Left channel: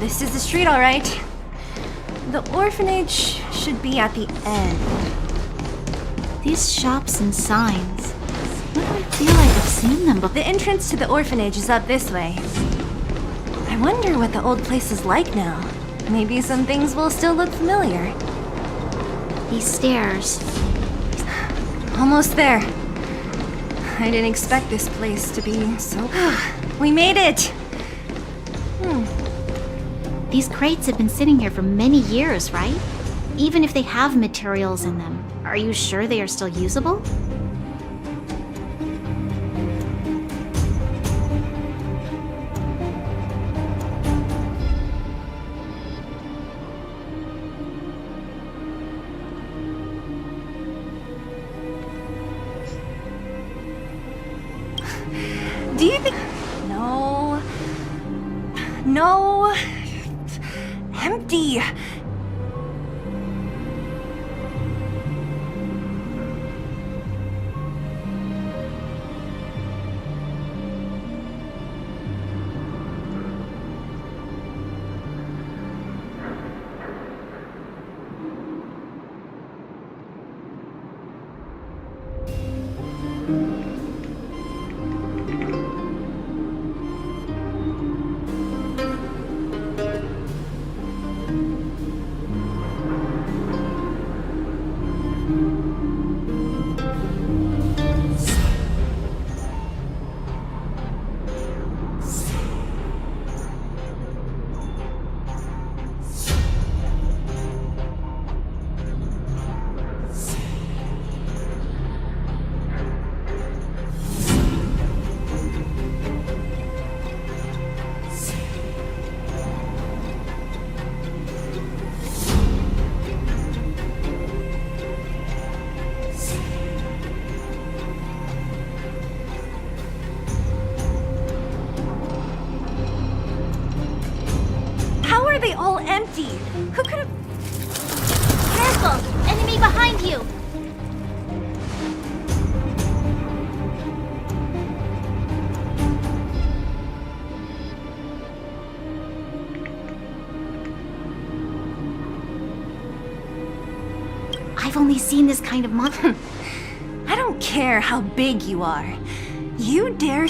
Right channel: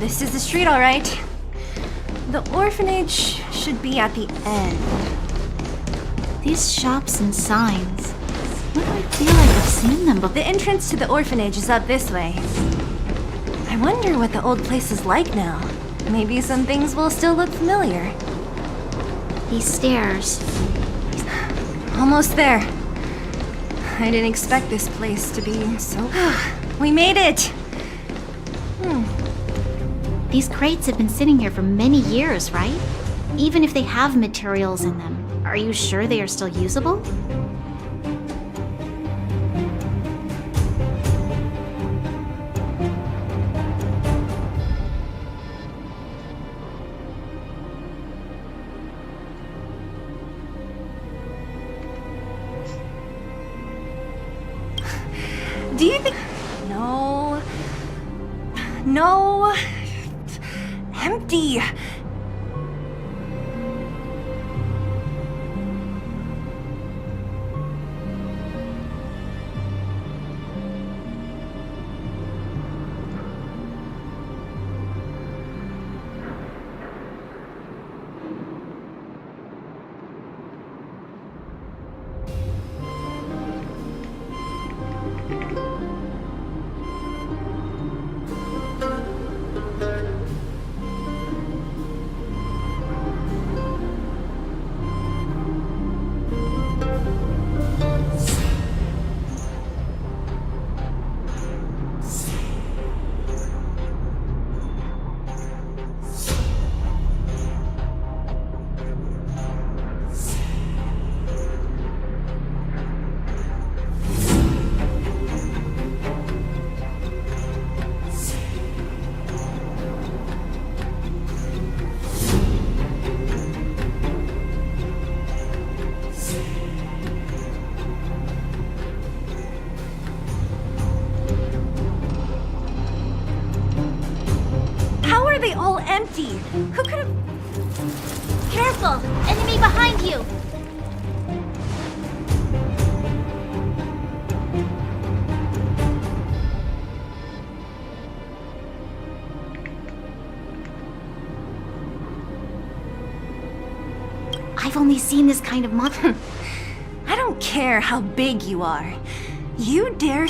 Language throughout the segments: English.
This is the street, all right. The orphanage should be at the end. These shops and signs. Why do I feel like I've seen them before? The entrance to the orphanage is up this way. I wonder what the old place is like now. Maybe some things will still look familiar. These stairs. Almost there. I didn't expect this place to be so... We made it! These crates have been sitting here for many years, right? Even if they have materials in them, are you sure they are still usable? Do you think... No... No... Empty! How are they all empty? Who could have... Careful! Enemy behind you! I've only seen this kind of monster. I don't care how big you are. You dare...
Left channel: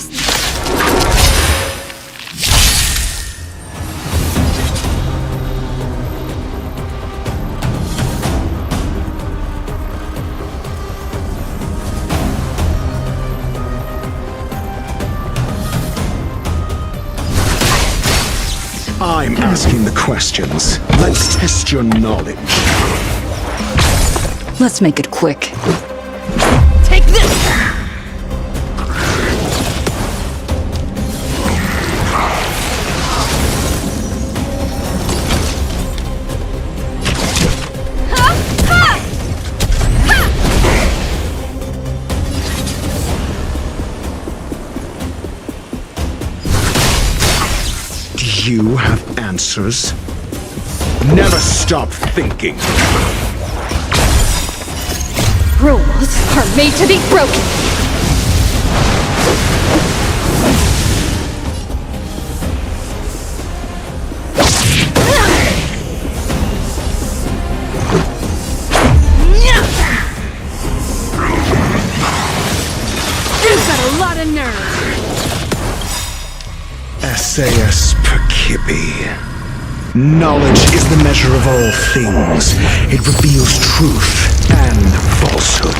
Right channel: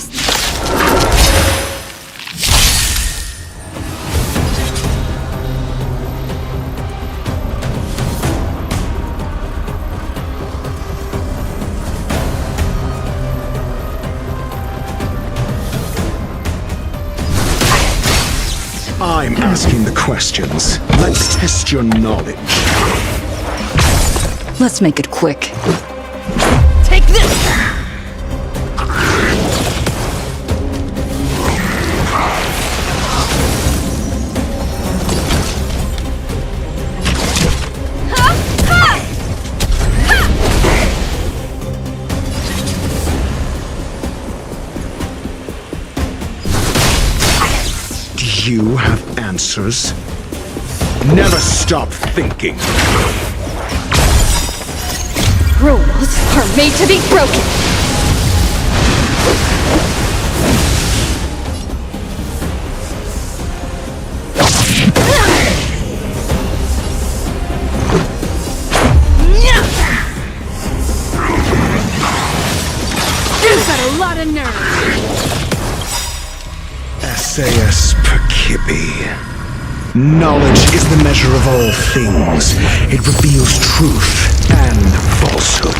I'm asking the questions. Let's test your knowledge. Let's make it quick. Take this! Do you have answers? Never stop thinking. Rules are made to be broken. You've got a lot of nerve. SAS Perkibi. Knowledge is the measure of all things. It reveals truth and falsehood.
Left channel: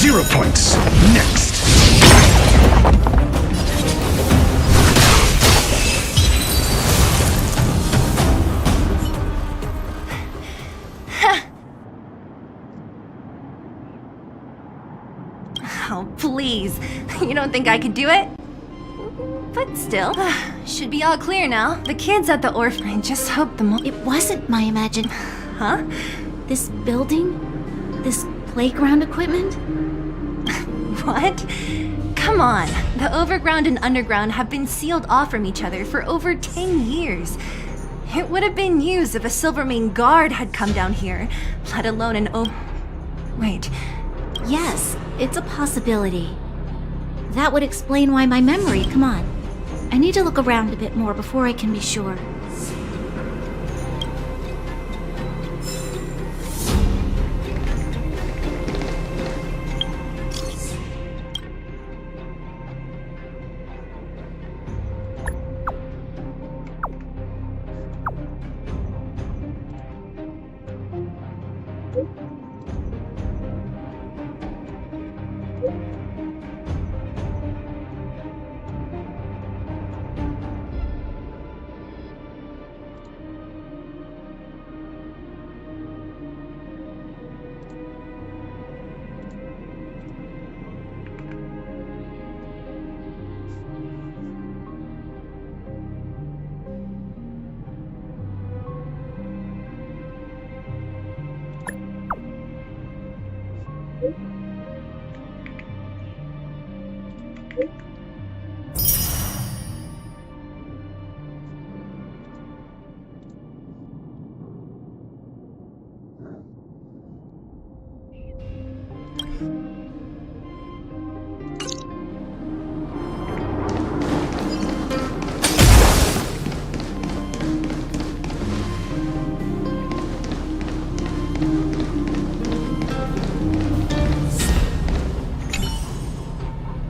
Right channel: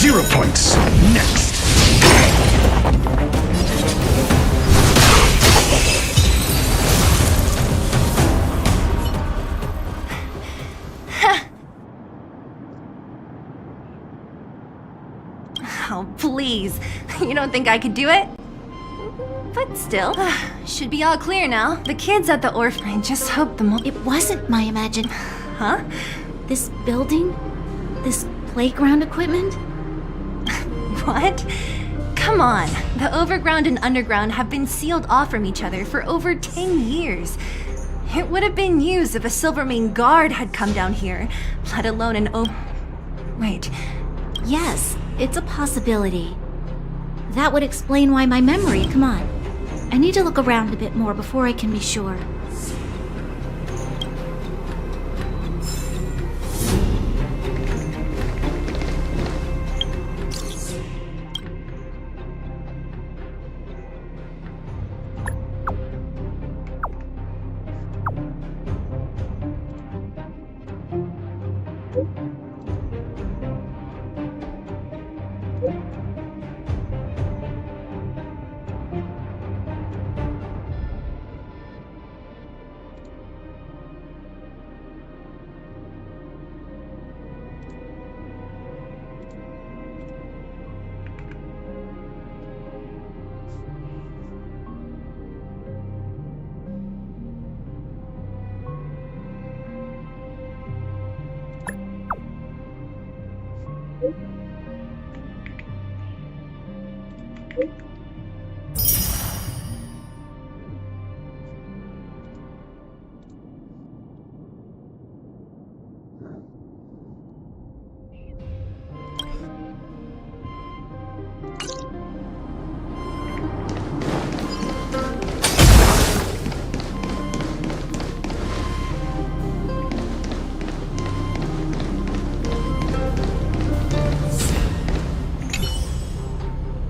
Zero points. Next. Oh, please. You don't think I could do it? But still, should be all clear now. The kids at the orphanage, I just hope the It wasn't my imagine. Huh? This building? This playground equipment? What? Come on. The overground and underground have been sealed off from each other for over 10 years. It would have been used if a Silvermane guard had come down here, let alone an Wait. Yes, it's a possibility. That would explain why my memory. Come on. I need to look around a bit more before I can be sure.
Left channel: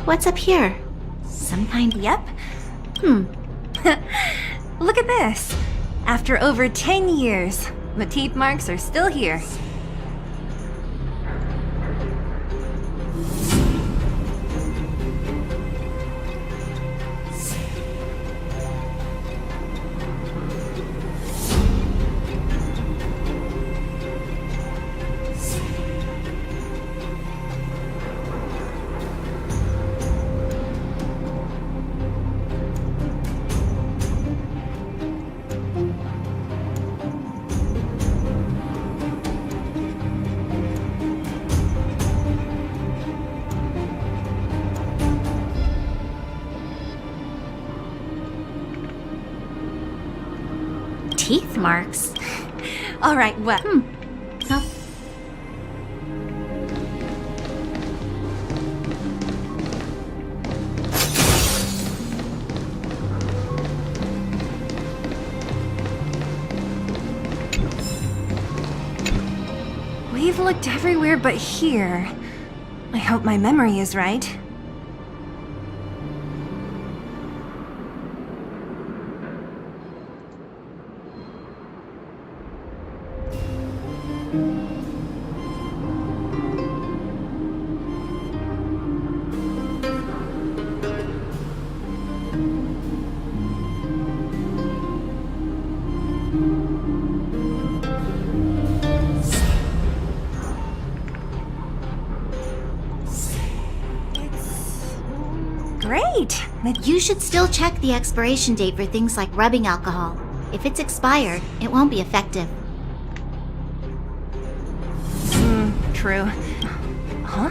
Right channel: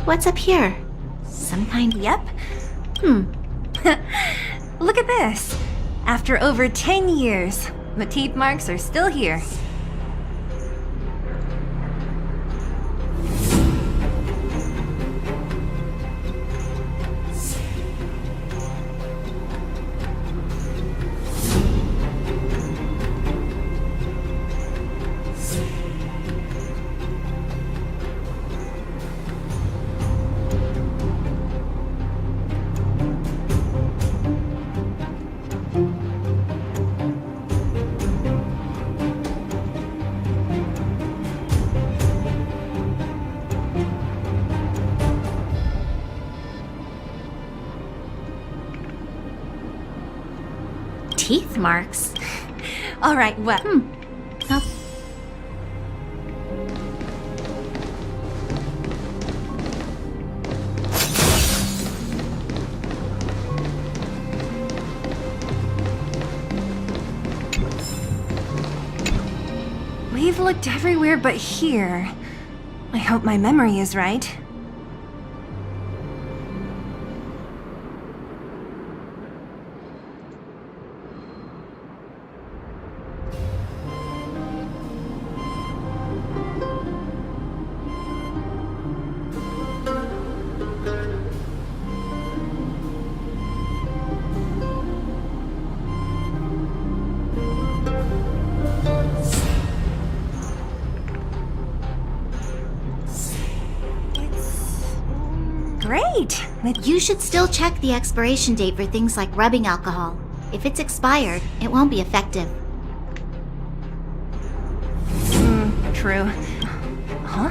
What's up here? Some kind. Yep. Look at this. After over 10 years, the teeth marks are still here. Teeth marks? All right, well... Now, We've looked everywhere but here. I hope my memory is right. Great! you should still check the expiration date for things like rubbing alcohol. If it's expired, it won't be effective. True. Huh?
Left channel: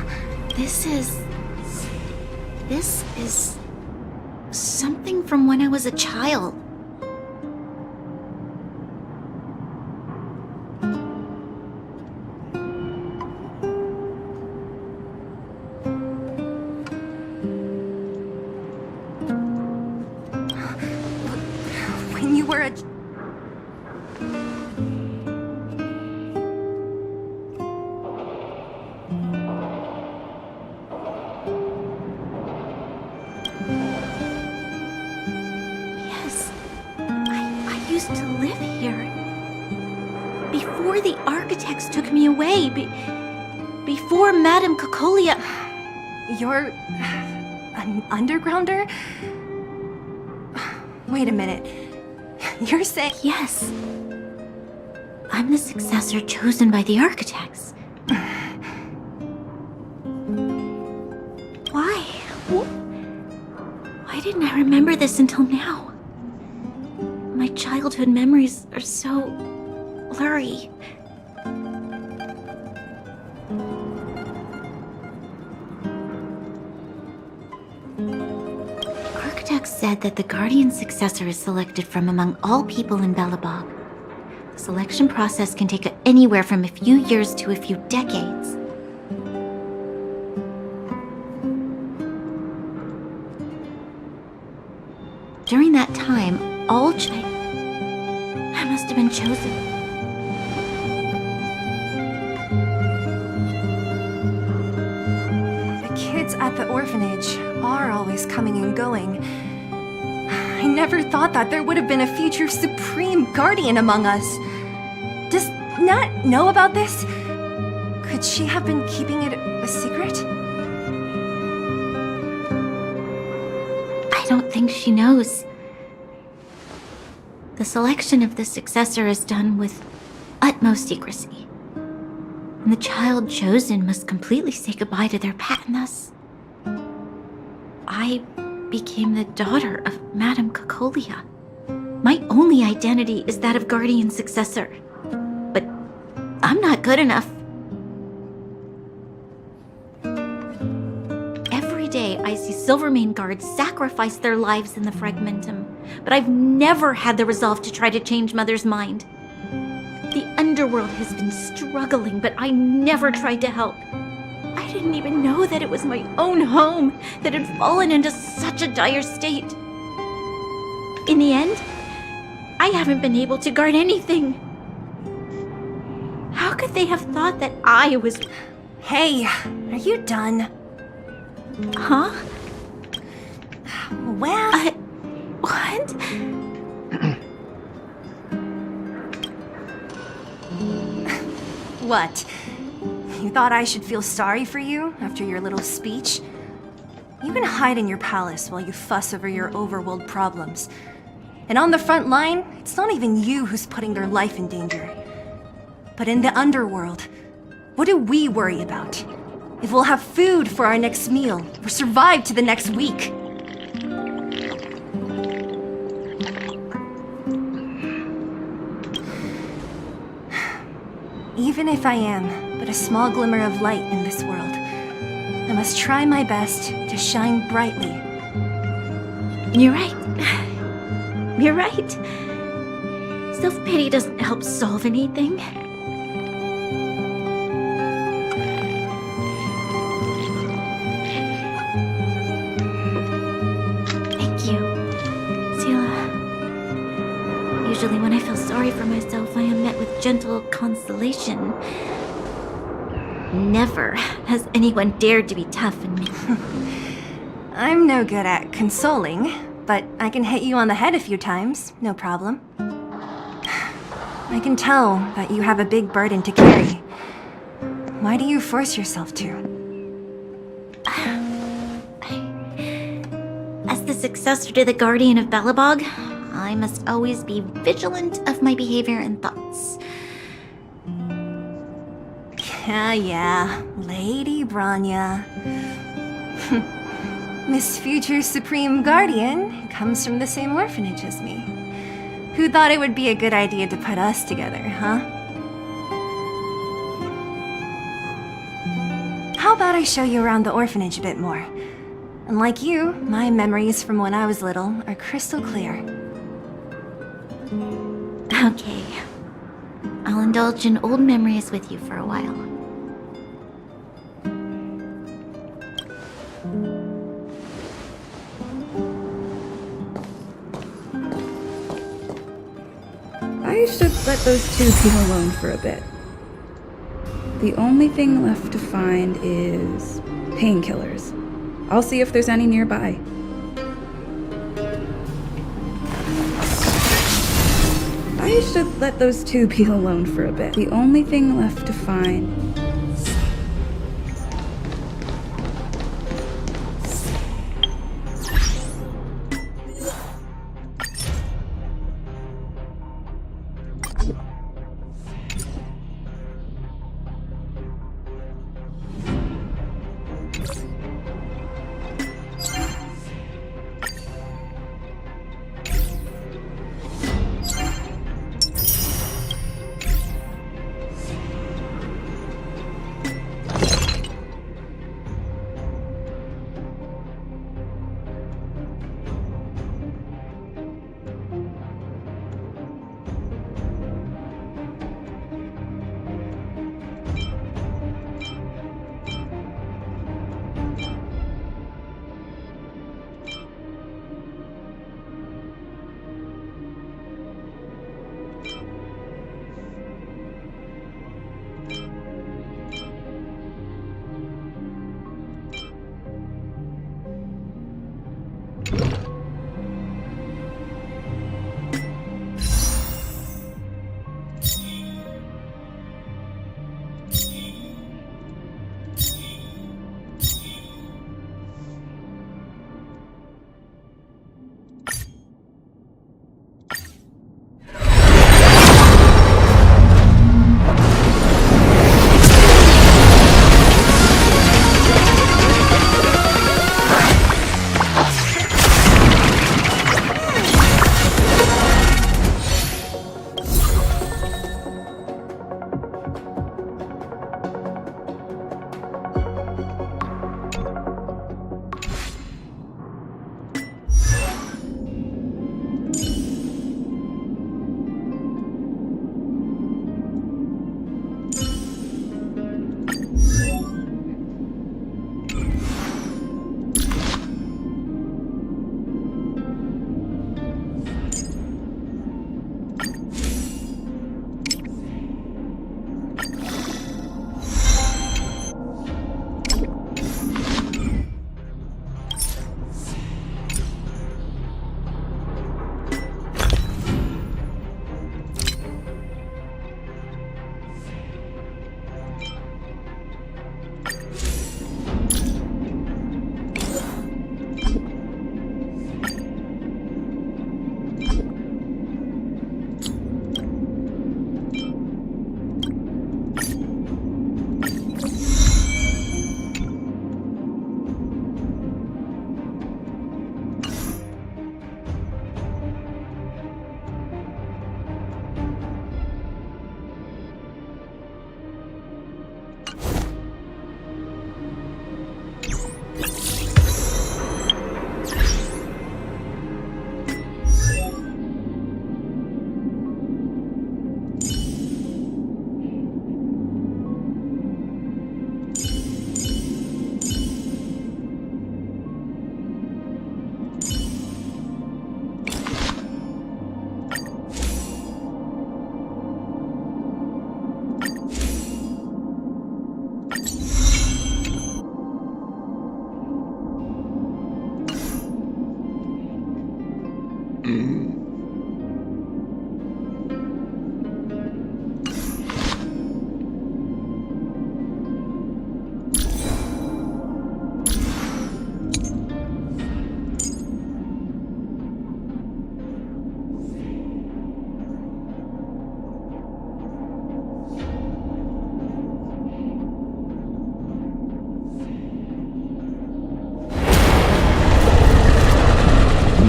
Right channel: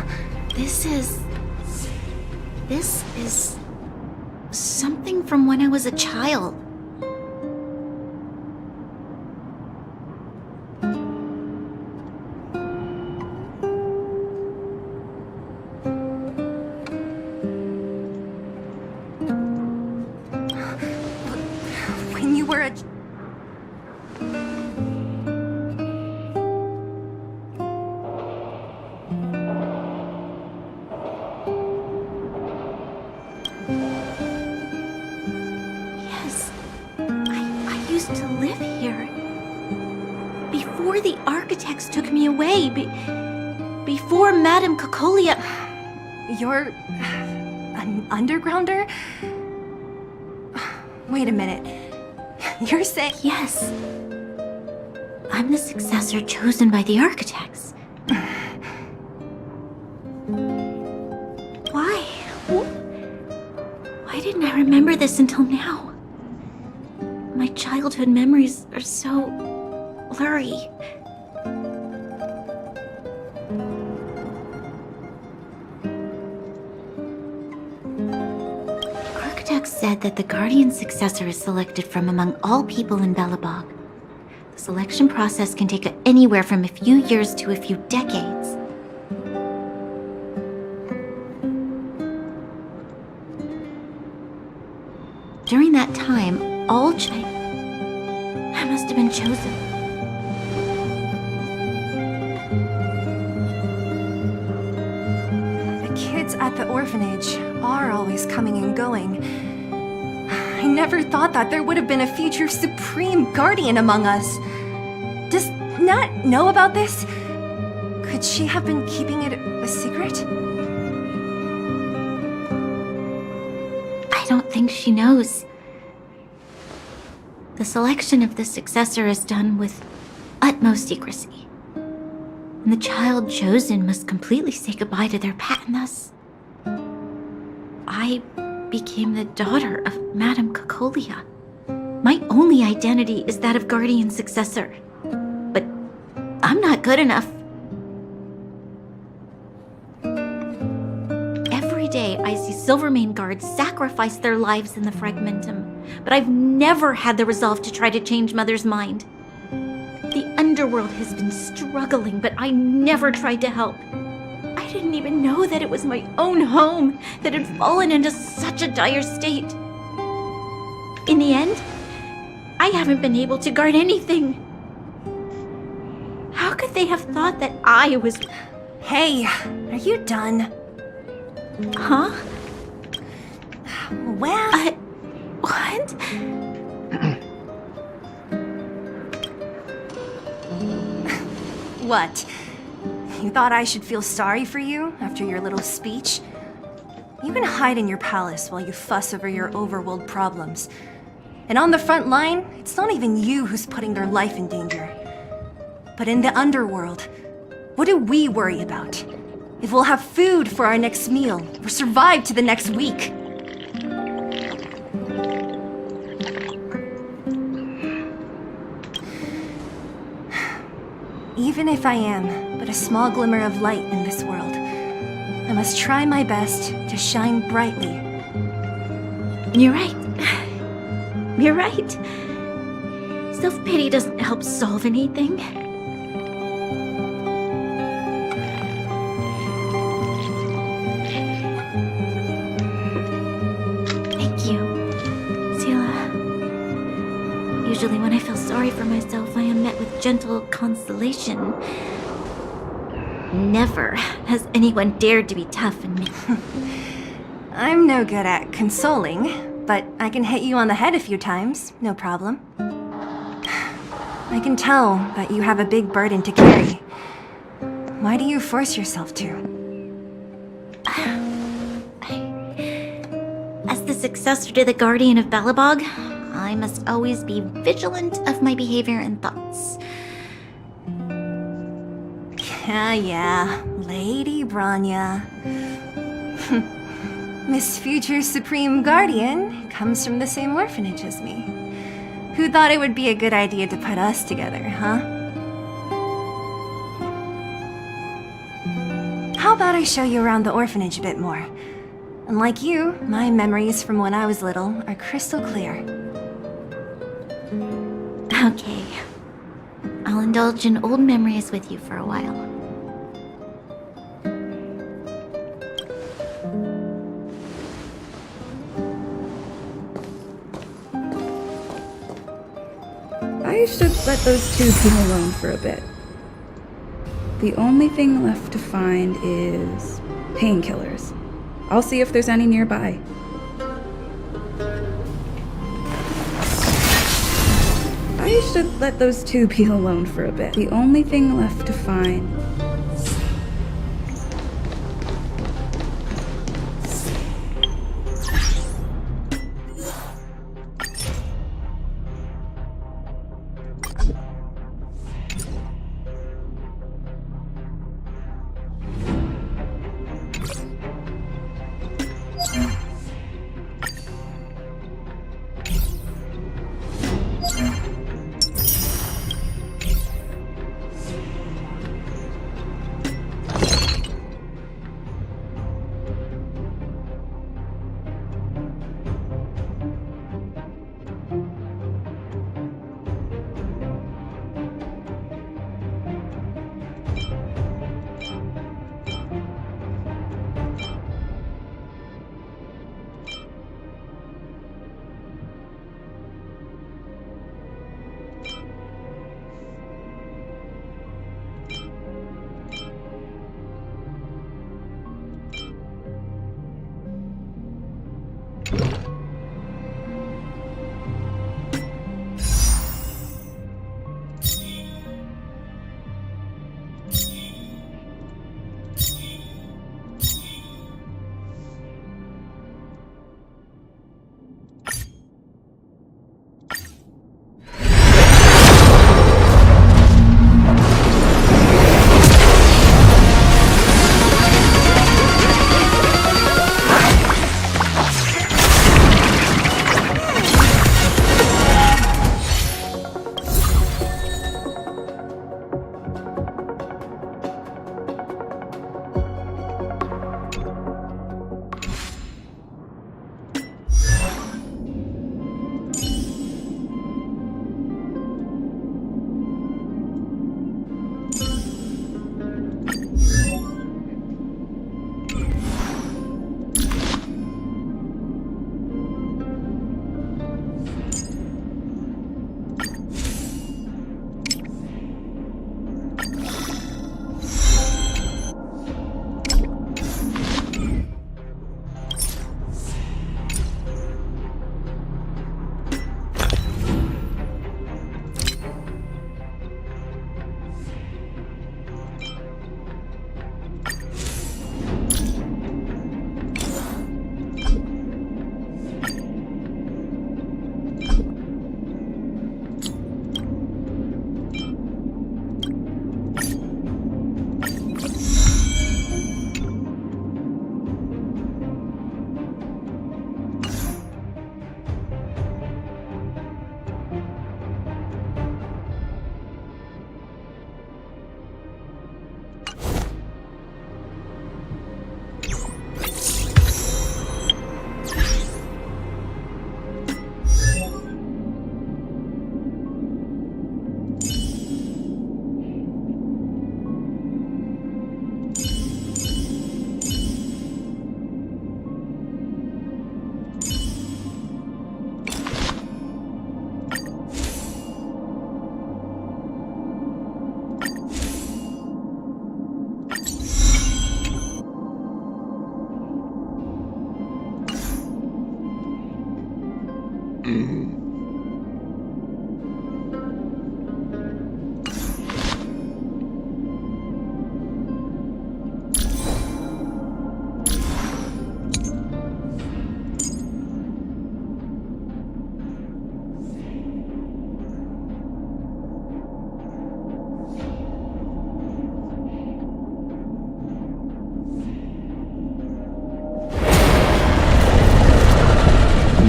This is something from when I was a child. When you were a... Yes, I used to live here. Before the architects took me away, before Madame Cocolia... You're... an undergrounder? Wait a minute. You're saying... Yes. I'm the successor chosen by the architects. Why? Why didn't I remember this until now? My childhood memories are so blurry. The contract said that the Guardian successor is selected from among all people in Belobog. The selection process can take anywhere from a few years to a few decades. During that time, I must have been chosen. The kids at the orphanage are always coming and going. I never thought that there would have been a future Supreme Guardian among us. Does Nat know about this? Could she have been keeping it a secret? I don't think she knows. The selection of the successor is done with utmost secrecy. And the child chosen must completely say goodbye to their pet, and thus I became the daughter of Madame Cocolia. My only identity is that of Guardian successor. But I'm not good enough. Every day I see Silvermane guards sacrifice their lives in the Fragmentum, but I've never had the resolve to try to change Mother's mind. The underworld has been struggling, but I never tried to help. I didn't even know that it was my own home that had fallen into such a dire state. In the end, I haven't been able to guard anything. How could they have thought that I was... Hey, are you done? Huh? Well... What? What? You thought I should feel sorry for you after your little speech? You can hide in your palace while you fuss over your overworld problems. And on the front line, it's not even you who's putting their life in danger. But in the underworld, what do we worry about? If we'll have food for our next meal, or survive to the next week. Even if I am but a small glimmer of light in this world, I must try my best to shine brightly. You're right. You're right. Self-pity doesn't help solve anything. Thank you, Sela. Usually when I feel sorry for myself, I am met with gentle consolation. Never has anyone dared to be tough on me. I'm no good at consoling, but I can hit you on the head a few times, no problem. I can tell that you have a big burden to carry. Why do you force yourself to? As the successor to the Guardian of Belobog, I must always be vigilant of my behavior and thoughts. Yeah, Lady Branya. Miss Future Supreme Guardian comes from the same orphanage as me. Who thought it would be a good idea to put us together, huh? How about I show you around the orphanage a bit more? And like you, my memories from when I was little are crystal clear. Okay. I'll indulge in old memories with you for a while. I should let those two be alone for a bit. The only thing left to find is painkillers. I'll see if there's any nearby. I should let those two be alone for a bit. The only thing left to find...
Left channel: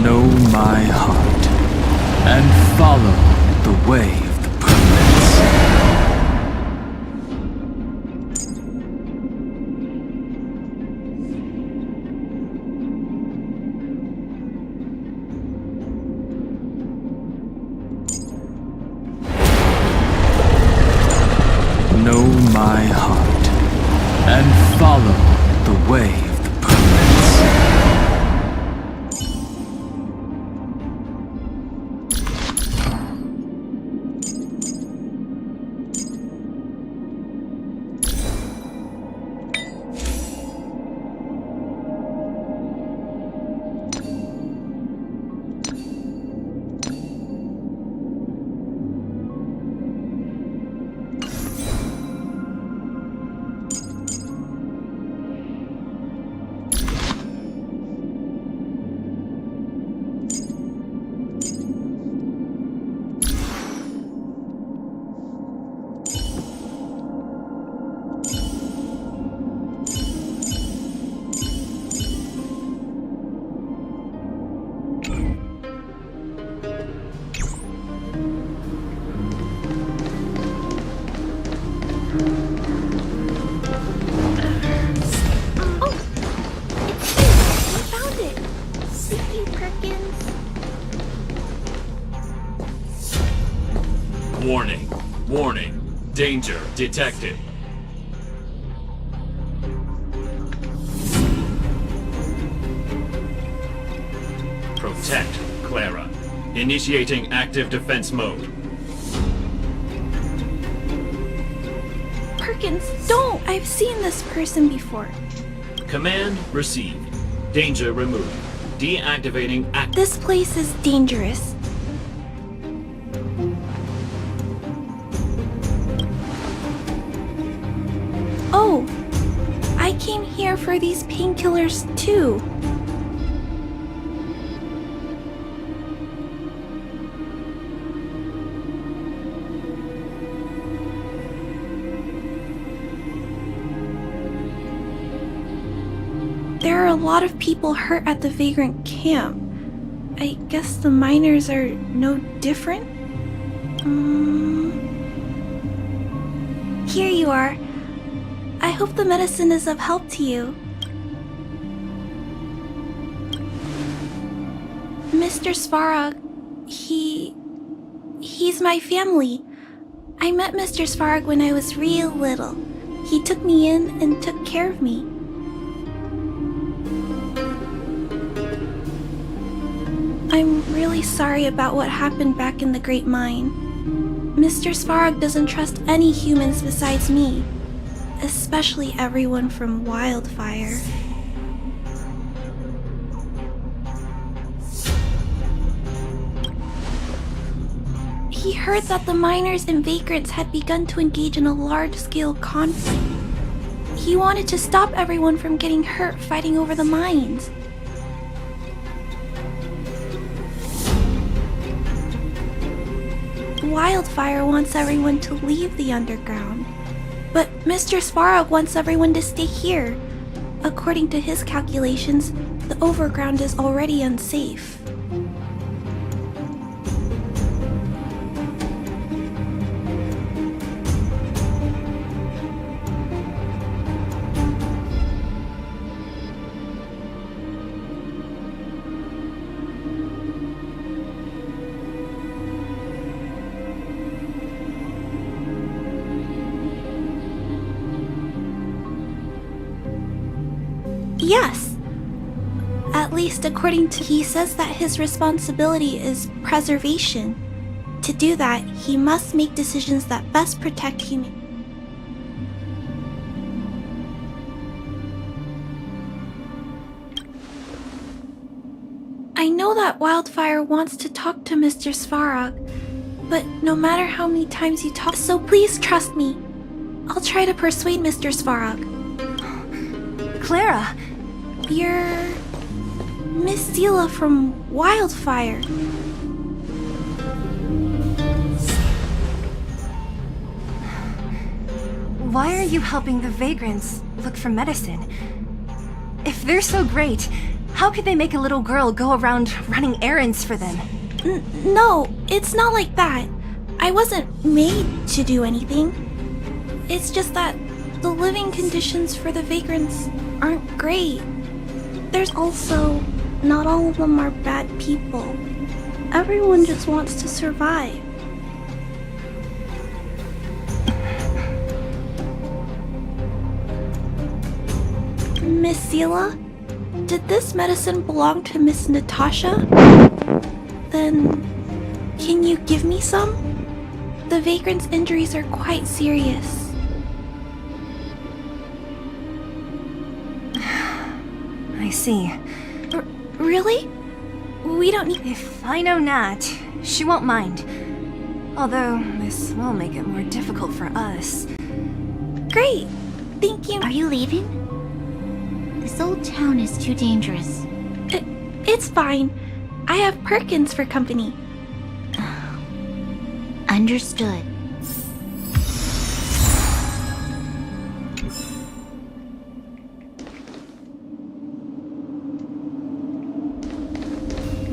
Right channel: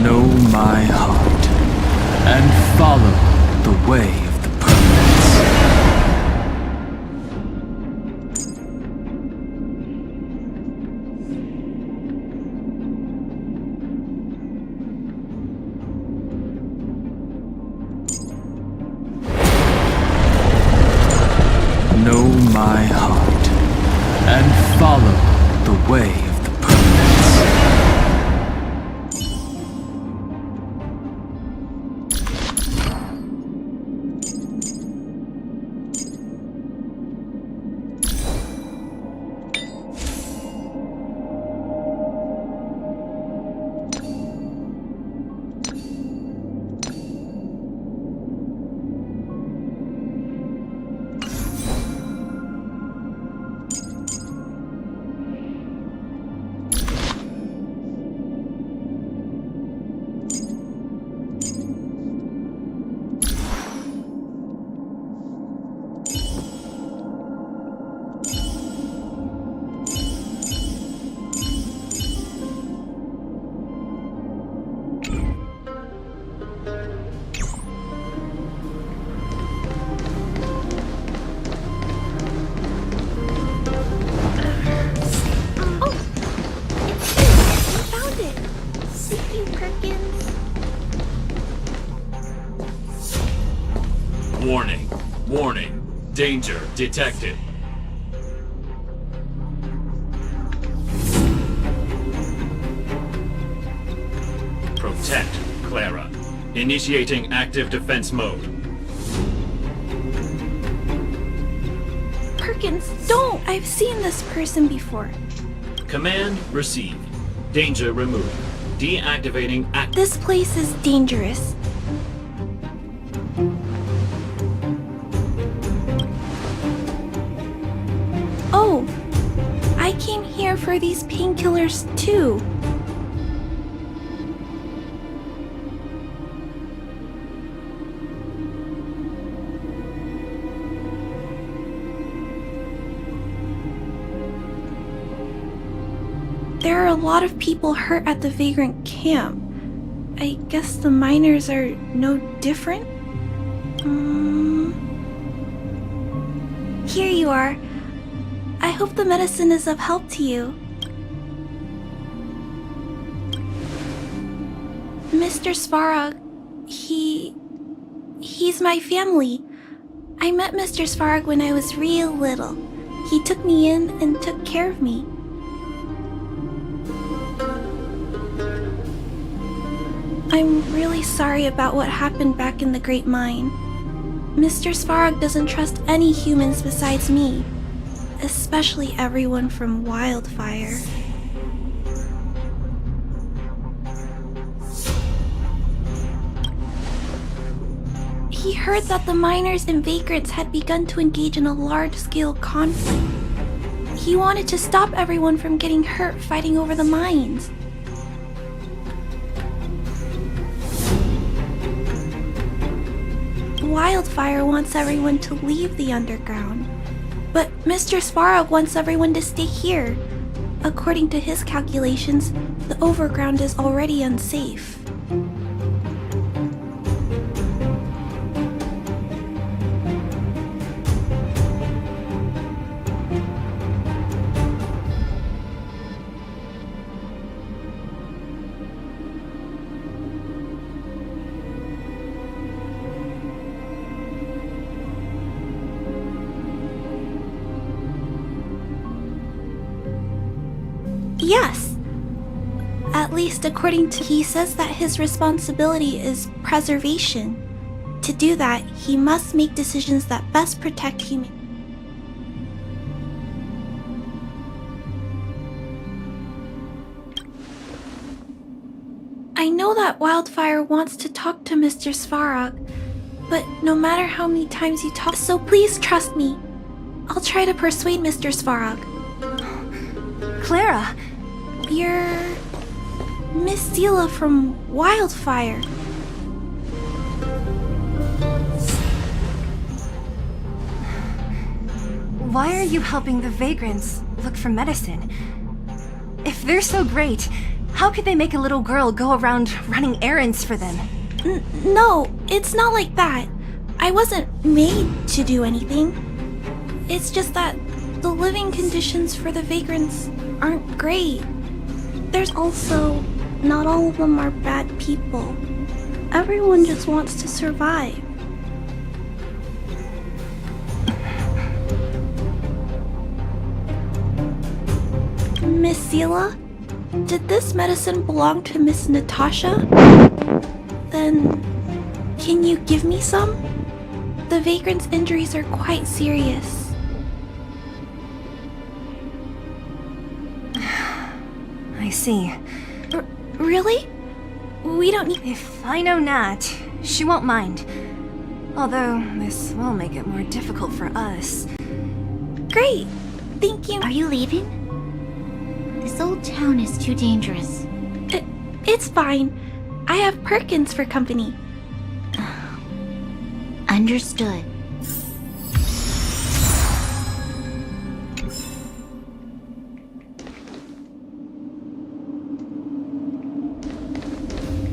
Know my heart and follow the way of the permanents. Know my heart and follow the way of the permanents. Warning. Warning. Danger detected. Protect Clara. Initiating active defense mode. Perkins, don't! I've seen this person before. Command received. Danger removed. Deactivating active. This place is dangerous. Oh, I came here for these painkillers too. There are a lot of people hurt at the vagrant camp. I guess the miners are no different? Here you are. I hope the medicine is of help to you. Mr. Svarog, he's my family. I met Mr. Svarog when I was real little. He took me in and took care of me. I'm really sorry about what happened back in the Great Mine. Mr. Svarog doesn't trust any humans besides me, especially everyone from Wildfire. He heard that the miners and vagrants had begun to engage in a large-scale conflict. He wanted to stop everyone from getting hurt fighting over the mines. Wildfire wants everyone to leave the underground, but Mr. Svarog wants everyone to stay here. According to his calculations, the overground is already unsafe. Yes. At least according to he says that his responsibility is preservation. To do that, he must make decisions that best protect human. I know that Wildfire wants to talk to Mr. Svarog, but no matter how many times you talk, so please trust me. I'll try to persuade Mr. Svarog. Clara! You're Miss Seela from Wildfire. Why are you helping the vagrants look for medicine? If they're so great, how could they make a little girl go around running errands for them? No, it's not like that. I wasn't made to do anything. It's just that the living conditions for the vagrants aren't great. There's also, not all of them are bad people. Everyone just wants to survive. Miss Seela, did this medicine belong to Miss Natasha? Then, can you give me some? The vagrant's injuries are quite serious. I see. Really? We don't need... If I know Nat, she won't mind. Although, this will make it more difficult for us. Great! Thank you. Are you leaving? This old town is too dangerous. It's fine. I have Perkins for company. Understood.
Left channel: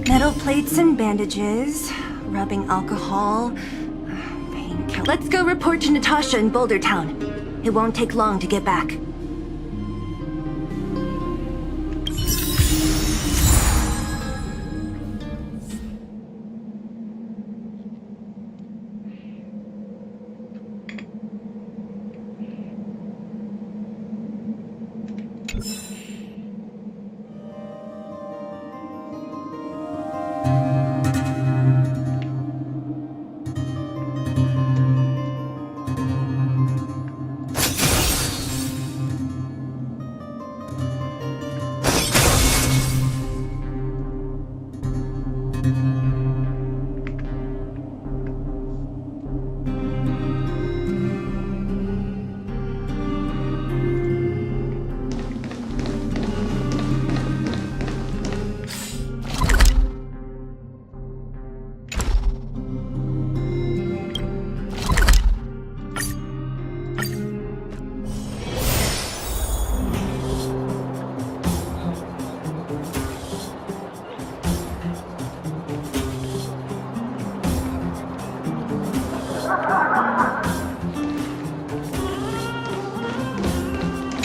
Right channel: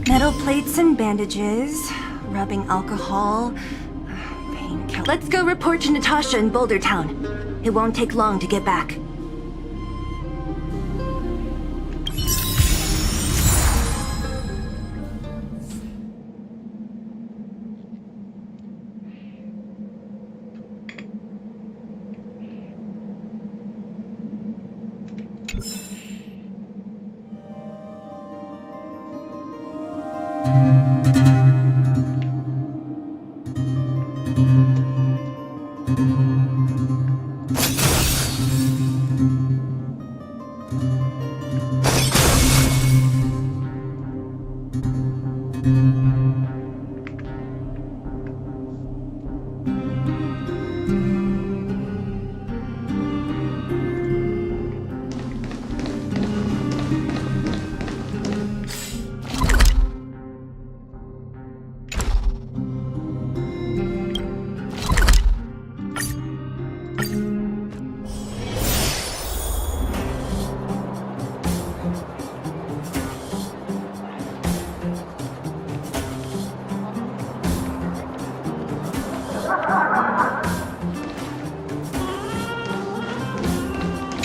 Metal plates and bandages, rubbing alcohol, painkiller. Let's go report to Natasha in Boulder Town. It won't take long to get back.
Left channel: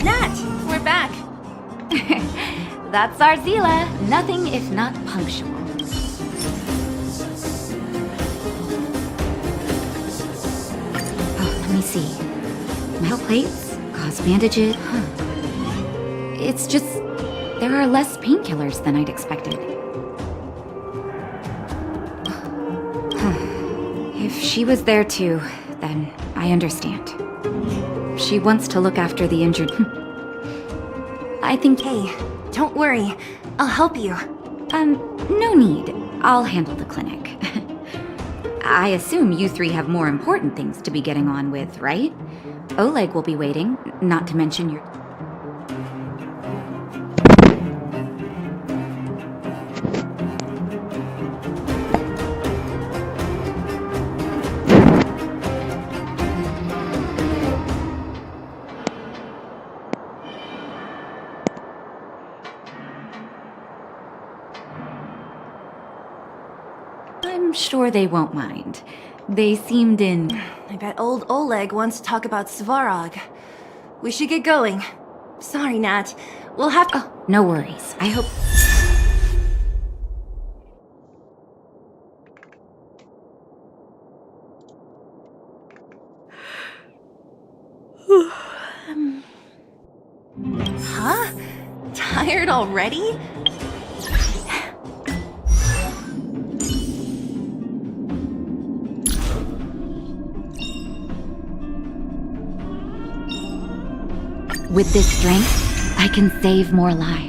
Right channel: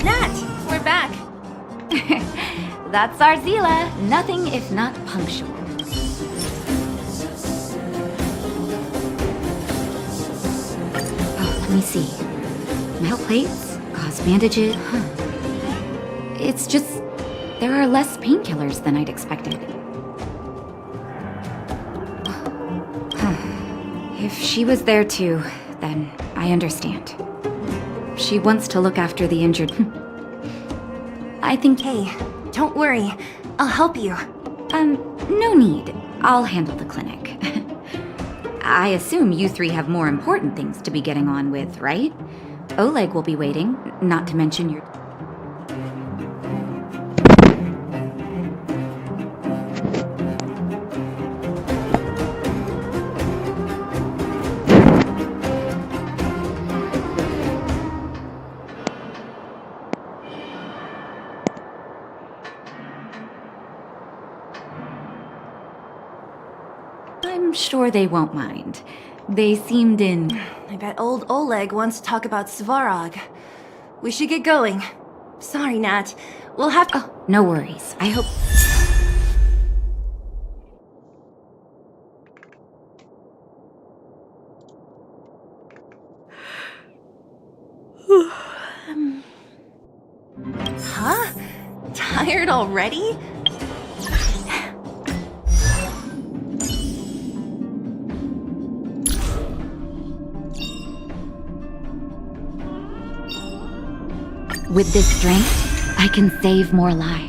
Nat, we're back. That's our Zila. Nothing if not punctual. Oh, let me see. Metal plates, gauze bandages. Huh. It's just there are less painkillers than I'd expected. Huh. If she was there too, then I understand. She wants to look after the injured. I think. Hey, don't worry. I'll help you. No need. I'll handle the clinic. I assume you three have more important things to be getting on with, right? Oleg will be waiting, not to mention your. I'm sure they won't mind. They seemed in. I bet old Oleg wants to talk about Svarog. We should get going. Sorry, Nat. We'll have to. Oh, no worries. I hope. Huh? Tired already? With this strength, I can save more lives.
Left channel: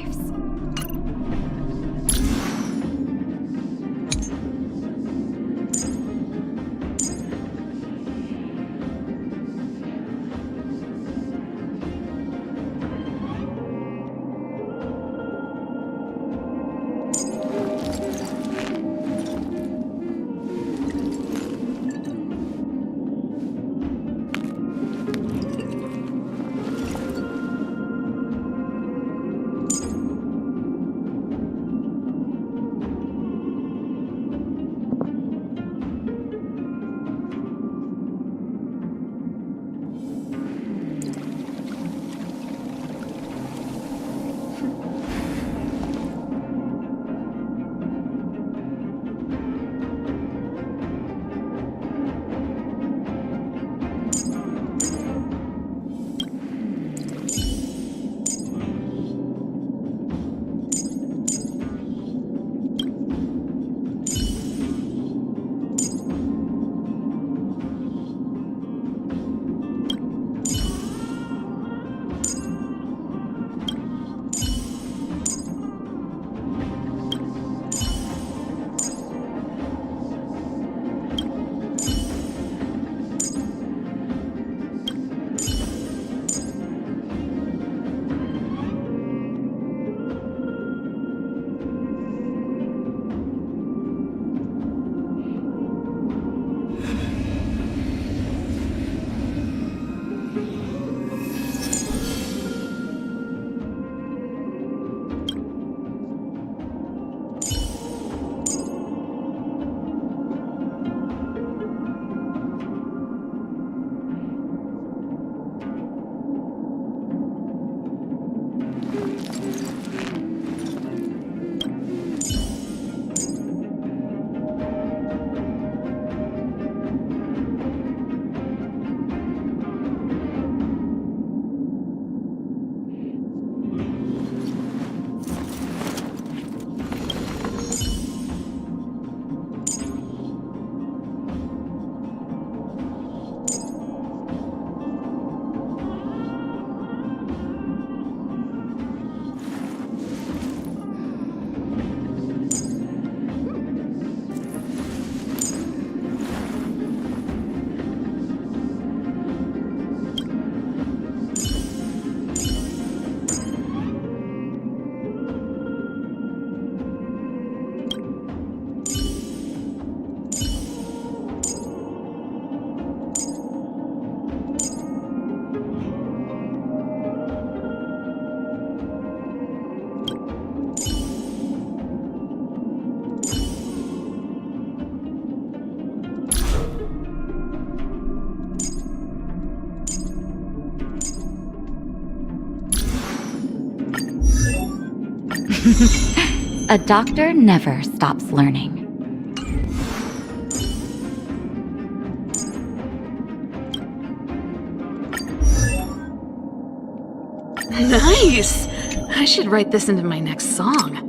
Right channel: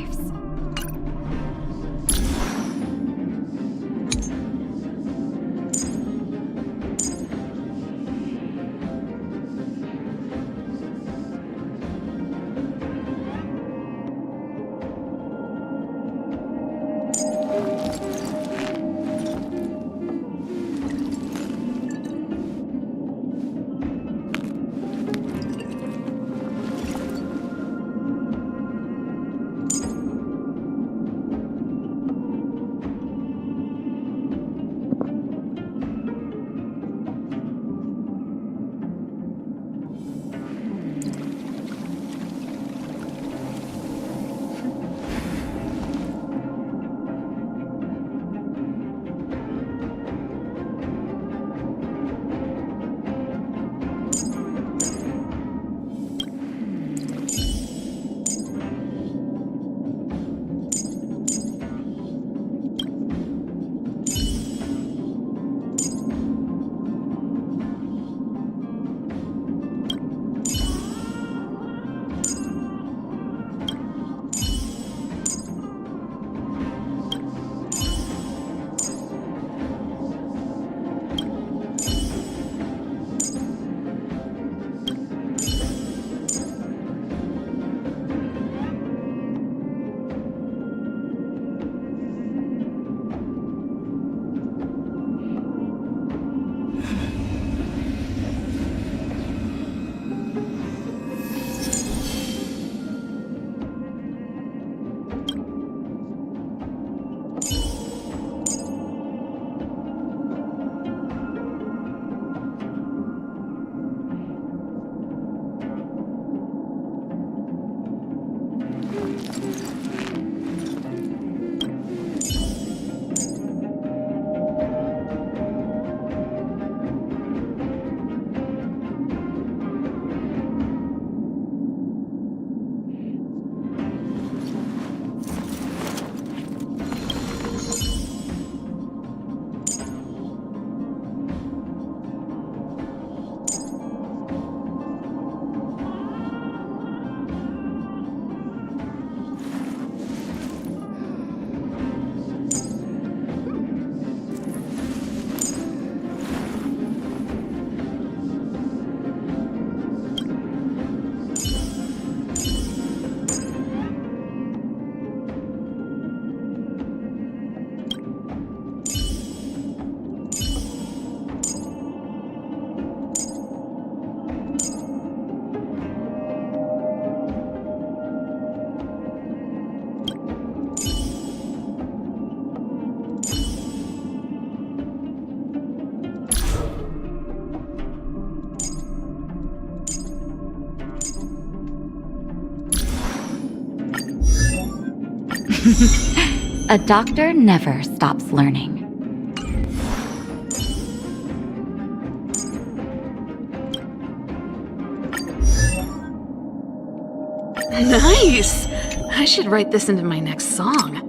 A doctor never stops learning. Nice! I should write this into my next song.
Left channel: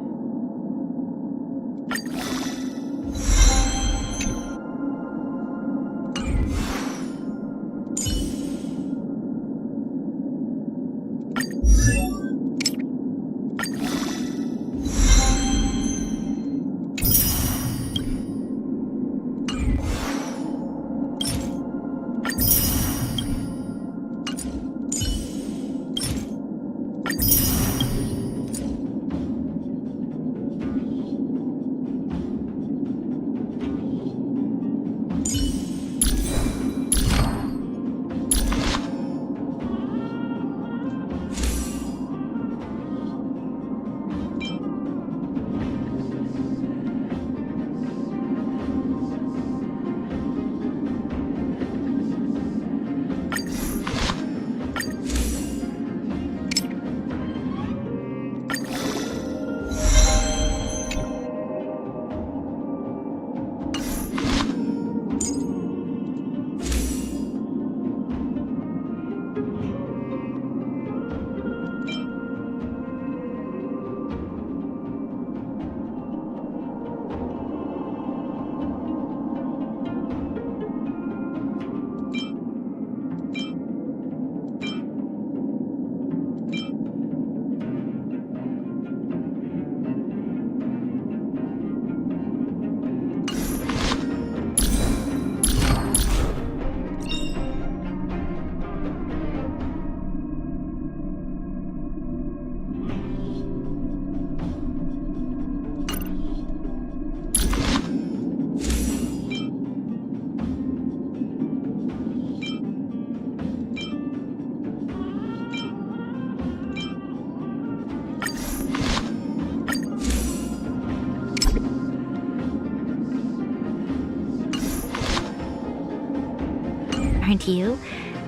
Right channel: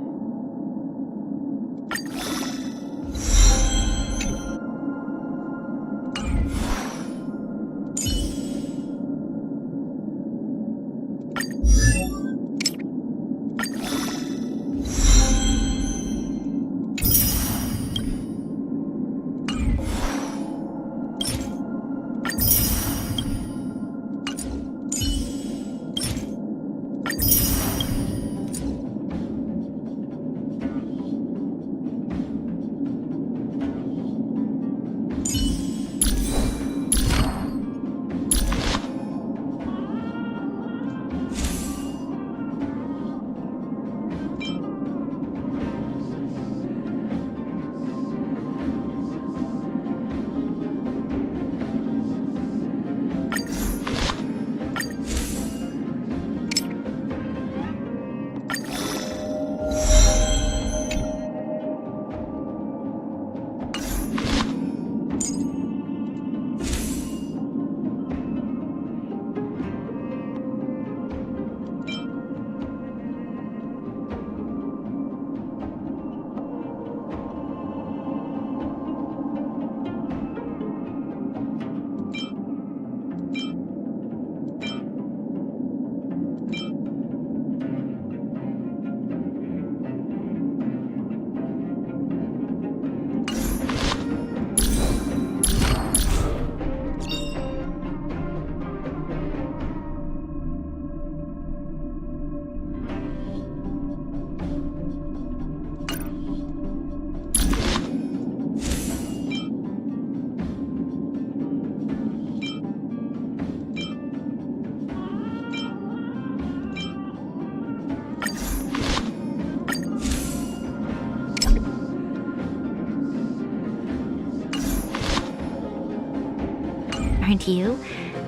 Aren't you?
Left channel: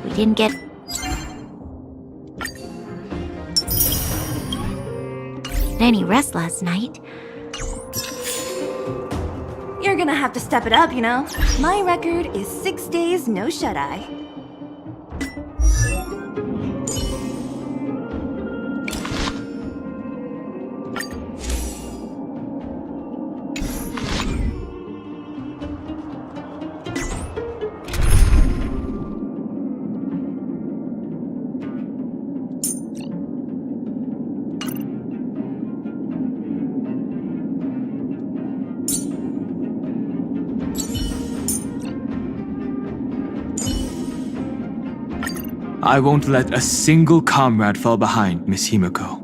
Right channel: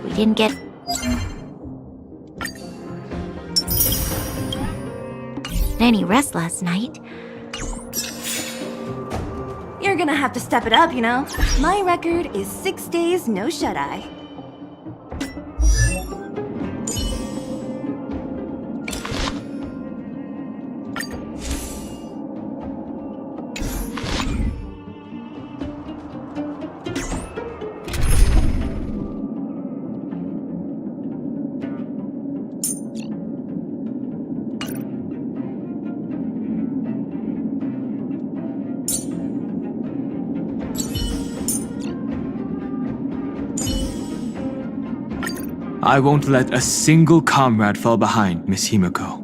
We didn't get any rest last night. You're gonna have to step it up, you know? My record is 6 days, no shut-eye. I won't let a single comrade fall behind, Miss Himiko.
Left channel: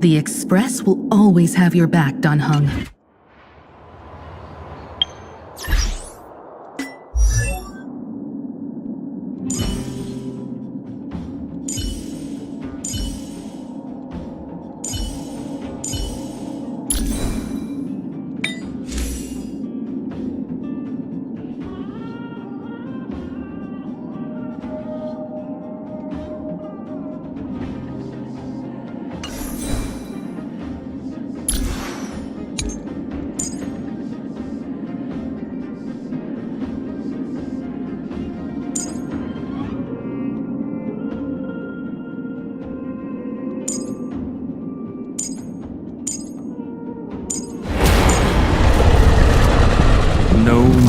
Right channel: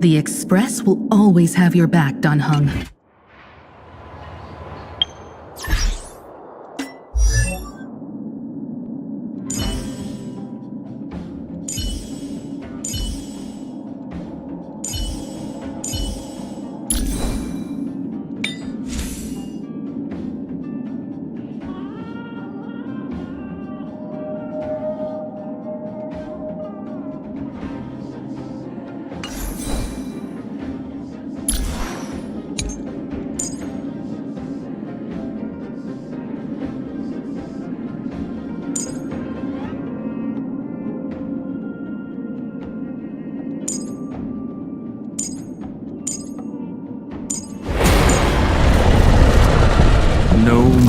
The Express will always have your back, Dunhung.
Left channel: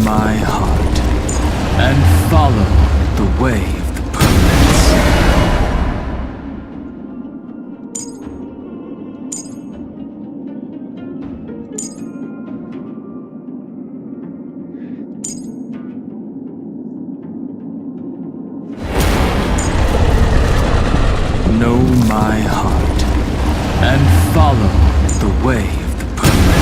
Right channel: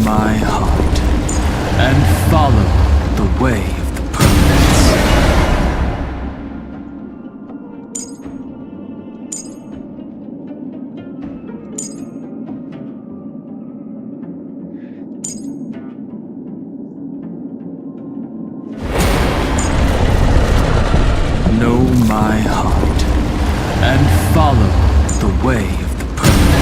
my heart and follow the way of the permanence. Know my heart and follow the way of the permanence.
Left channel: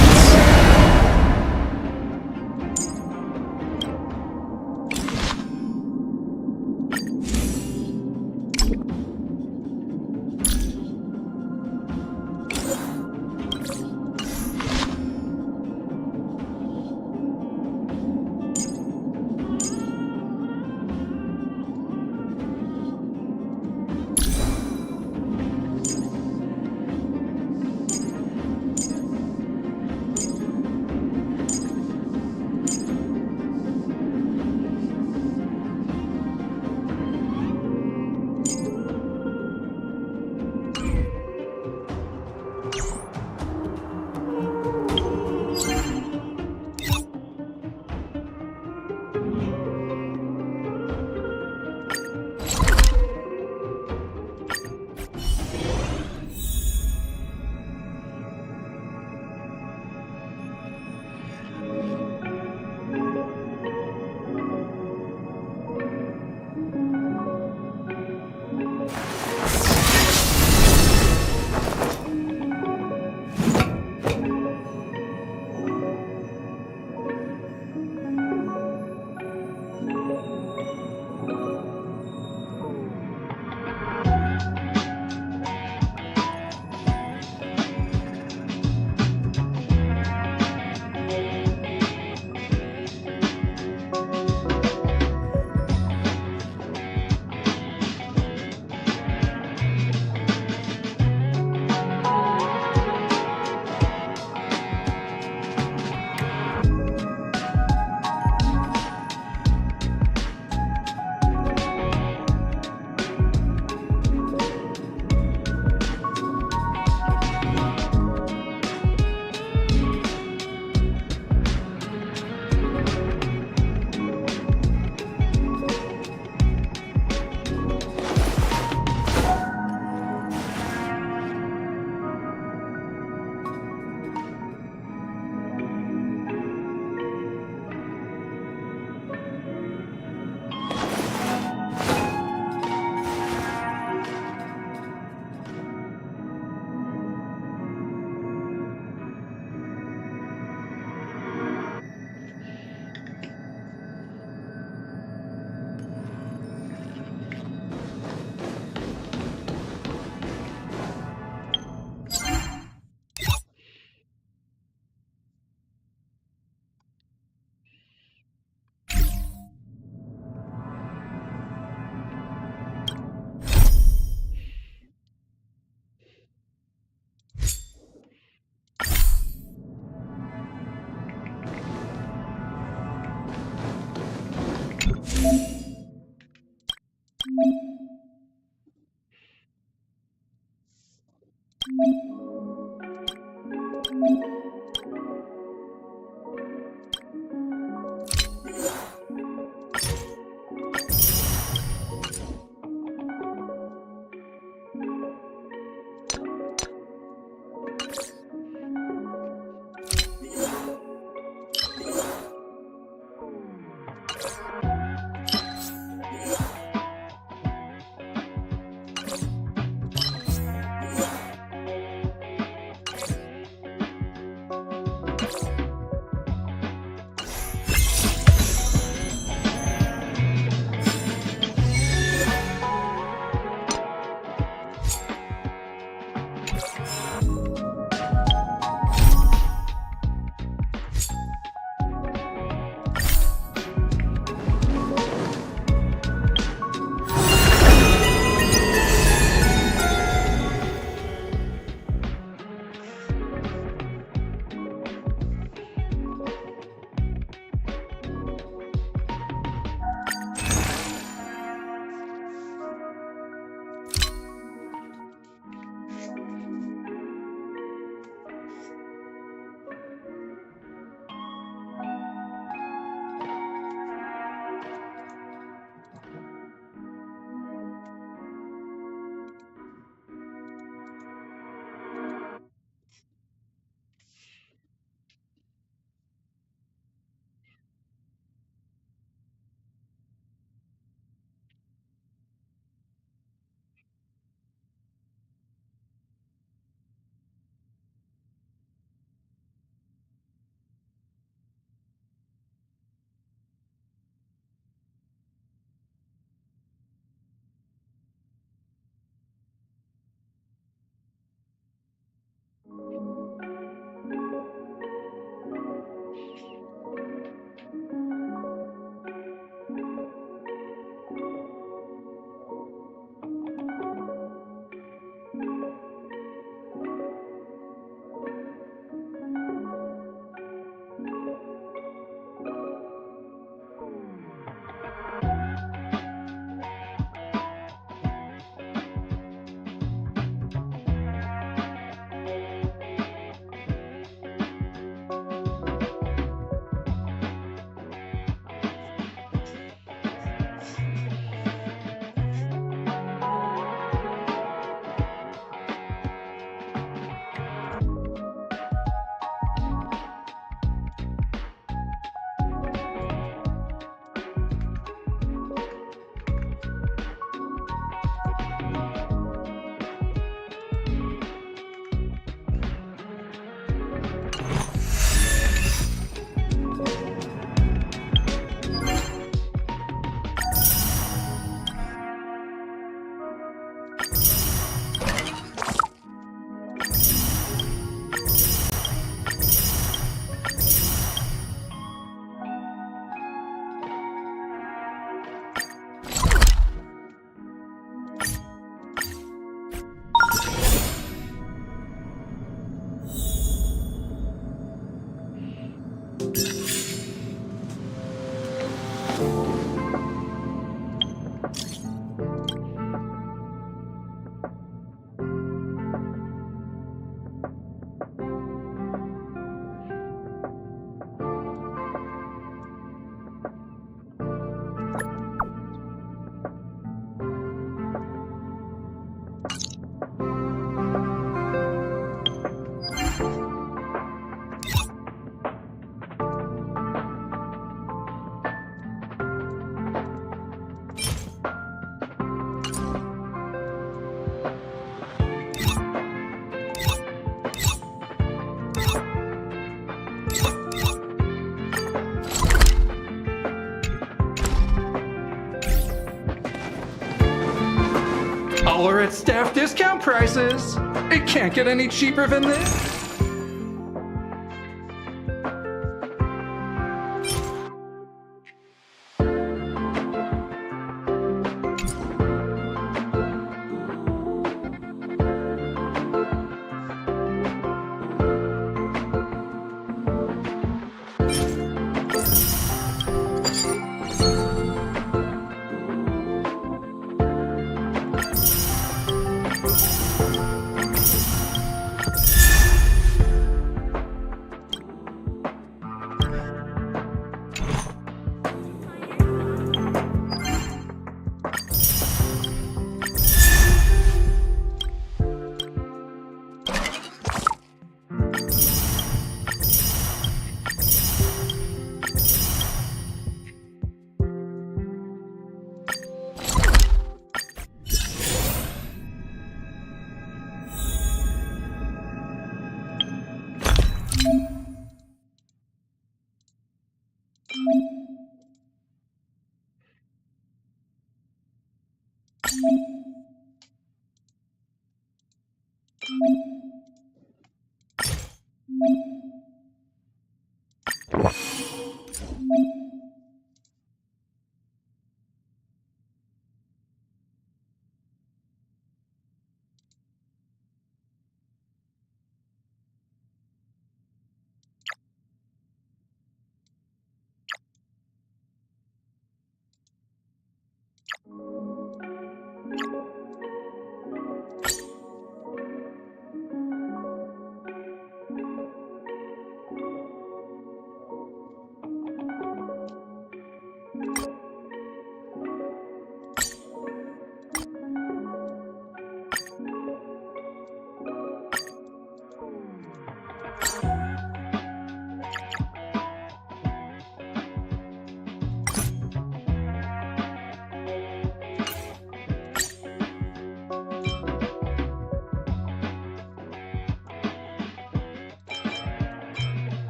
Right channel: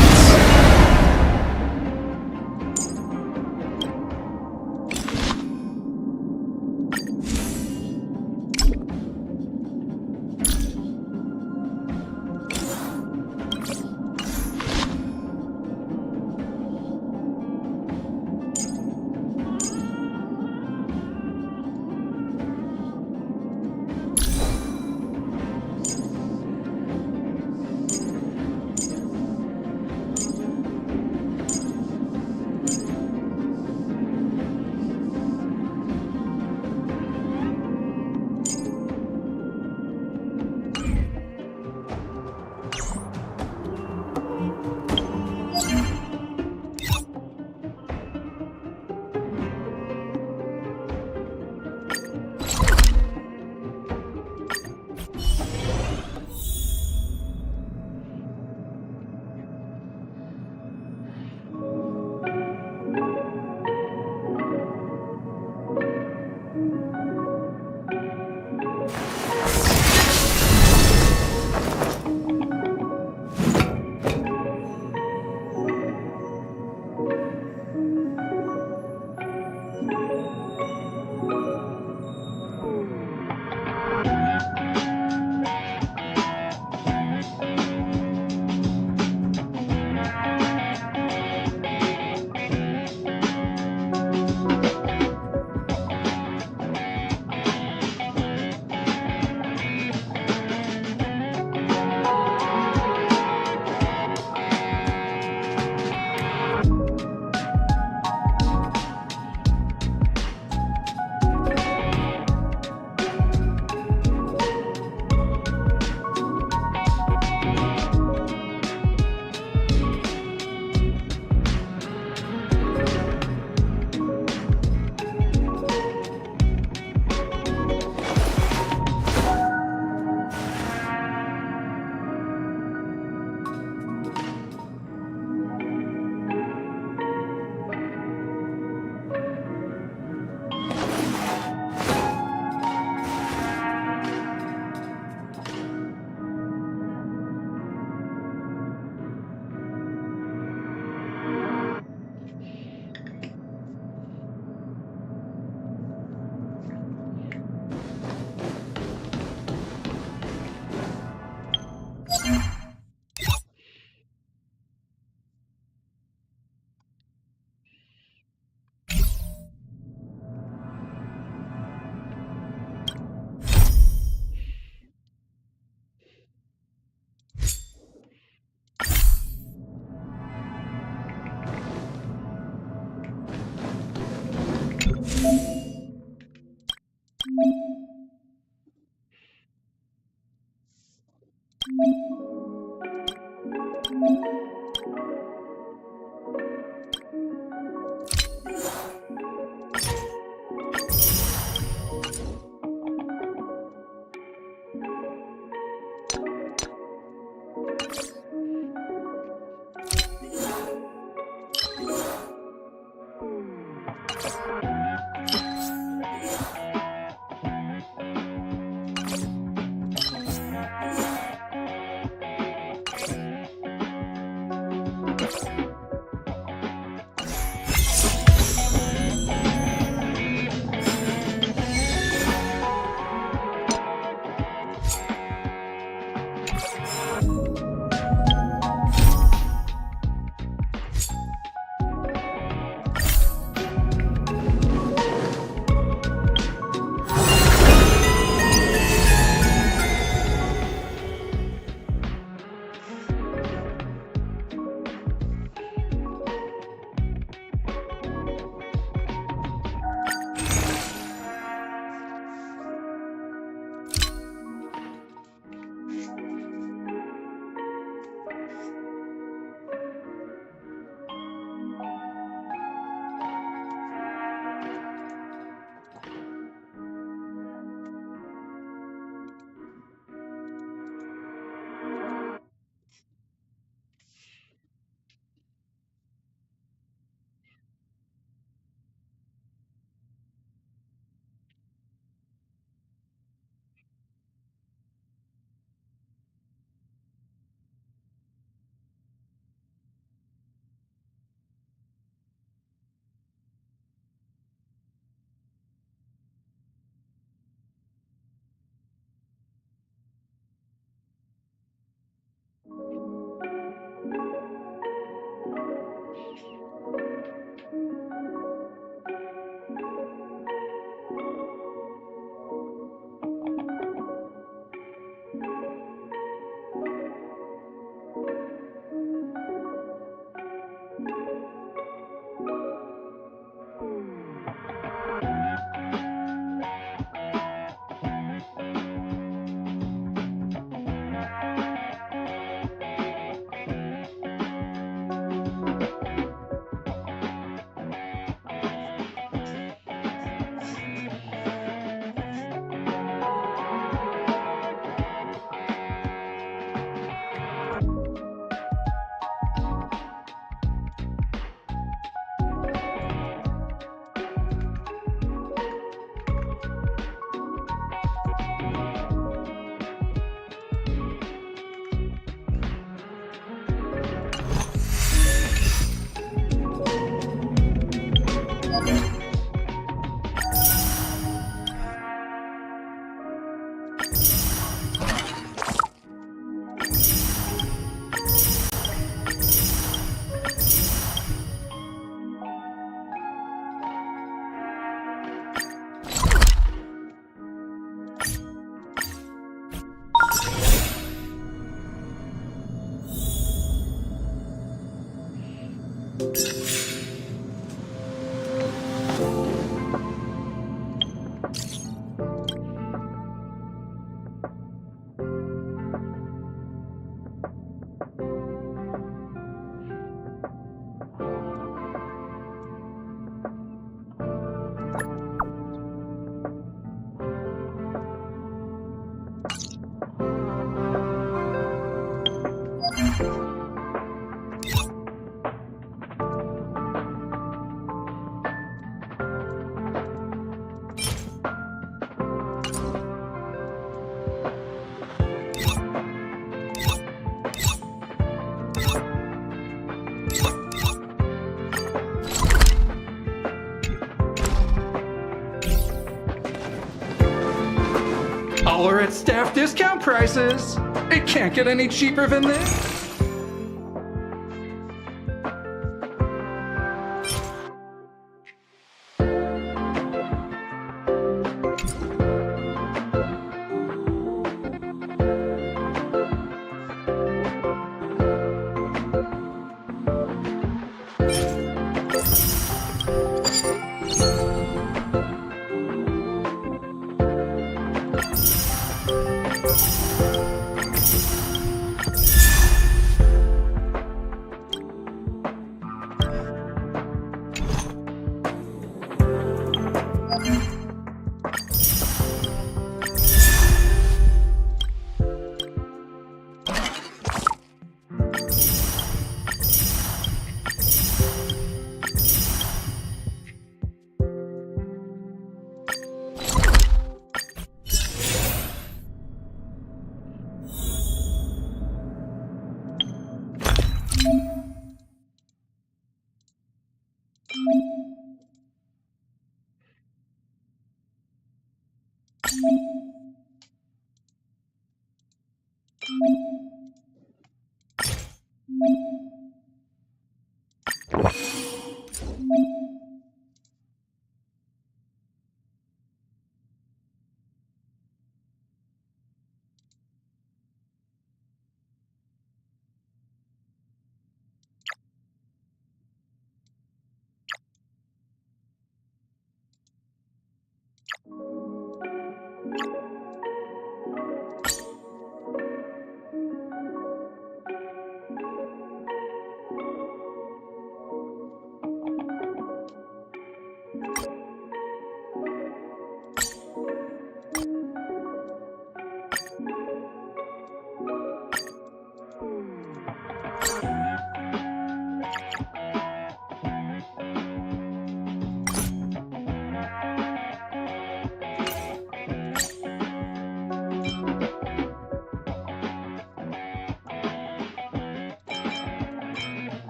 All are at staff discount prices. It can't get any cheaper than this.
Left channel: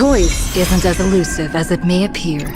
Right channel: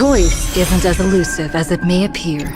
Choice isn't as elusive as it may appear.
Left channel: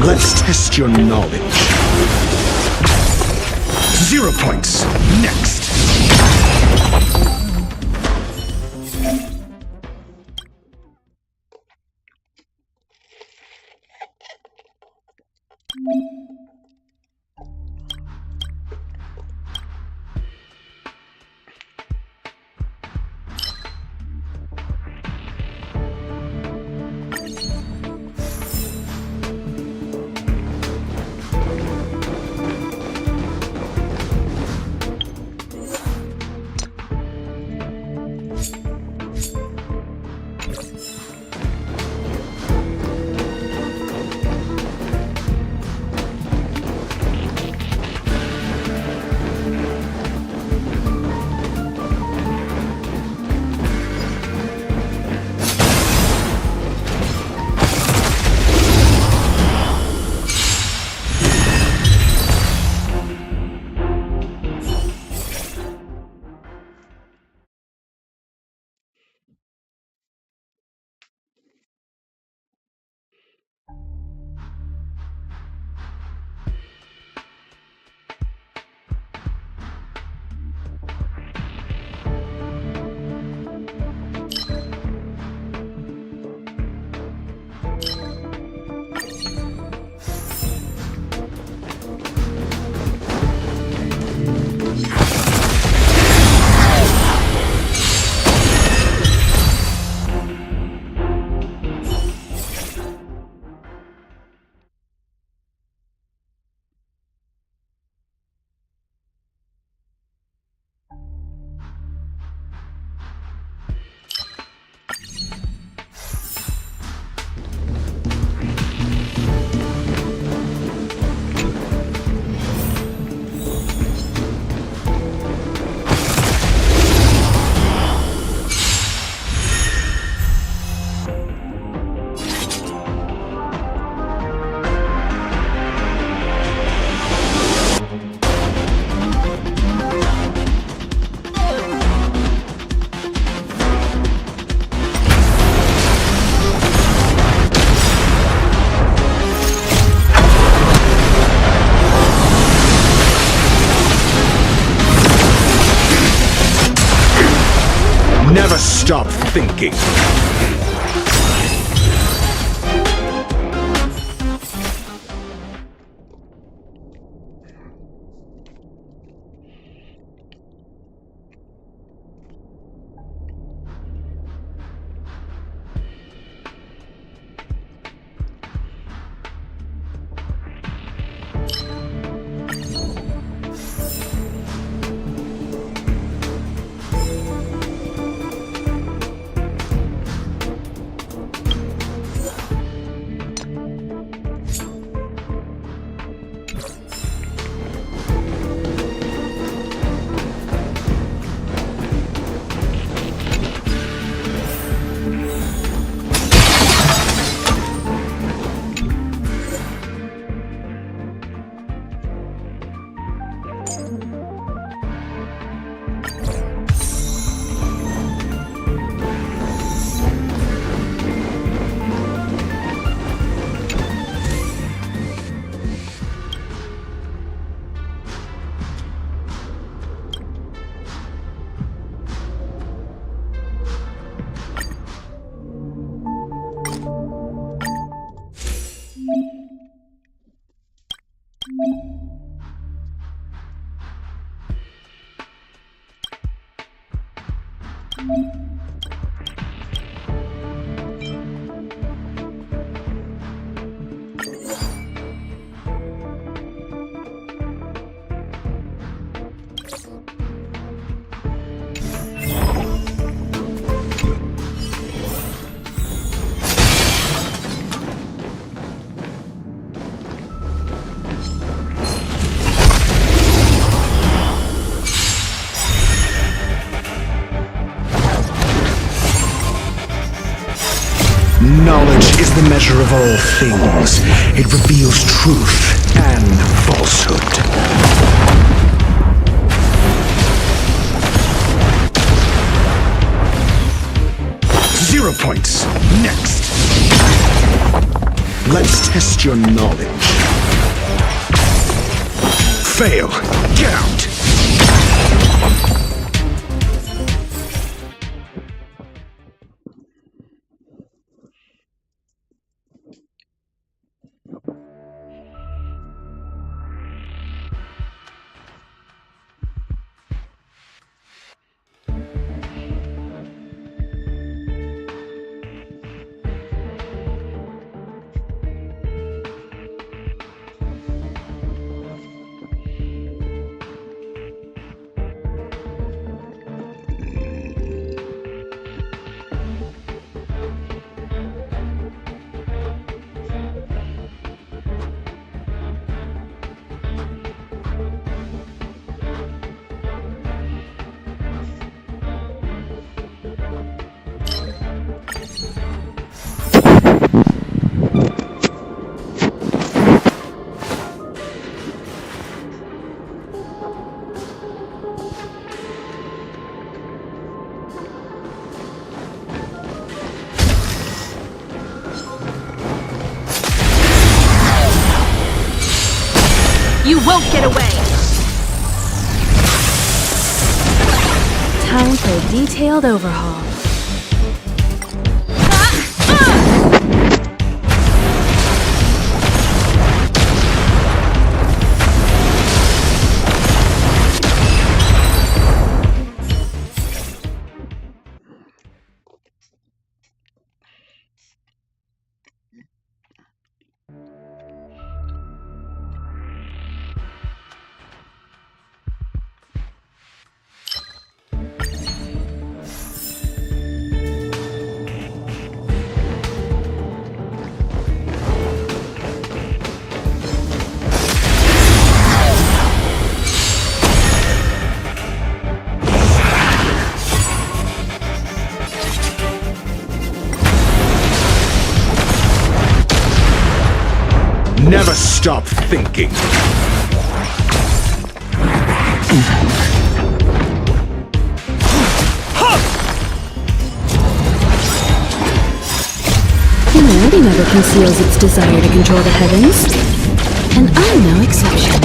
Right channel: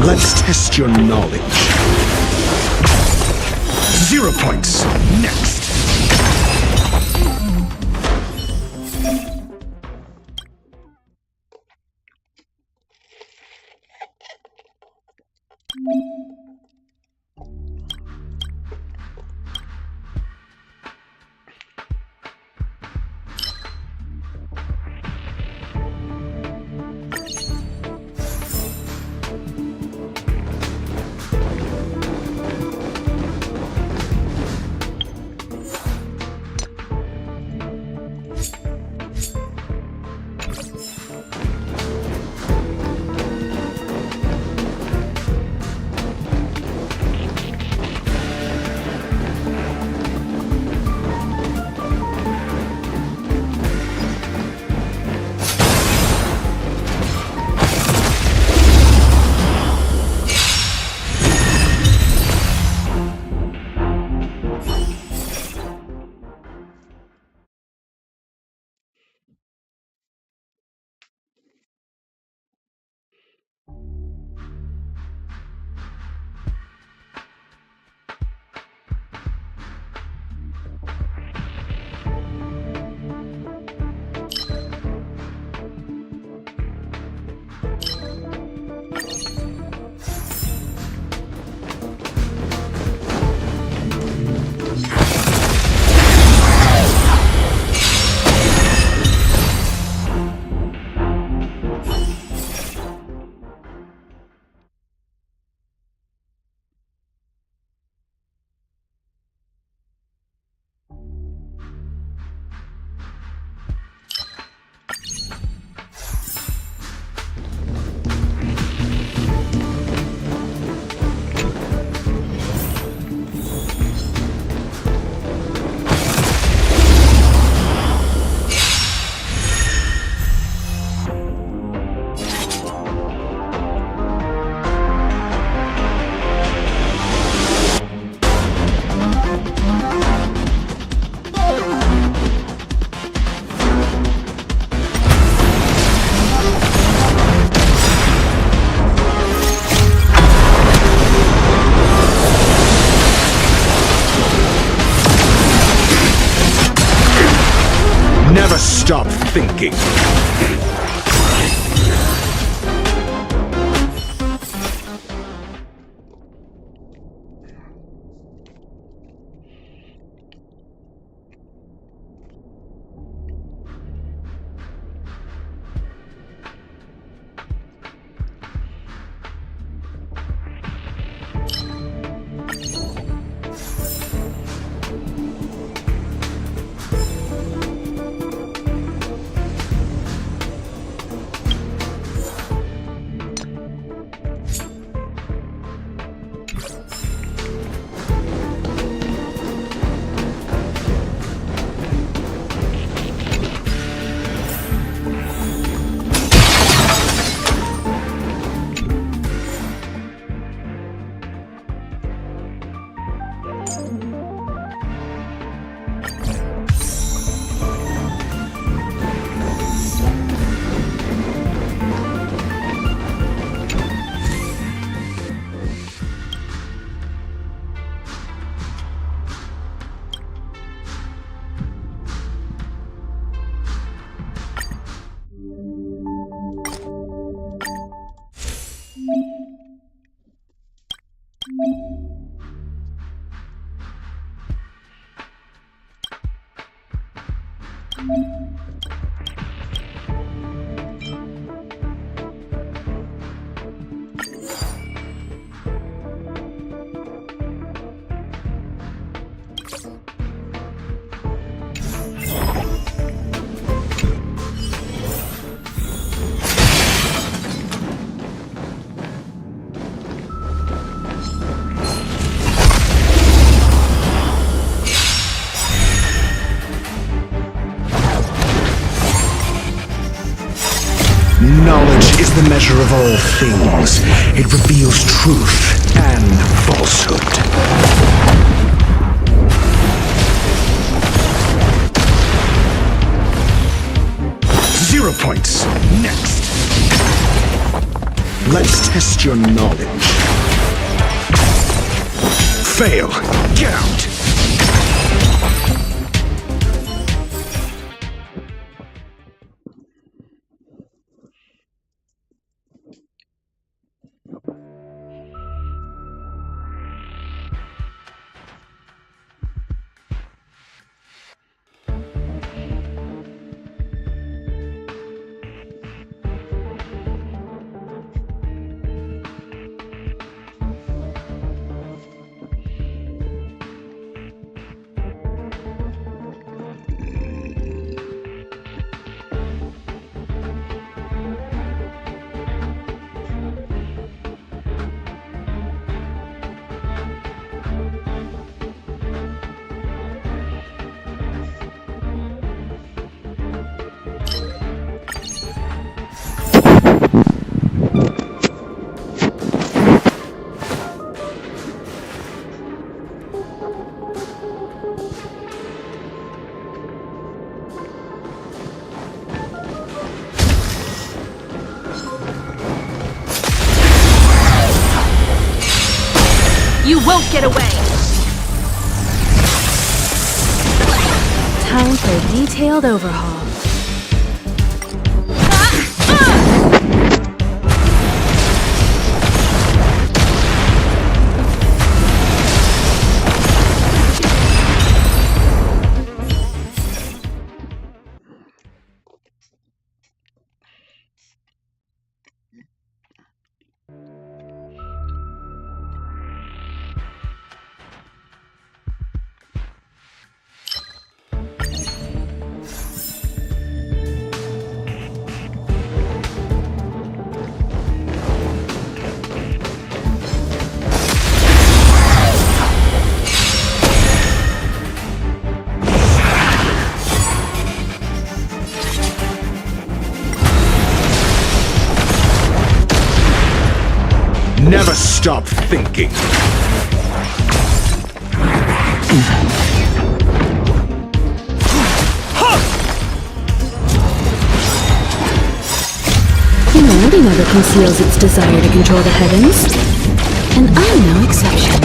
Let's test your knowledge. 0 points. Next. Never stop thinking. is the measure of all things. It reveals truth and falsehood. 0 points. Next. Let's test your knowledge. Fail. Get out. You won't get away! Time for a detailed overhaul. Never stop thinking. Humanity never conceals its desire to control the heavens, and I'm no exception.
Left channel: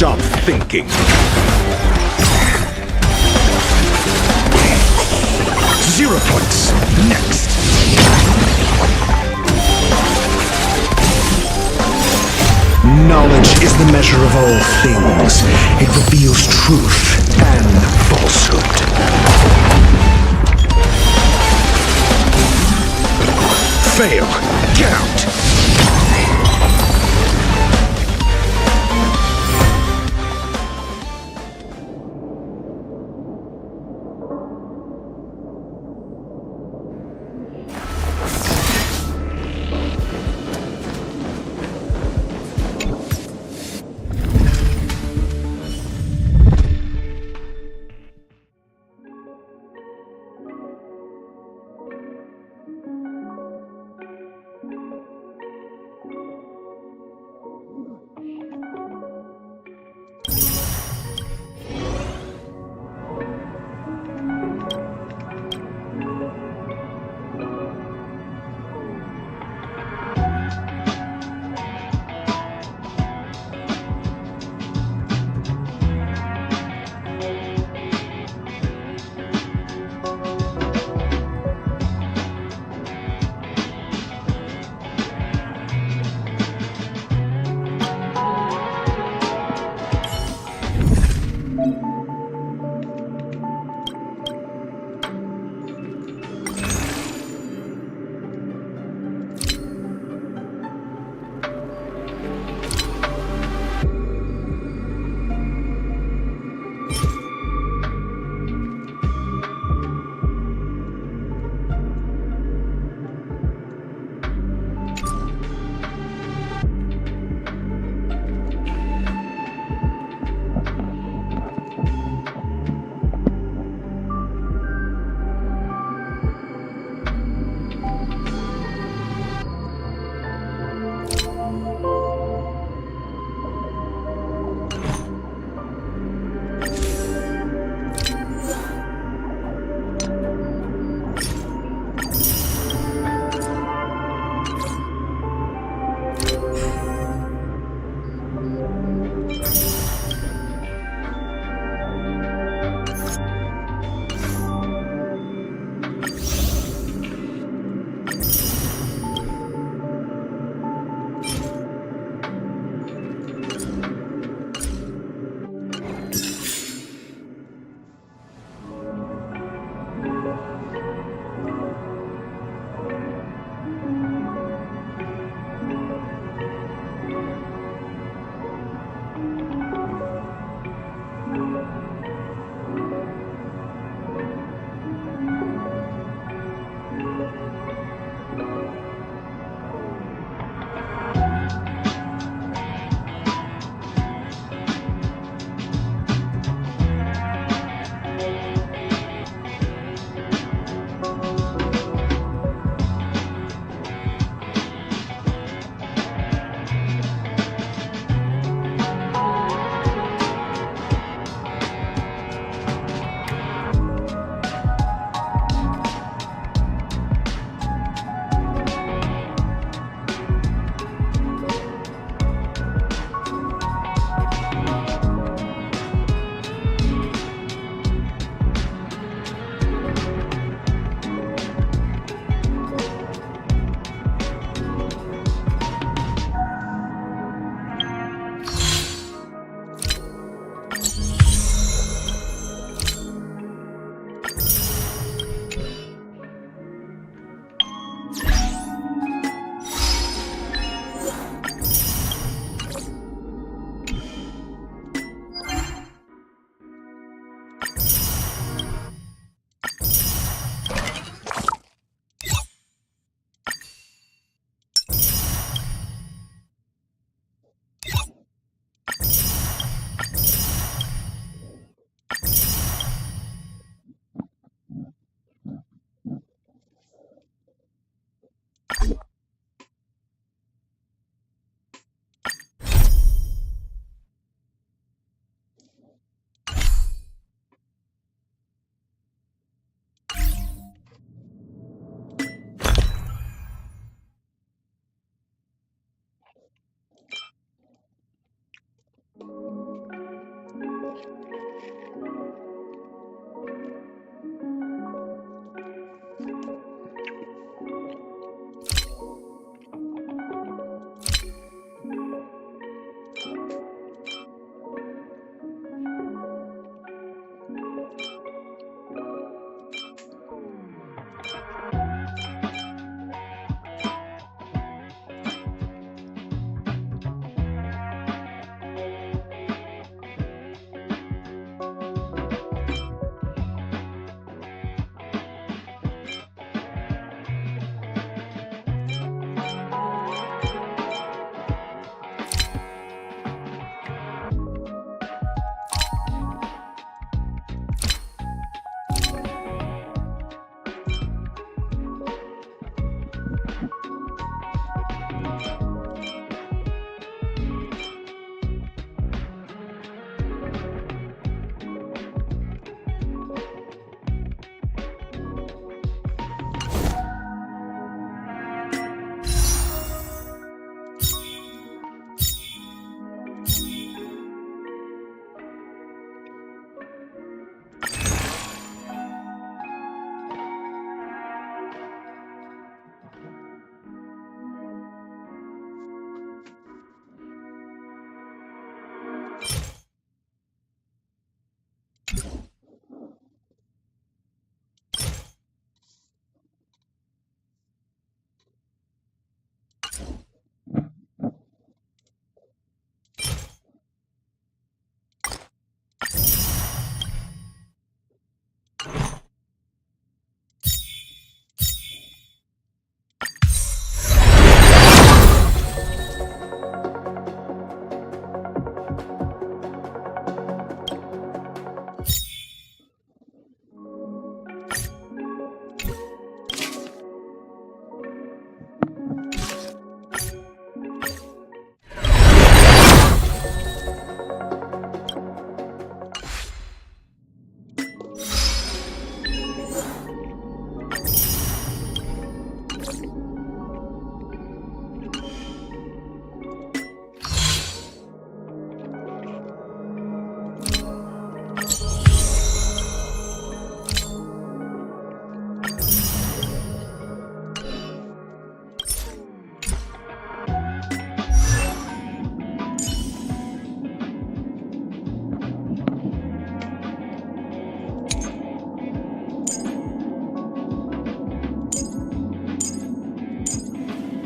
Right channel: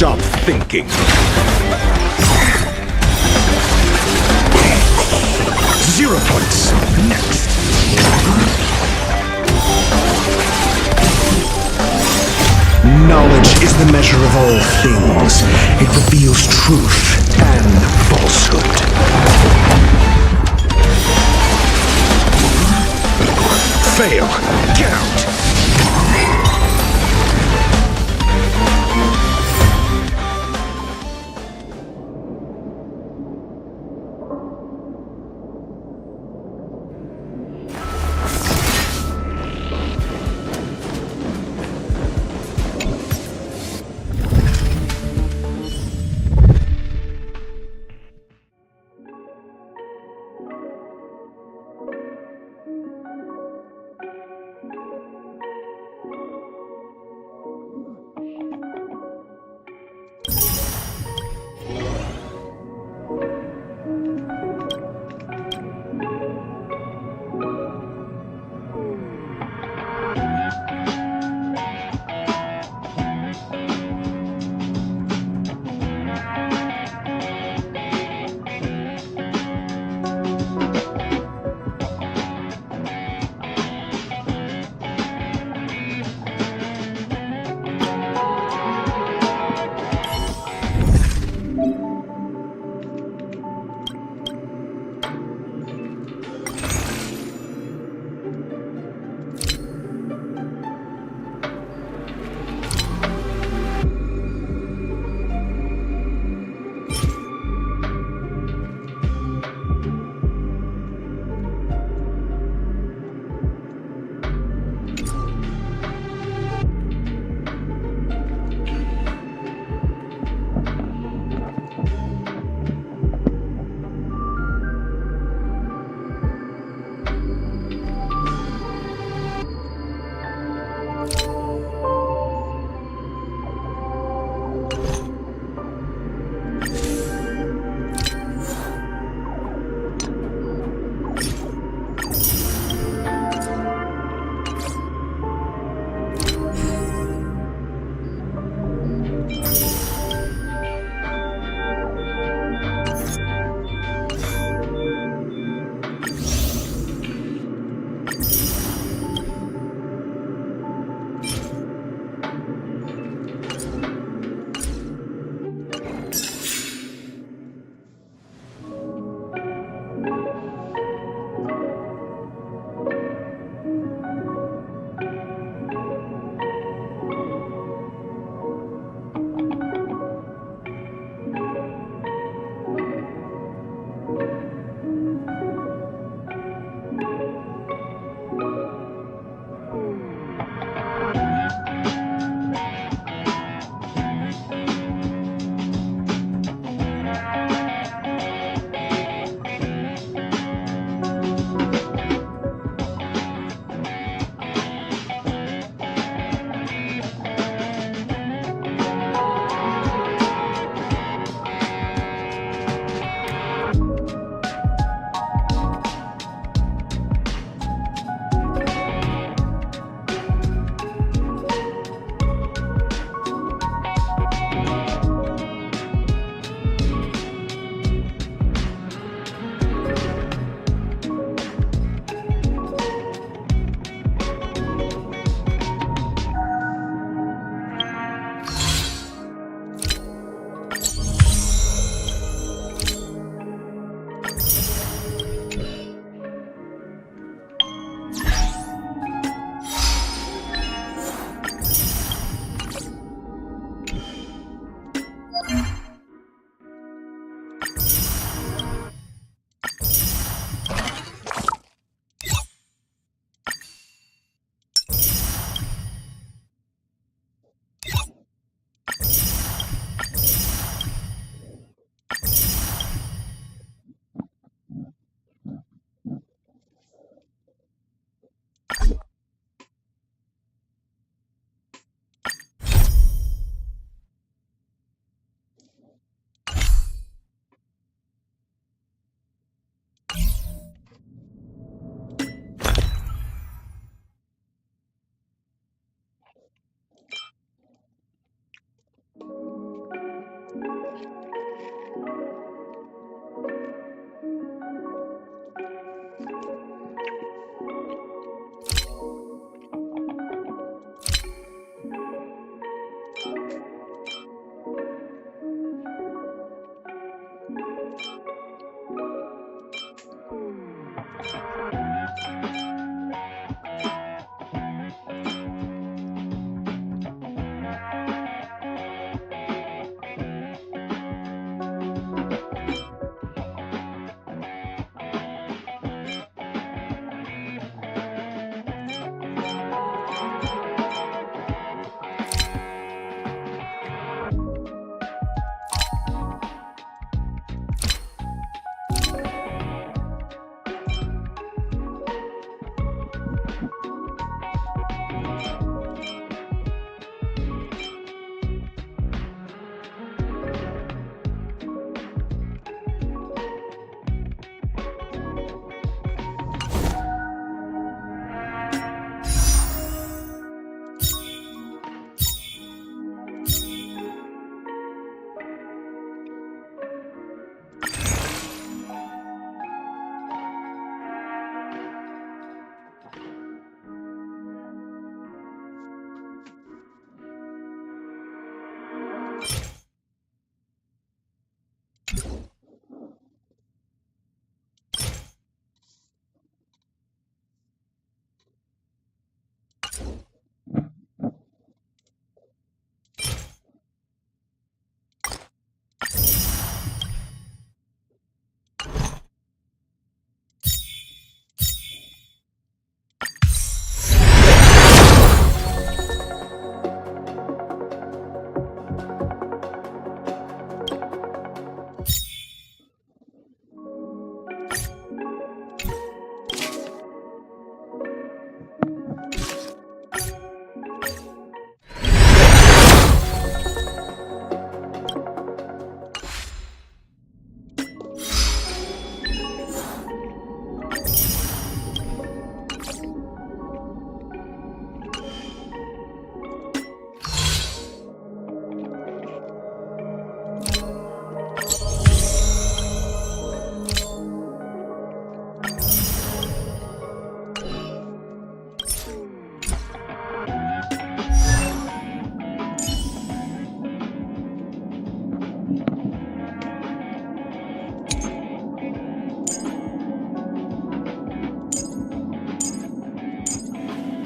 Stop thinking. 0 points. Next. Knowledge is the measure of all things. It reveals truth and falsehood. Fail. Get out.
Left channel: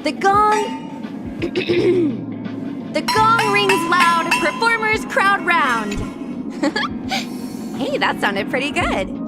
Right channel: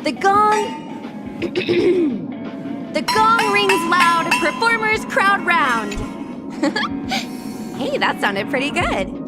The gong... The gong rings loud, performers crowd round. Hey, that sounded pretty good.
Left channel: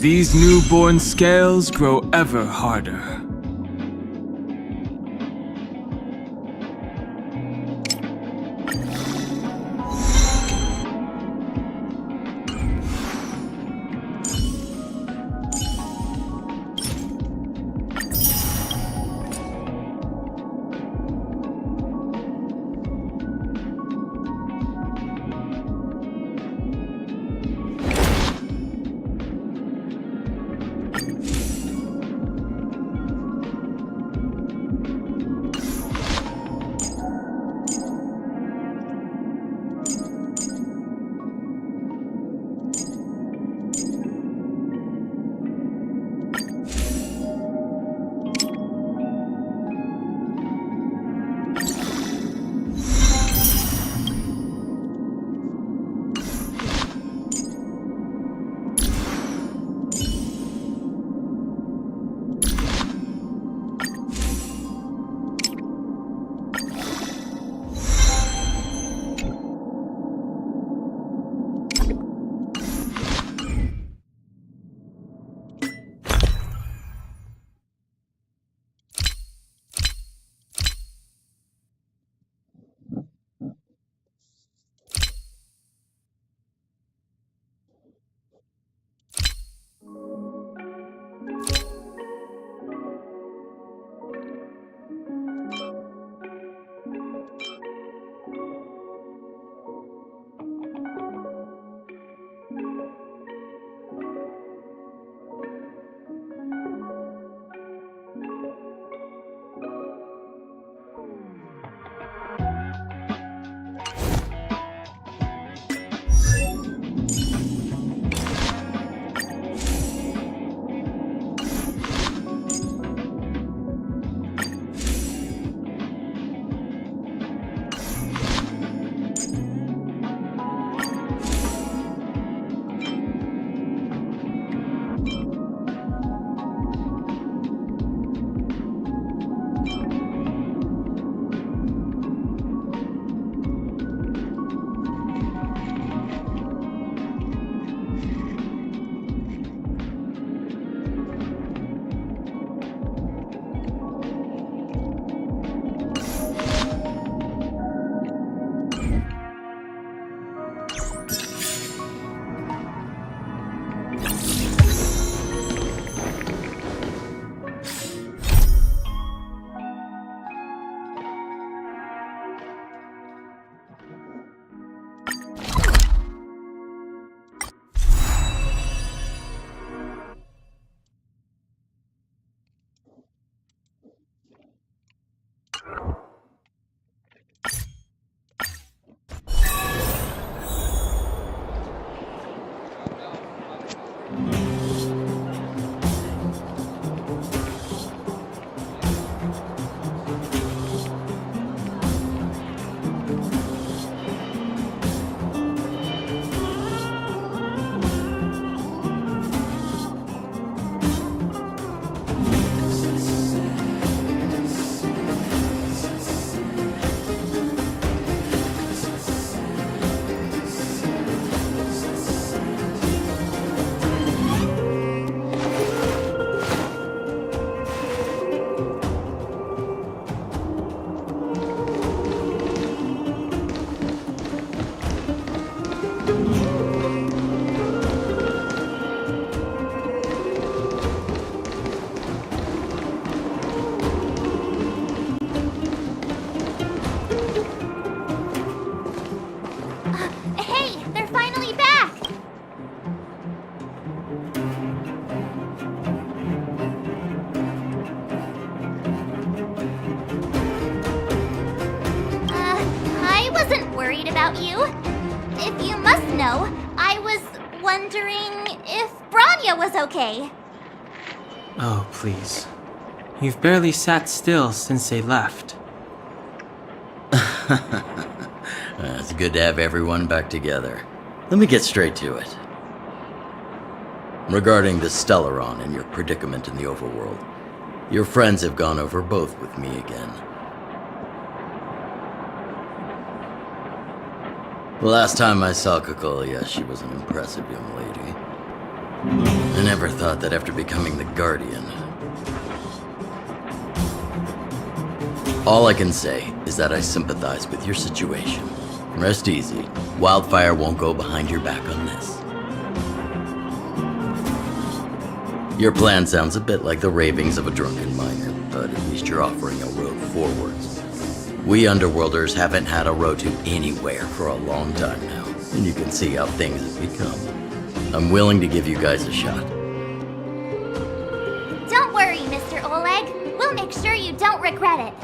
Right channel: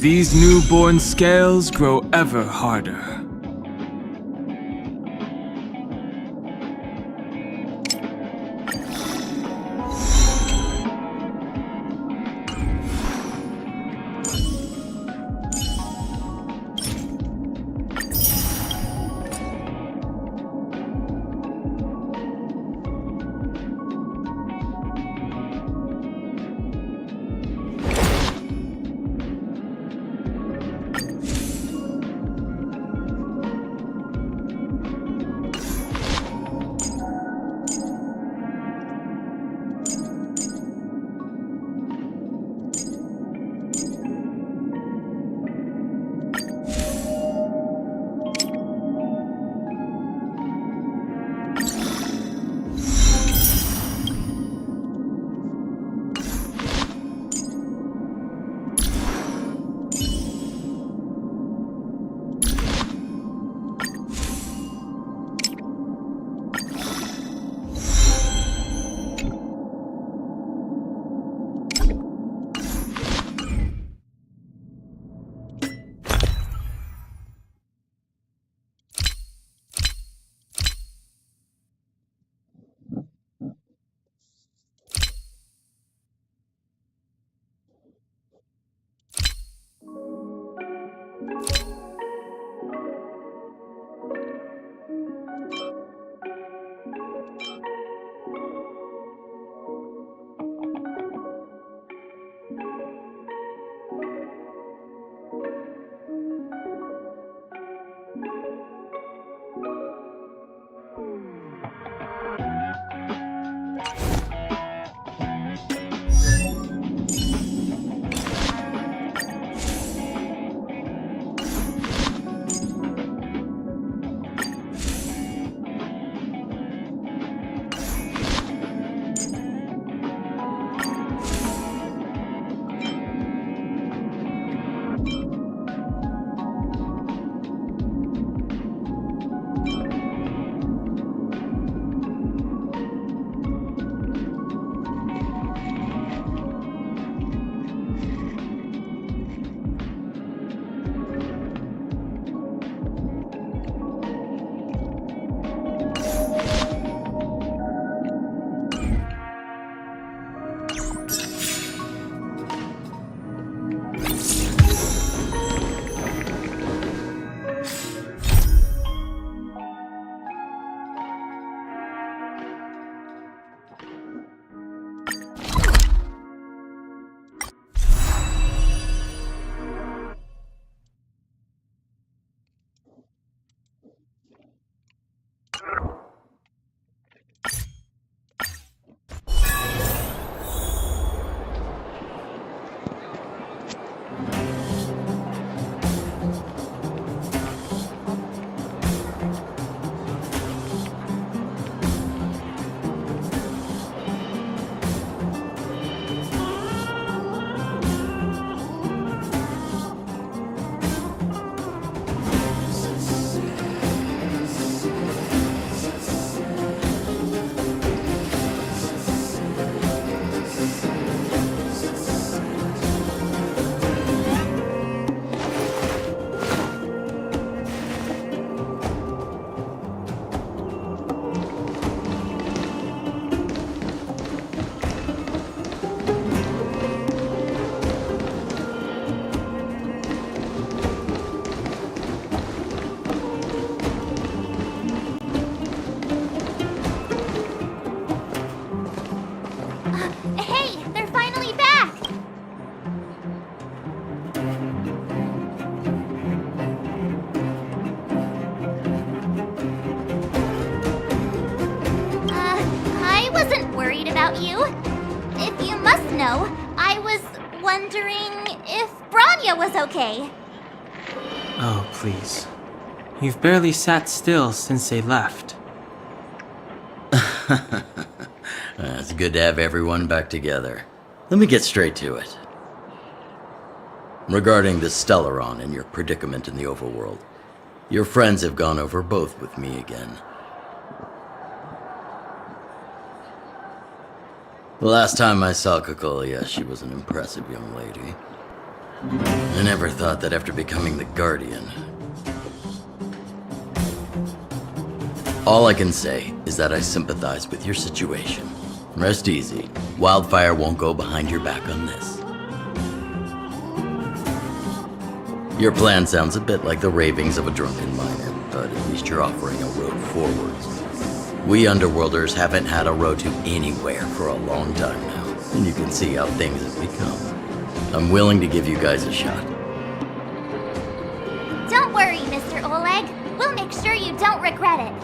These newborn scales grow ever harder. worried about you. If you must know, I was wondering if Branya was okay. Oh, please. You've barely sat still since they left. It's good to have everyone back together. Let me get straight to it. Regarding the Stellaron and your predicament in the overworld, your friends have gone over both with me again. The last time I saw Kokolia, she was an impressive young lady. I never thought that after becoming the Guardian. All I can say is that I sympathize with your situation. Rest easy. Wildfire won't go behind your back on this. Your plan sounds a bit like the ravings of a drunken miner, but at least you're offering a road forwards. We Underworlders haven't had a road to anywhere for a long time now, and you can see how things have become. I'm willing to give you guys a shot. Don't worry, Mr. Oleg. We'll make sure you don't regret it.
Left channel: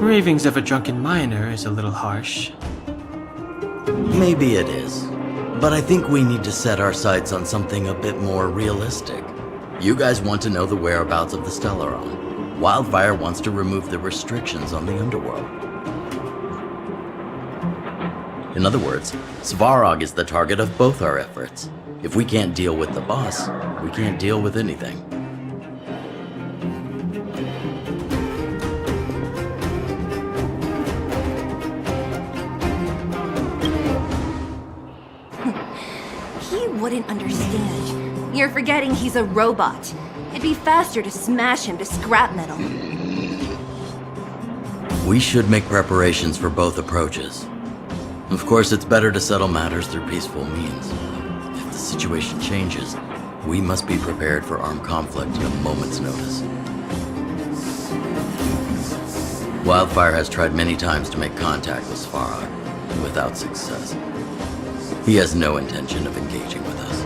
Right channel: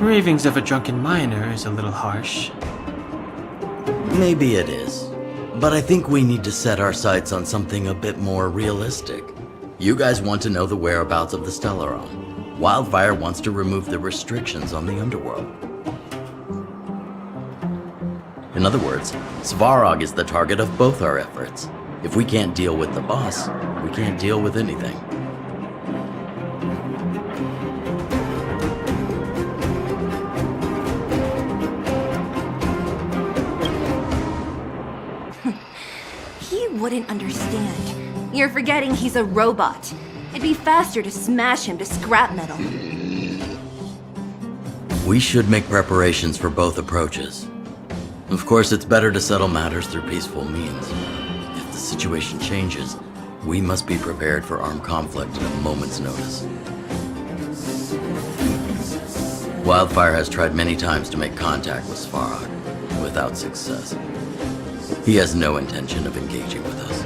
Ravings of a drunken miner is a little harsh. Maybe it is, but I think we need to set our sights on something a bit more realistic. You guys want to know the whereabouts of the Stellaron. Wildfire wants to remove the restrictions on the Underworld. In other words, Svarog is the target of both our efforts. If we can't deal with the boss, we can't deal with anything. He wouldn't understand. You're forgetting he's a robot. It'd be faster to smash him to scrap metal. We should make preparations for both approaches. Of course, it's better to settle matters through peaceful means. If the situation changes, we must be prepared for armed conflict at a moment's notice. Wildfire has tried many times to make contact with Svarog, without success. He has no intention of engaging with us.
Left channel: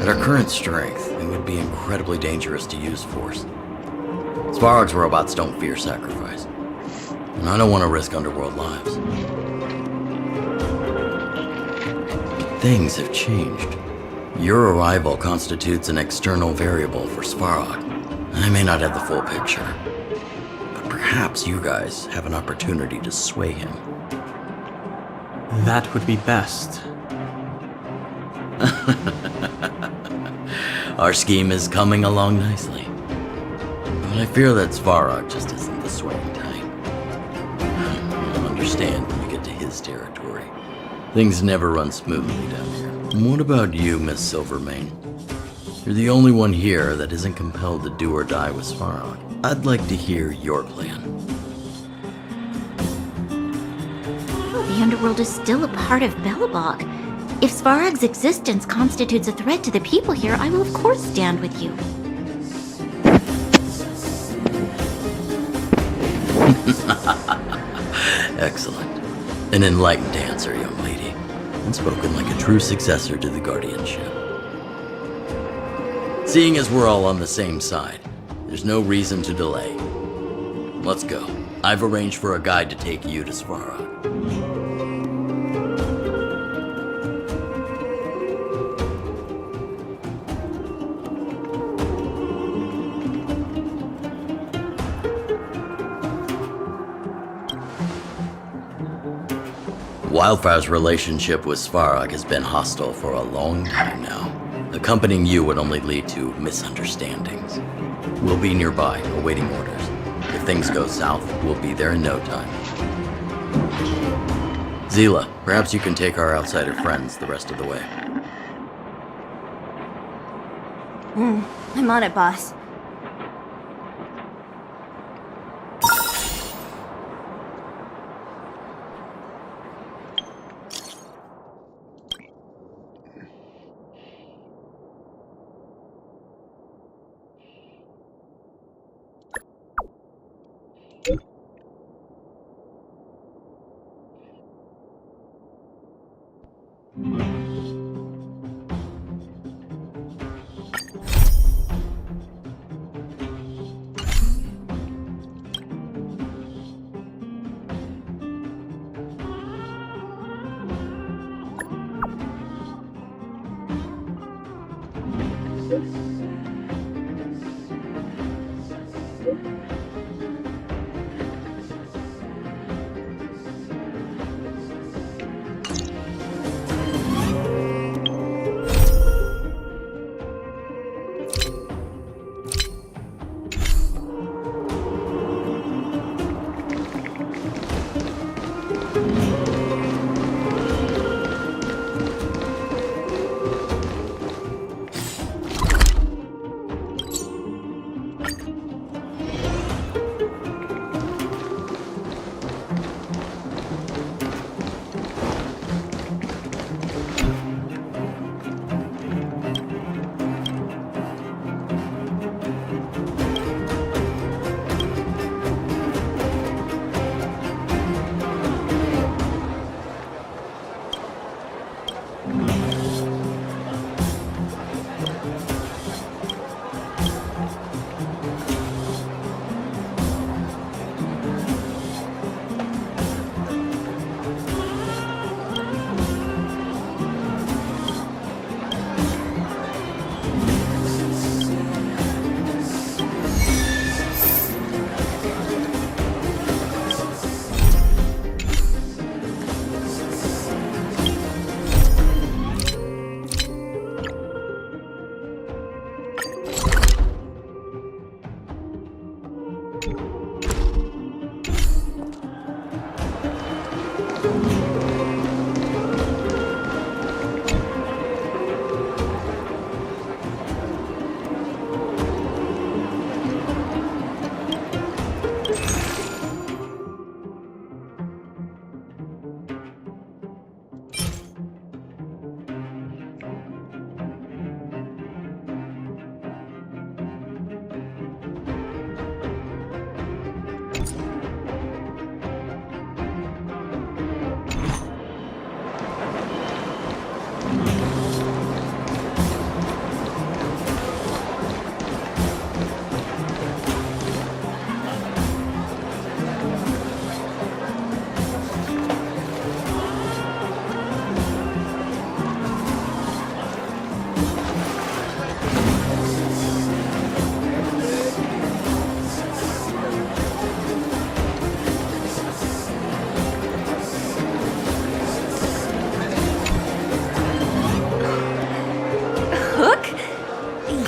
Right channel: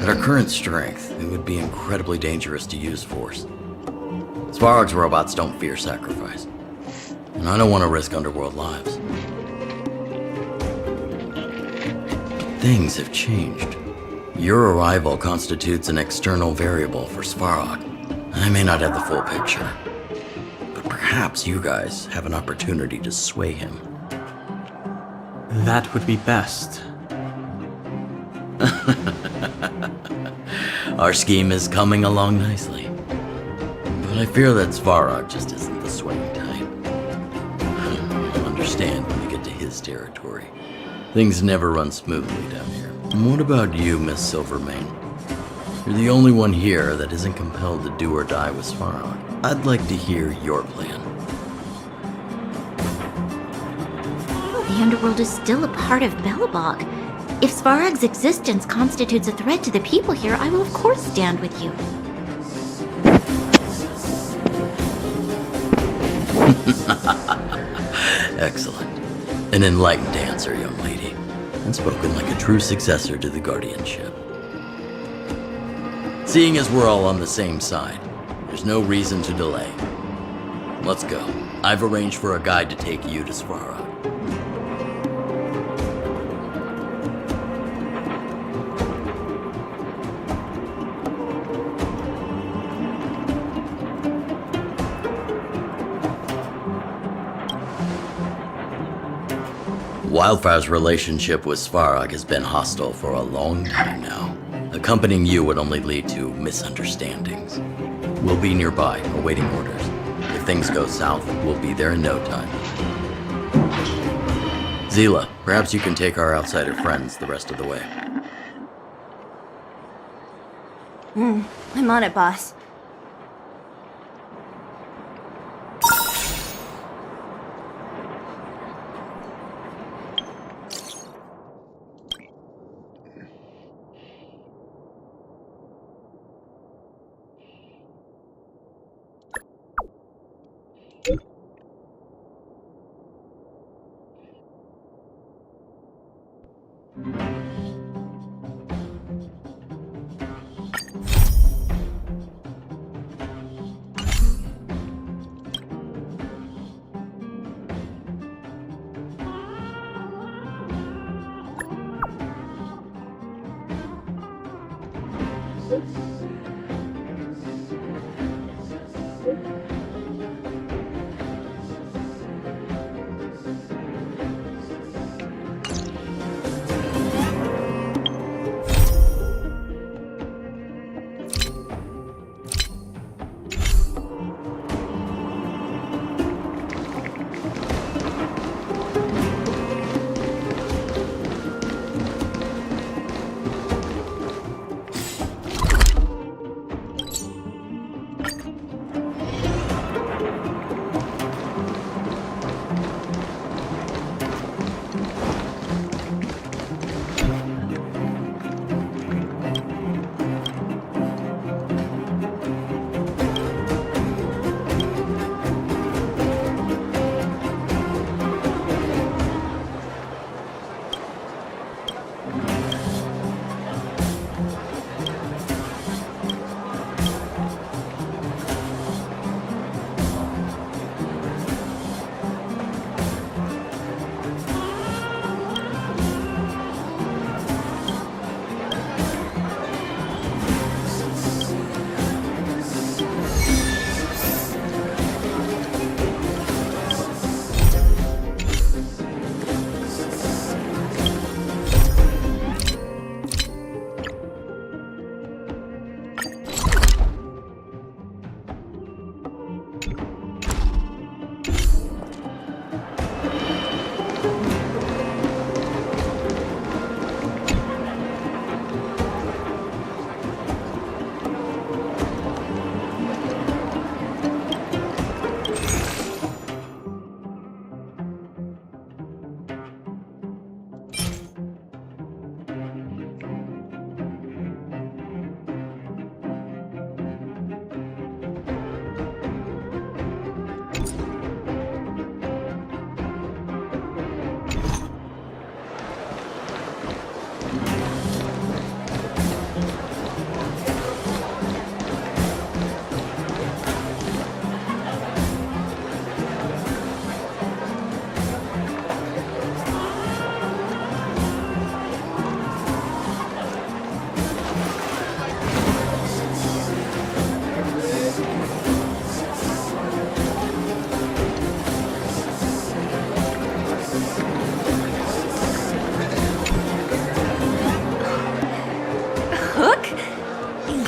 At our current strength, it would be incredibly dangerous to use force. Svarog's robots don't fear sacrifice, and I don't want to risk Underworld lives. But things have changed. Your arrival constitutes an external variable for Svarog. I may not have the full picture, but perhaps you guys have an opportunity to sway him. That would be best. Our scheme is coming along nicely. But I fear that Svarog just isn't the swaying type. You'll understand when you get to his territory. Things never run smoothly down here. And what about you, Miss Silvermane? You're the only one here that isn't compelled to do or die with Svarog. I'd like to hear your plan. Well, the Underworld is still a part of Belobog. If Svarog's existence constitutes a threat to the people here, I will of course stand with you. Excellent. An enlightened answer, young lady, and spoken like a true successor to the guardianship. Seeing as we're all on the same side, there's no reason to delay. Let's go. I've arranged for a guide to take you to Svarog. Wildfire's relationship with Svarog has been hostile for a long time now. Accompanying you would only lead to misunderstandings. We'll be nearby, awaiting orders. If things go south, we'll be there in no time. Zila, perhaps you can take our outsider friends the rest of the way. I'm on it, boss.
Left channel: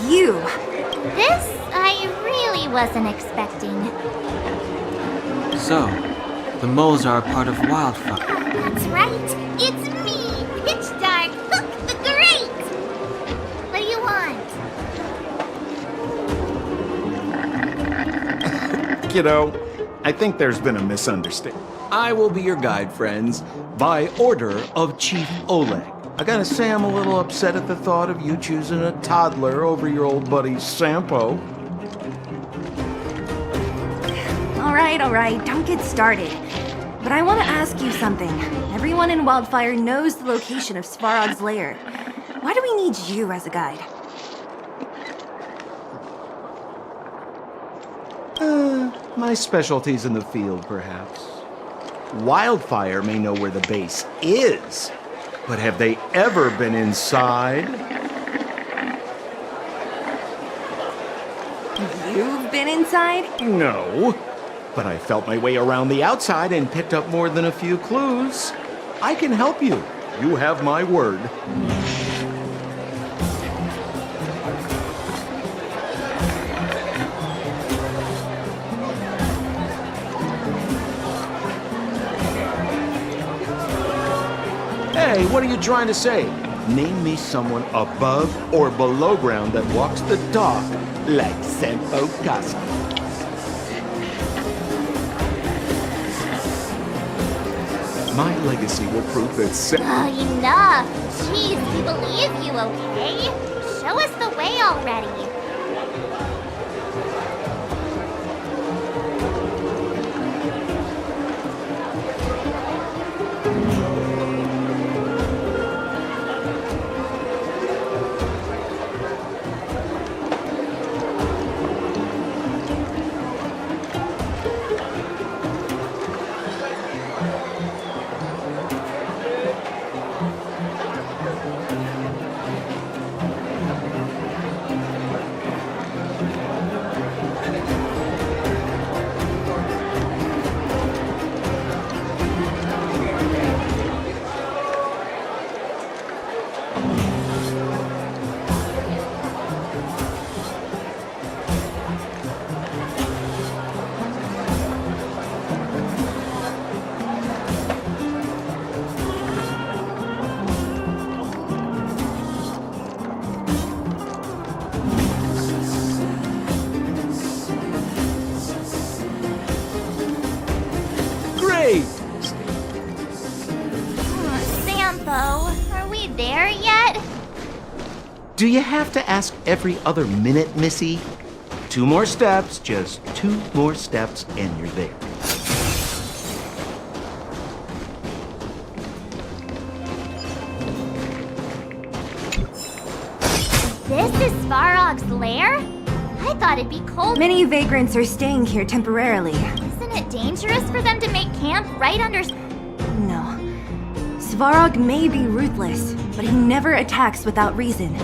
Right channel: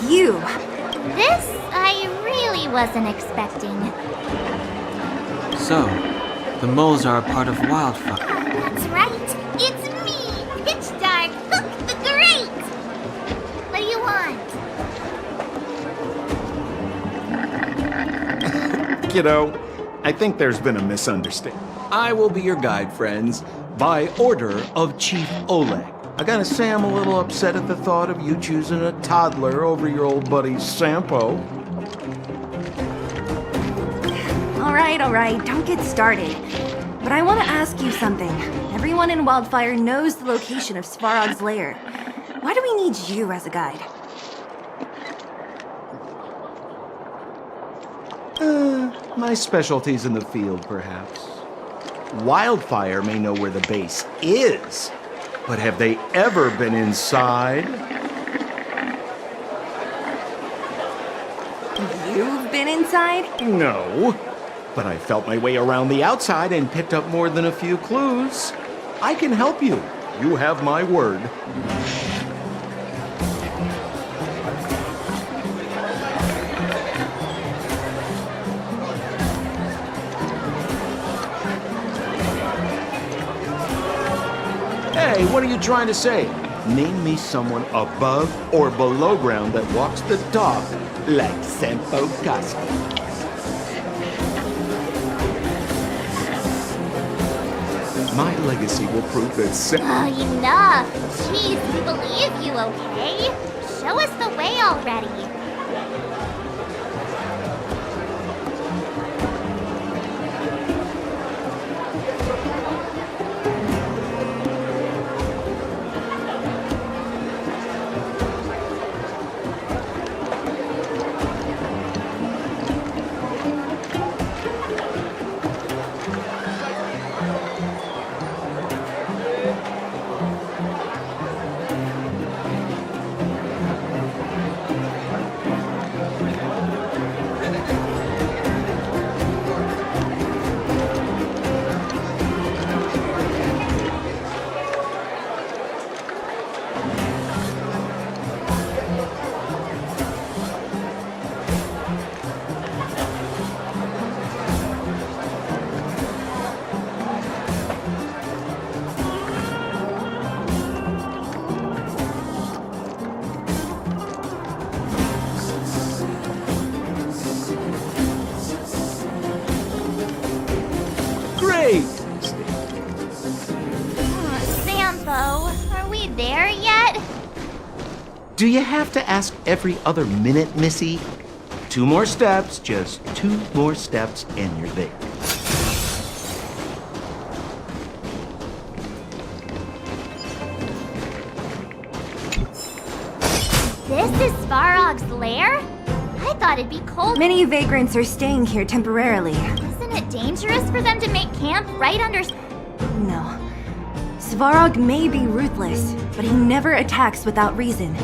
You. This I really wasn't expecting. So, the moles are a part of Wildfire. That's right. It's me, Pitch Dark, Hook the Great. What do you want? Kiddo, I think there's been a misunderstanding. I will be your guide, friends, by order of Chief Oleg. I gotta say I'm a little upset at the thought of you choosing a toddler over your old buddy Sampo. All right, don't get started. But I want to ask you something. Everyone in Wildfire knows the location of Svarog's lair. Why do we need you as a guide? My specialty's in the field, perhaps. Wildfire may know where the base is, but have they ever been inside? You've been inside? No, but I felt my way around the outside and picked up more than a few clues. I can help you. You have my word. Hey, what are you trying to say? Name me someone above or below ground that walks the dog like Sampo Koski. My legacy will prove that Oh, enough. Jeez, we believe you, okay? Show us the way already. Do you have to ask every other minute, Missy? 2 more steps, just 2 more steps, and you're there. This is Svarog's lair? I thought it'd be cold. Many vagrants are staying here temporarily. Isn't it dangerous for them to make camp right under... No. Svarog may be ruthless, but he never attacks without reason.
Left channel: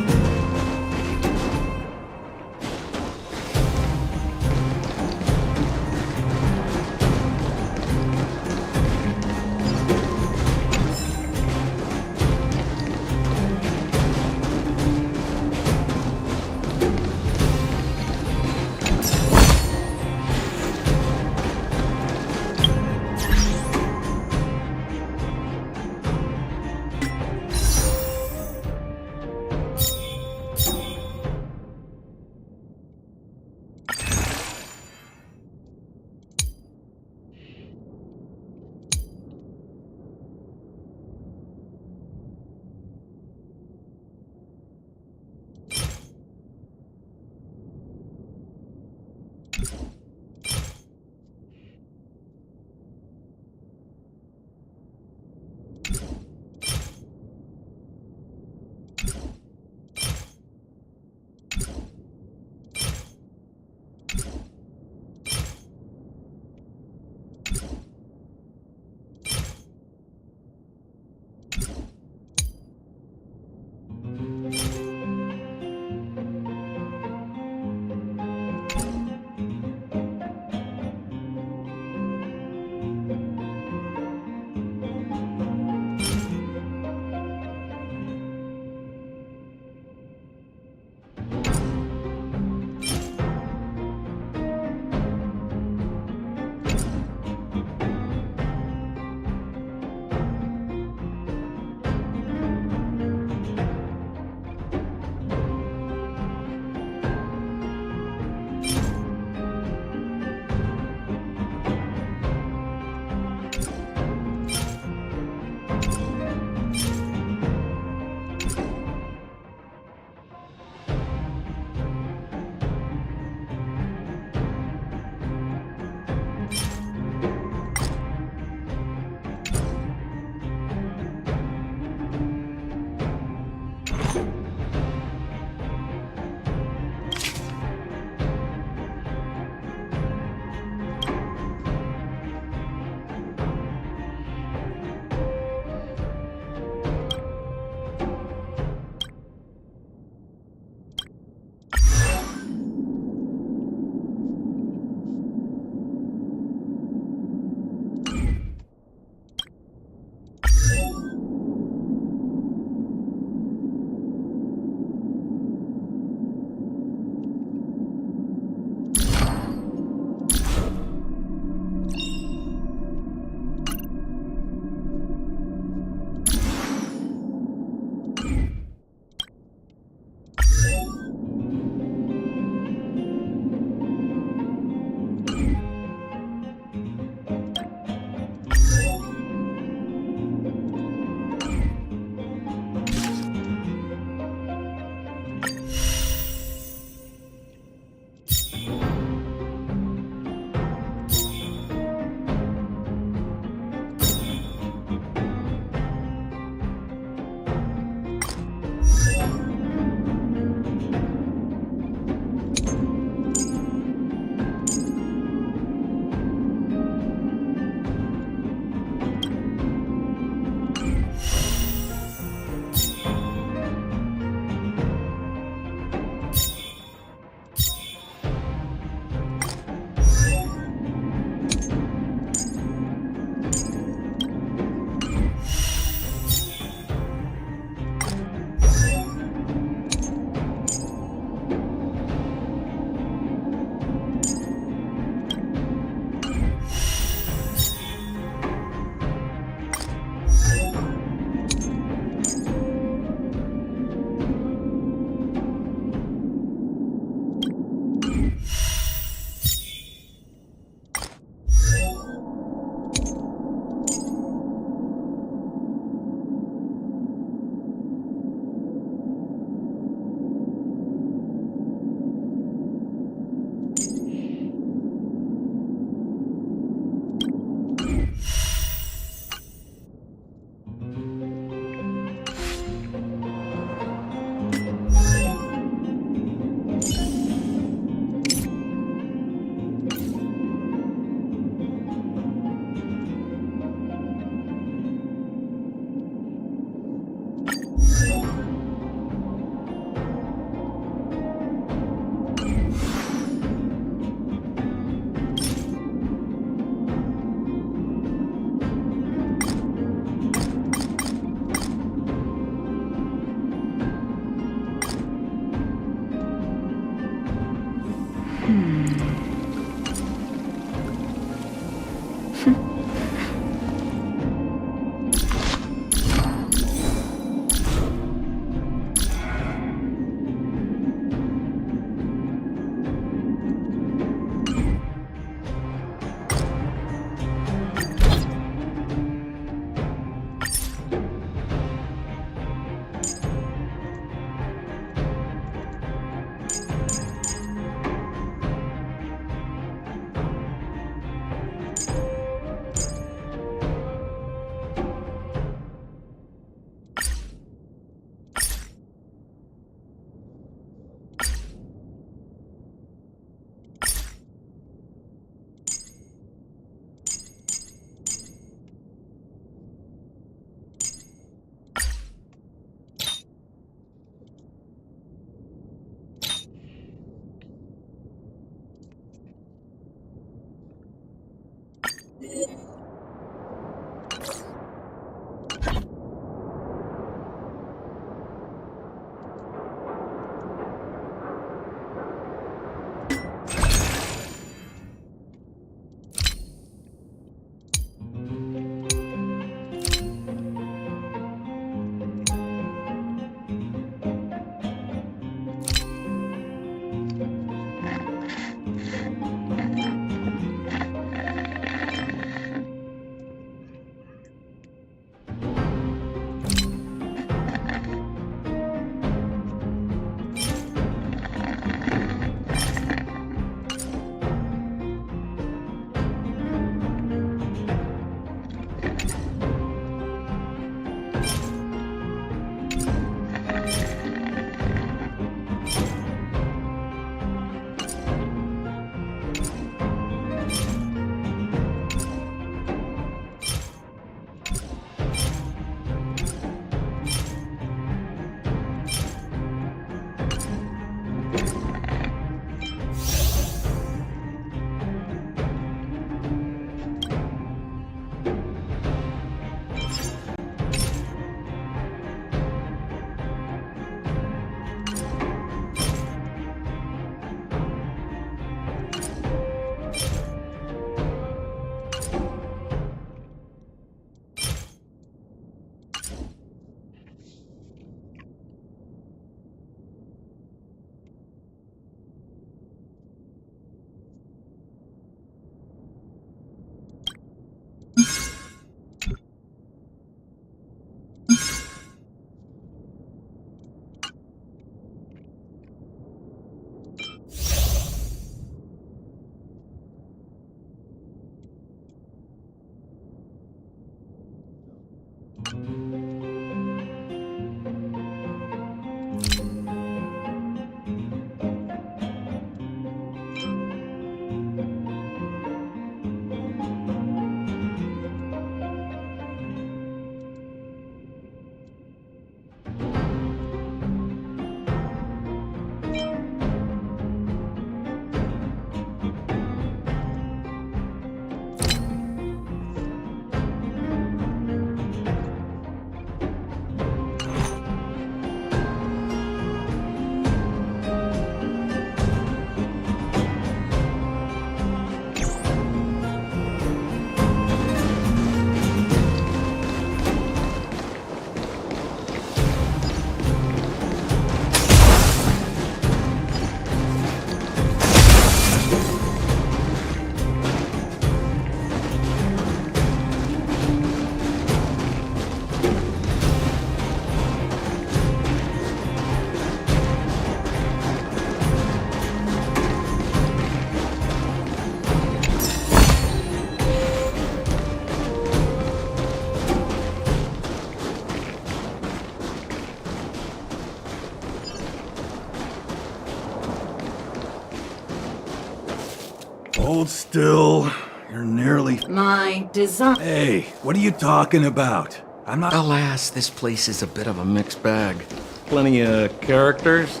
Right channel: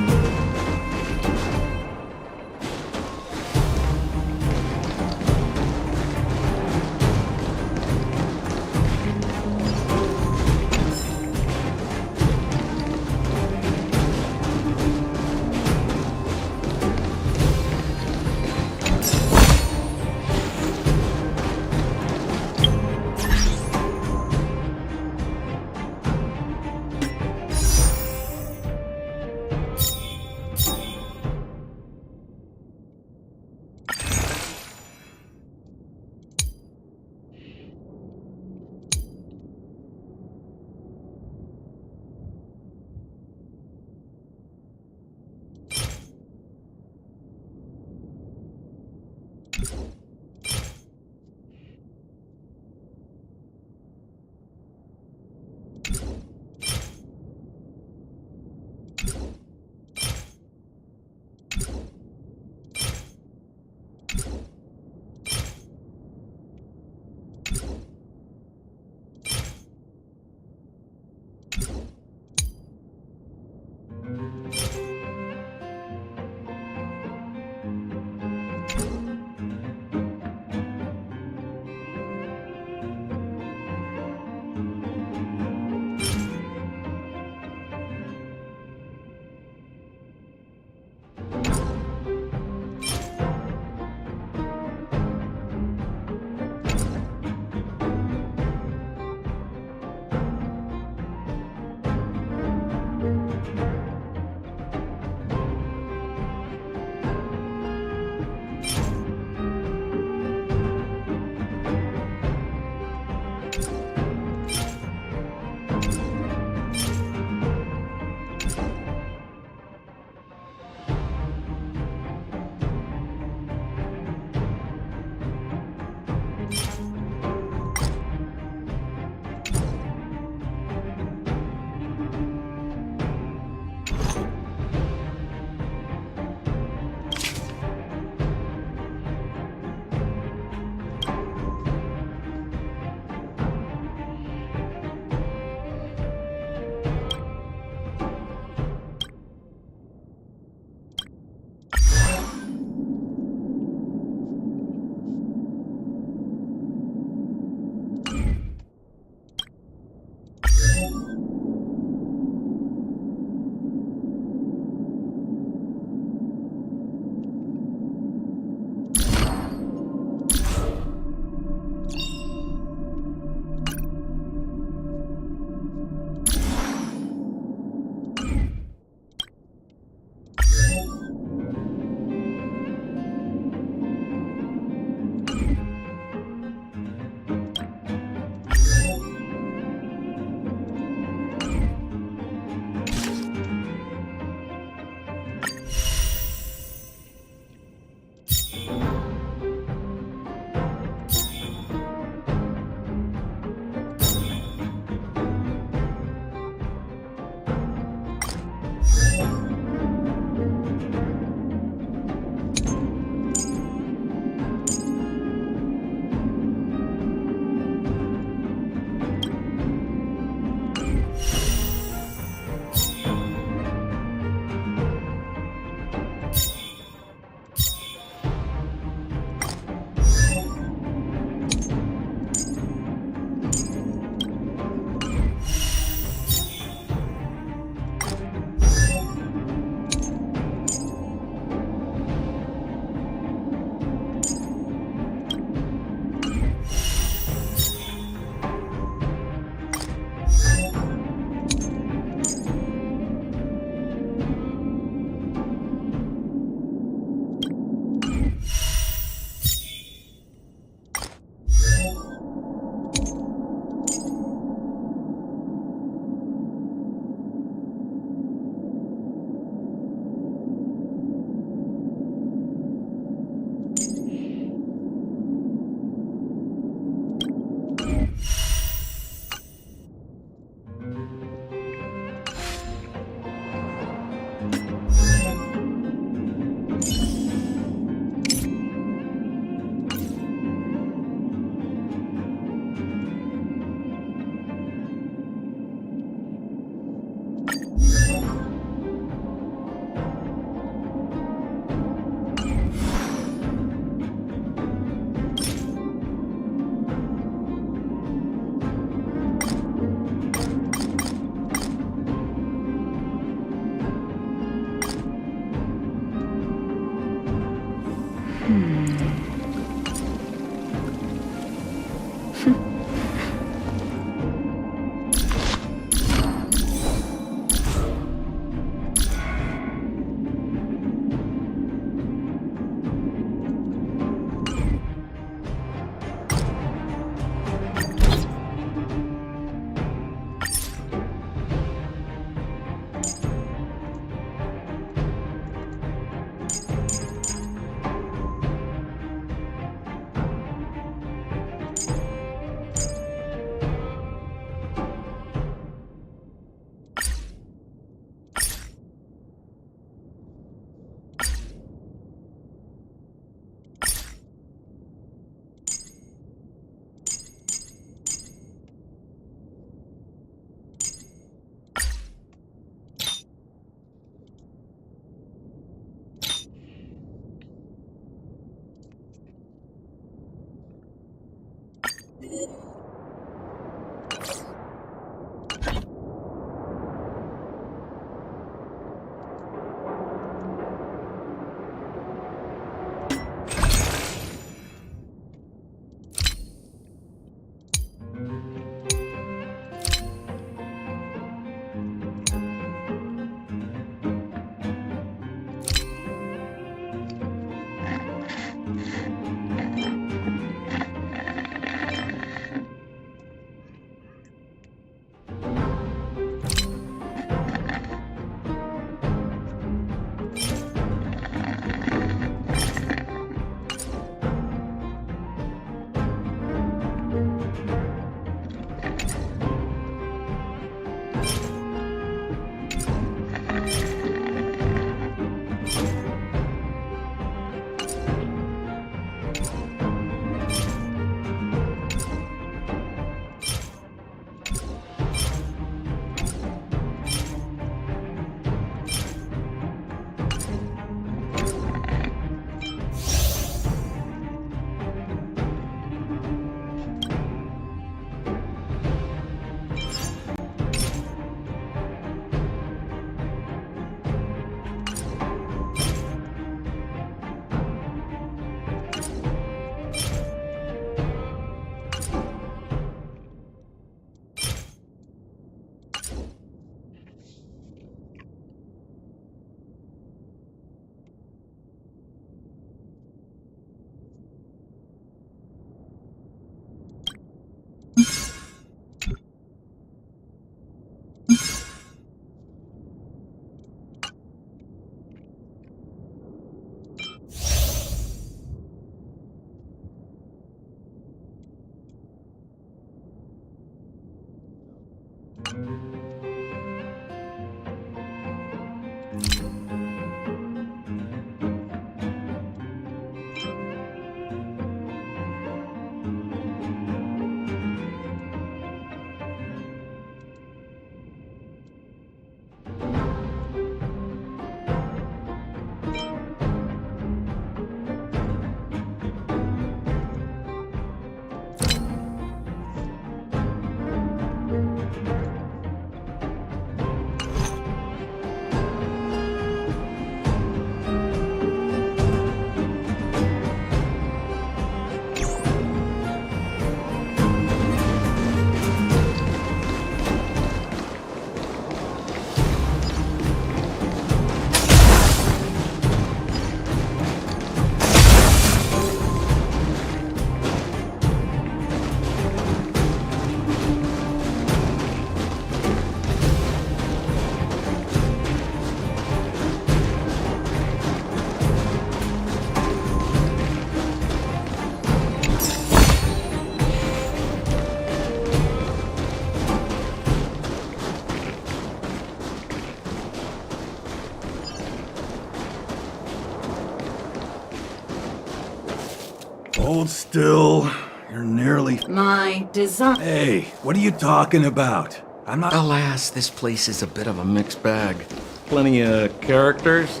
Hold still. You're nearly... My design... Hey, what are you talking about? I'm not... Alas, this place is a bit of a mixed bag. Plenty of characters.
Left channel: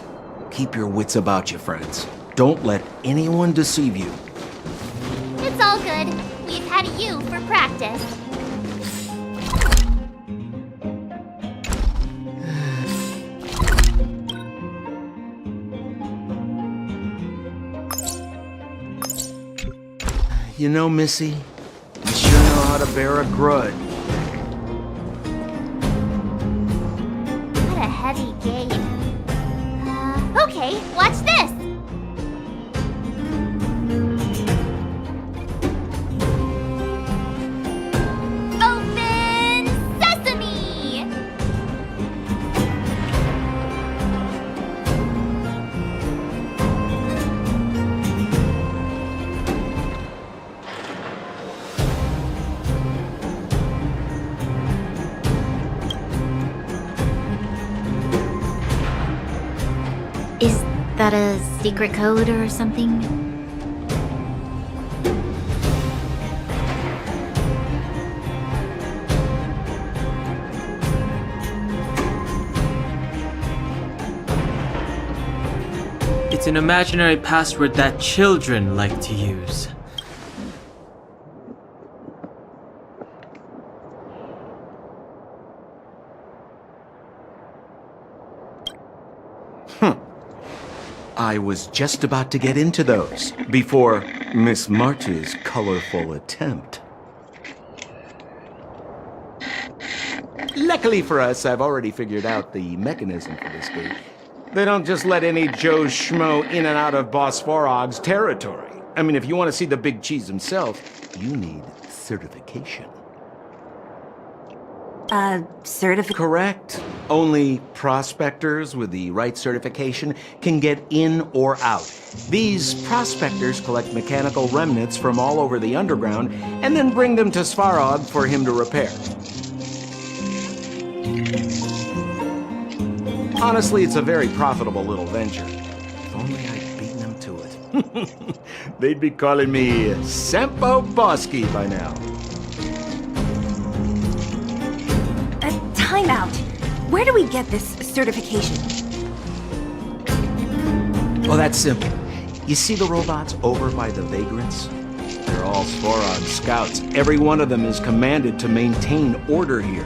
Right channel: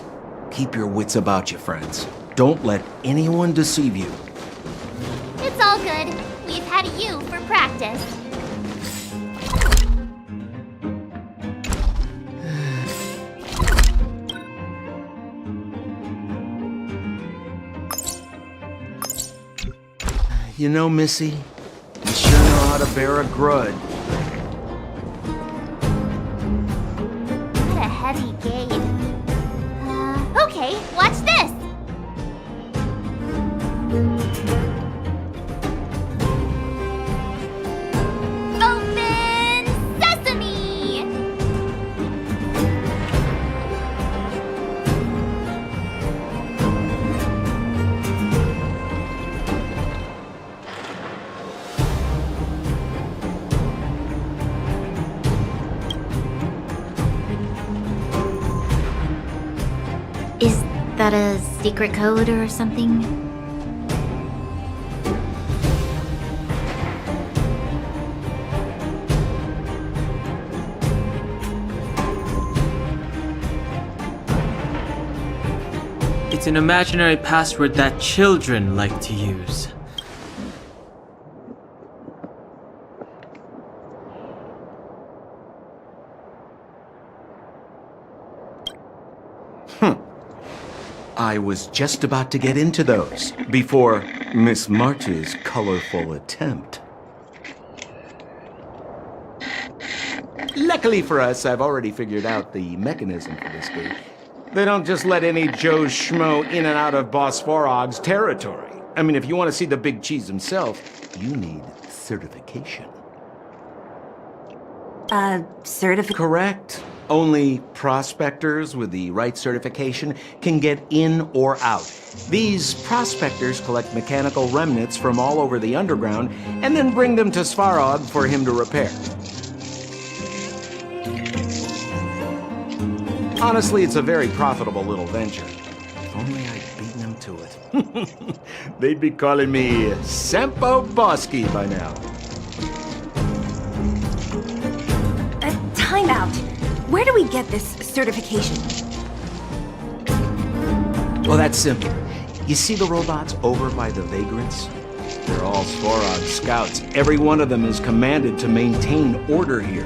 Keep your wits about you, friends. Don't let anyone deceive you. It's all good. We've had you for practice. You know, Missy, you sure know how to bear a grudge. What a heavy gate. Okay, watch this! Open sesame! Is that a secret code or something? It's an imaginary password that children like to use. I was just about to get into those before Miss March's colorful attempt. Luckily for us, I've already figured out the mechanism for this gate. They don't just let any Joe Schmo in and out of Boss Farog's territory. I mean, if you want to see the big cheese himself, you need certification. Certificate? Correct. Only prospectors with the right certification can get in or out. These prospectors collect mechanical remnants from all over the underground and then bring them to Svarog for him to repair. Honestly, it's a very profitable little venture. If only I'd beaten them to it. They'd be calling me Sempo Bosky by now. Time out. Where do we get this certification? Well, that's simple. You see the robots over by the vagrants? They're all Svarog scouts. Every one of them is commanded to maintain order here.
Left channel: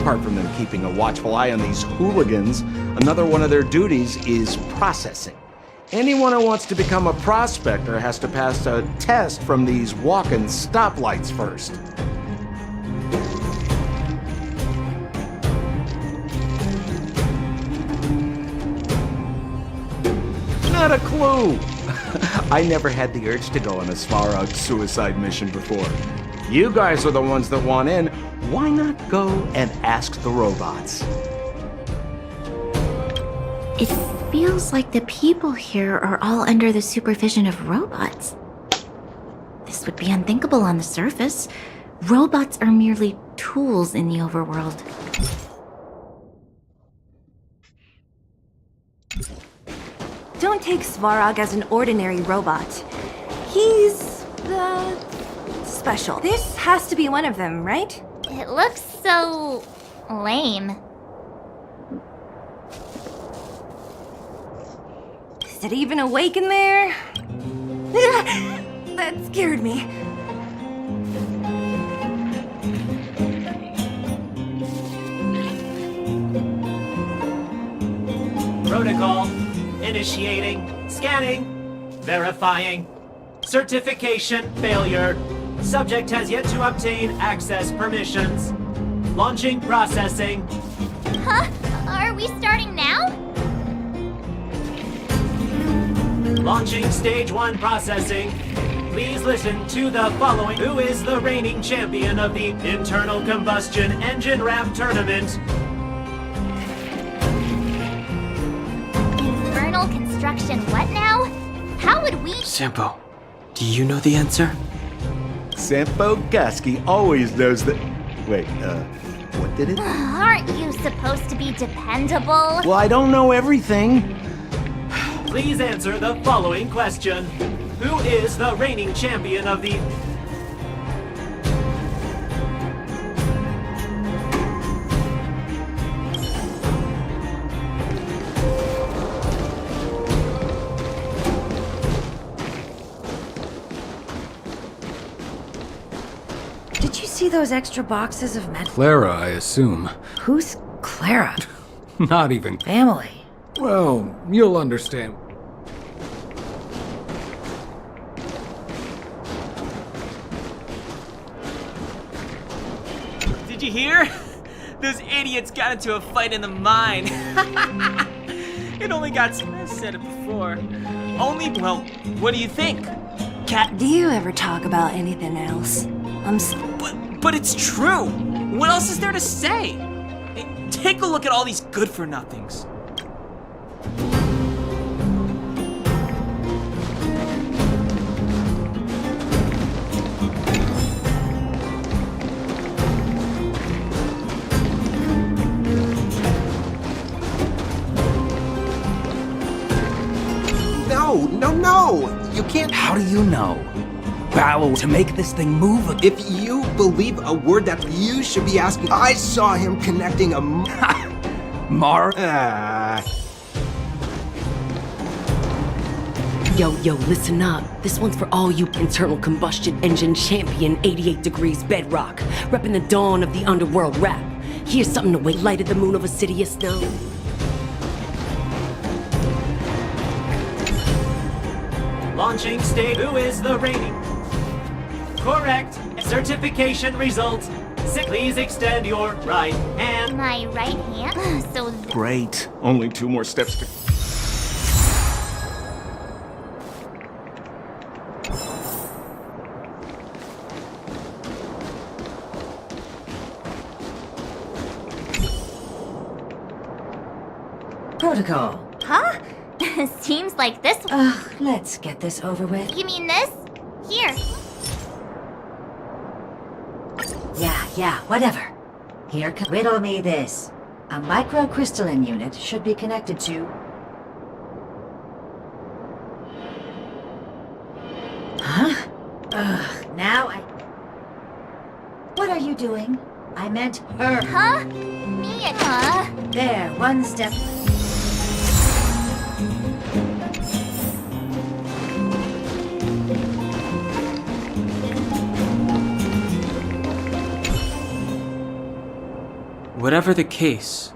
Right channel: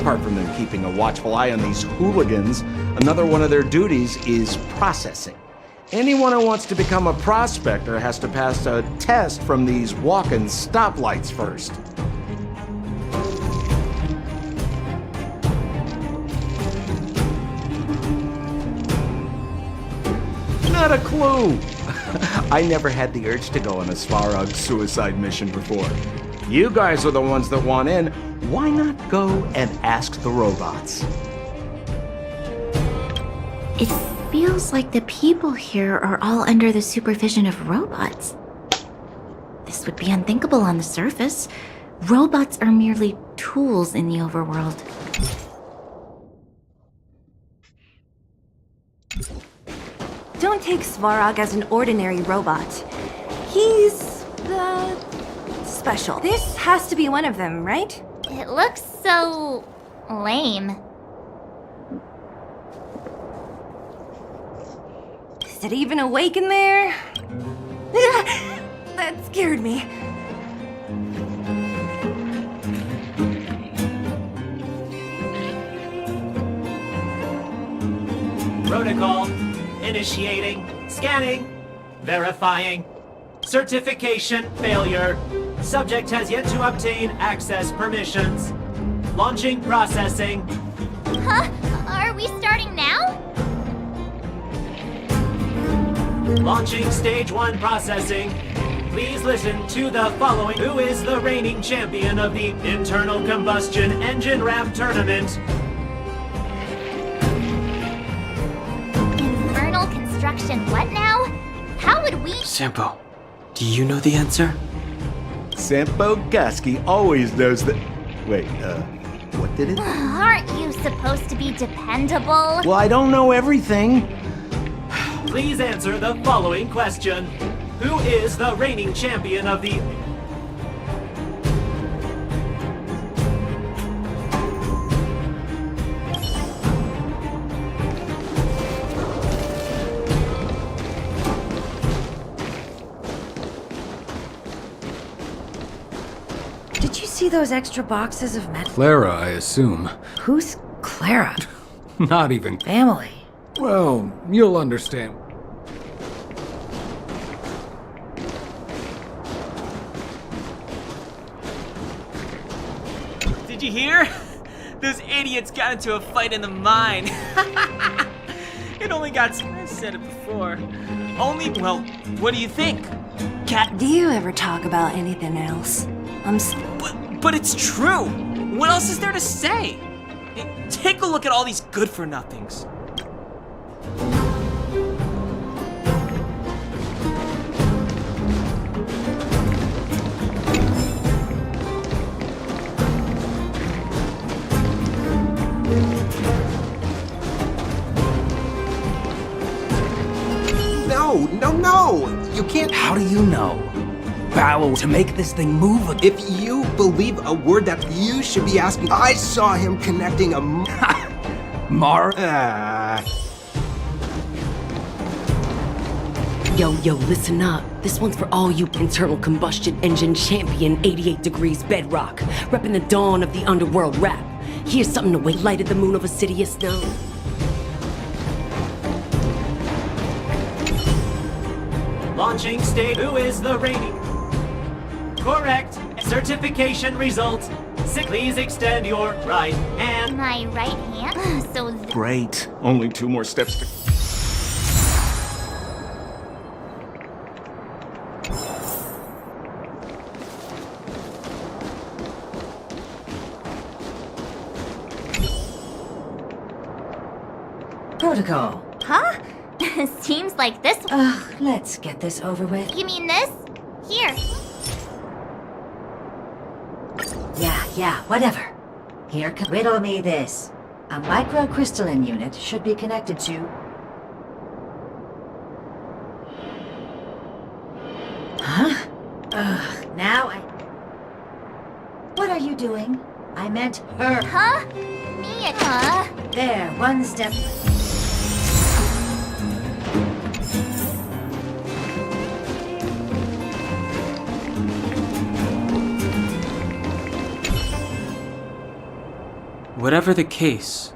Apart from them keeping a watchful eye on these hooligans, another one of their duties is processing. Anyone who wants to become a prospector has to pass a test from these walking stoplights first. Not a clue. I never had the urge to go on a Svarog suicide mission before. You guys are the ones that want in. Why not go and ask the robots? It feels like the people here are all under the supervision of robots. This would be unthinkable on the surface. Robots are merely tools in the overworld. Don't take Svarog as an ordinary robot. He's, special. This has to be one of them, right? It looks so lame. Is it even awake in there? That scared me. Protocol. Initiating. Scanning. Verifying. Certification failure. Subject has yet to obtain access permissions. Launching processing. Huh? Are we starting now? Launching stage 1 processing. Please listen to the following. Who is the reigning champion of the Internal Combustion Engine Ramp Tournament? Infernal construction what now? How would we— Sampo, do you know the answer? Sempo Bosky always knows that. Wait, what did it? Aren't you supposed to be dependable? Well, I don't know everything. Please answer the following question. Who is the reigning champion of the... Did you see those extra boxes of med— Clara, I assume. Who's Clara? Not even Family. Well, you'll understand. Did you hear? Those idiots got into a fight in the mine. It only got... I said it before. Well, what do you think? Cat... Do you ever talk about anything else? But it's true! What else is there to say? Hey, take a look at all these good-for-nothings. No! You can't. How do you know? Ballo to make this thing move? If you believe a word that you should be asking, I saw him connecting a Mar. Yo, listen up. This one's for all you internal combustion engine champion 88 degrees bedrock, repping the dawn of the underworld rap. Here's something to wake light at the moon of Assidious now. Launching state. Who is the reigning? Correct. Certification results. Please extend your right hand. My right hand? So Great. Only 2 more steps to... Protocol. Huh? Seems like this. Ugh, let's get this over with. You mean this? Here. Yeah, whatever. Here, riddle me this. A microcrystalline unit should be connected to... Huh? Ugh, now I... What are you doing? I meant her. Huh? Me and There, one step... Whatever the case,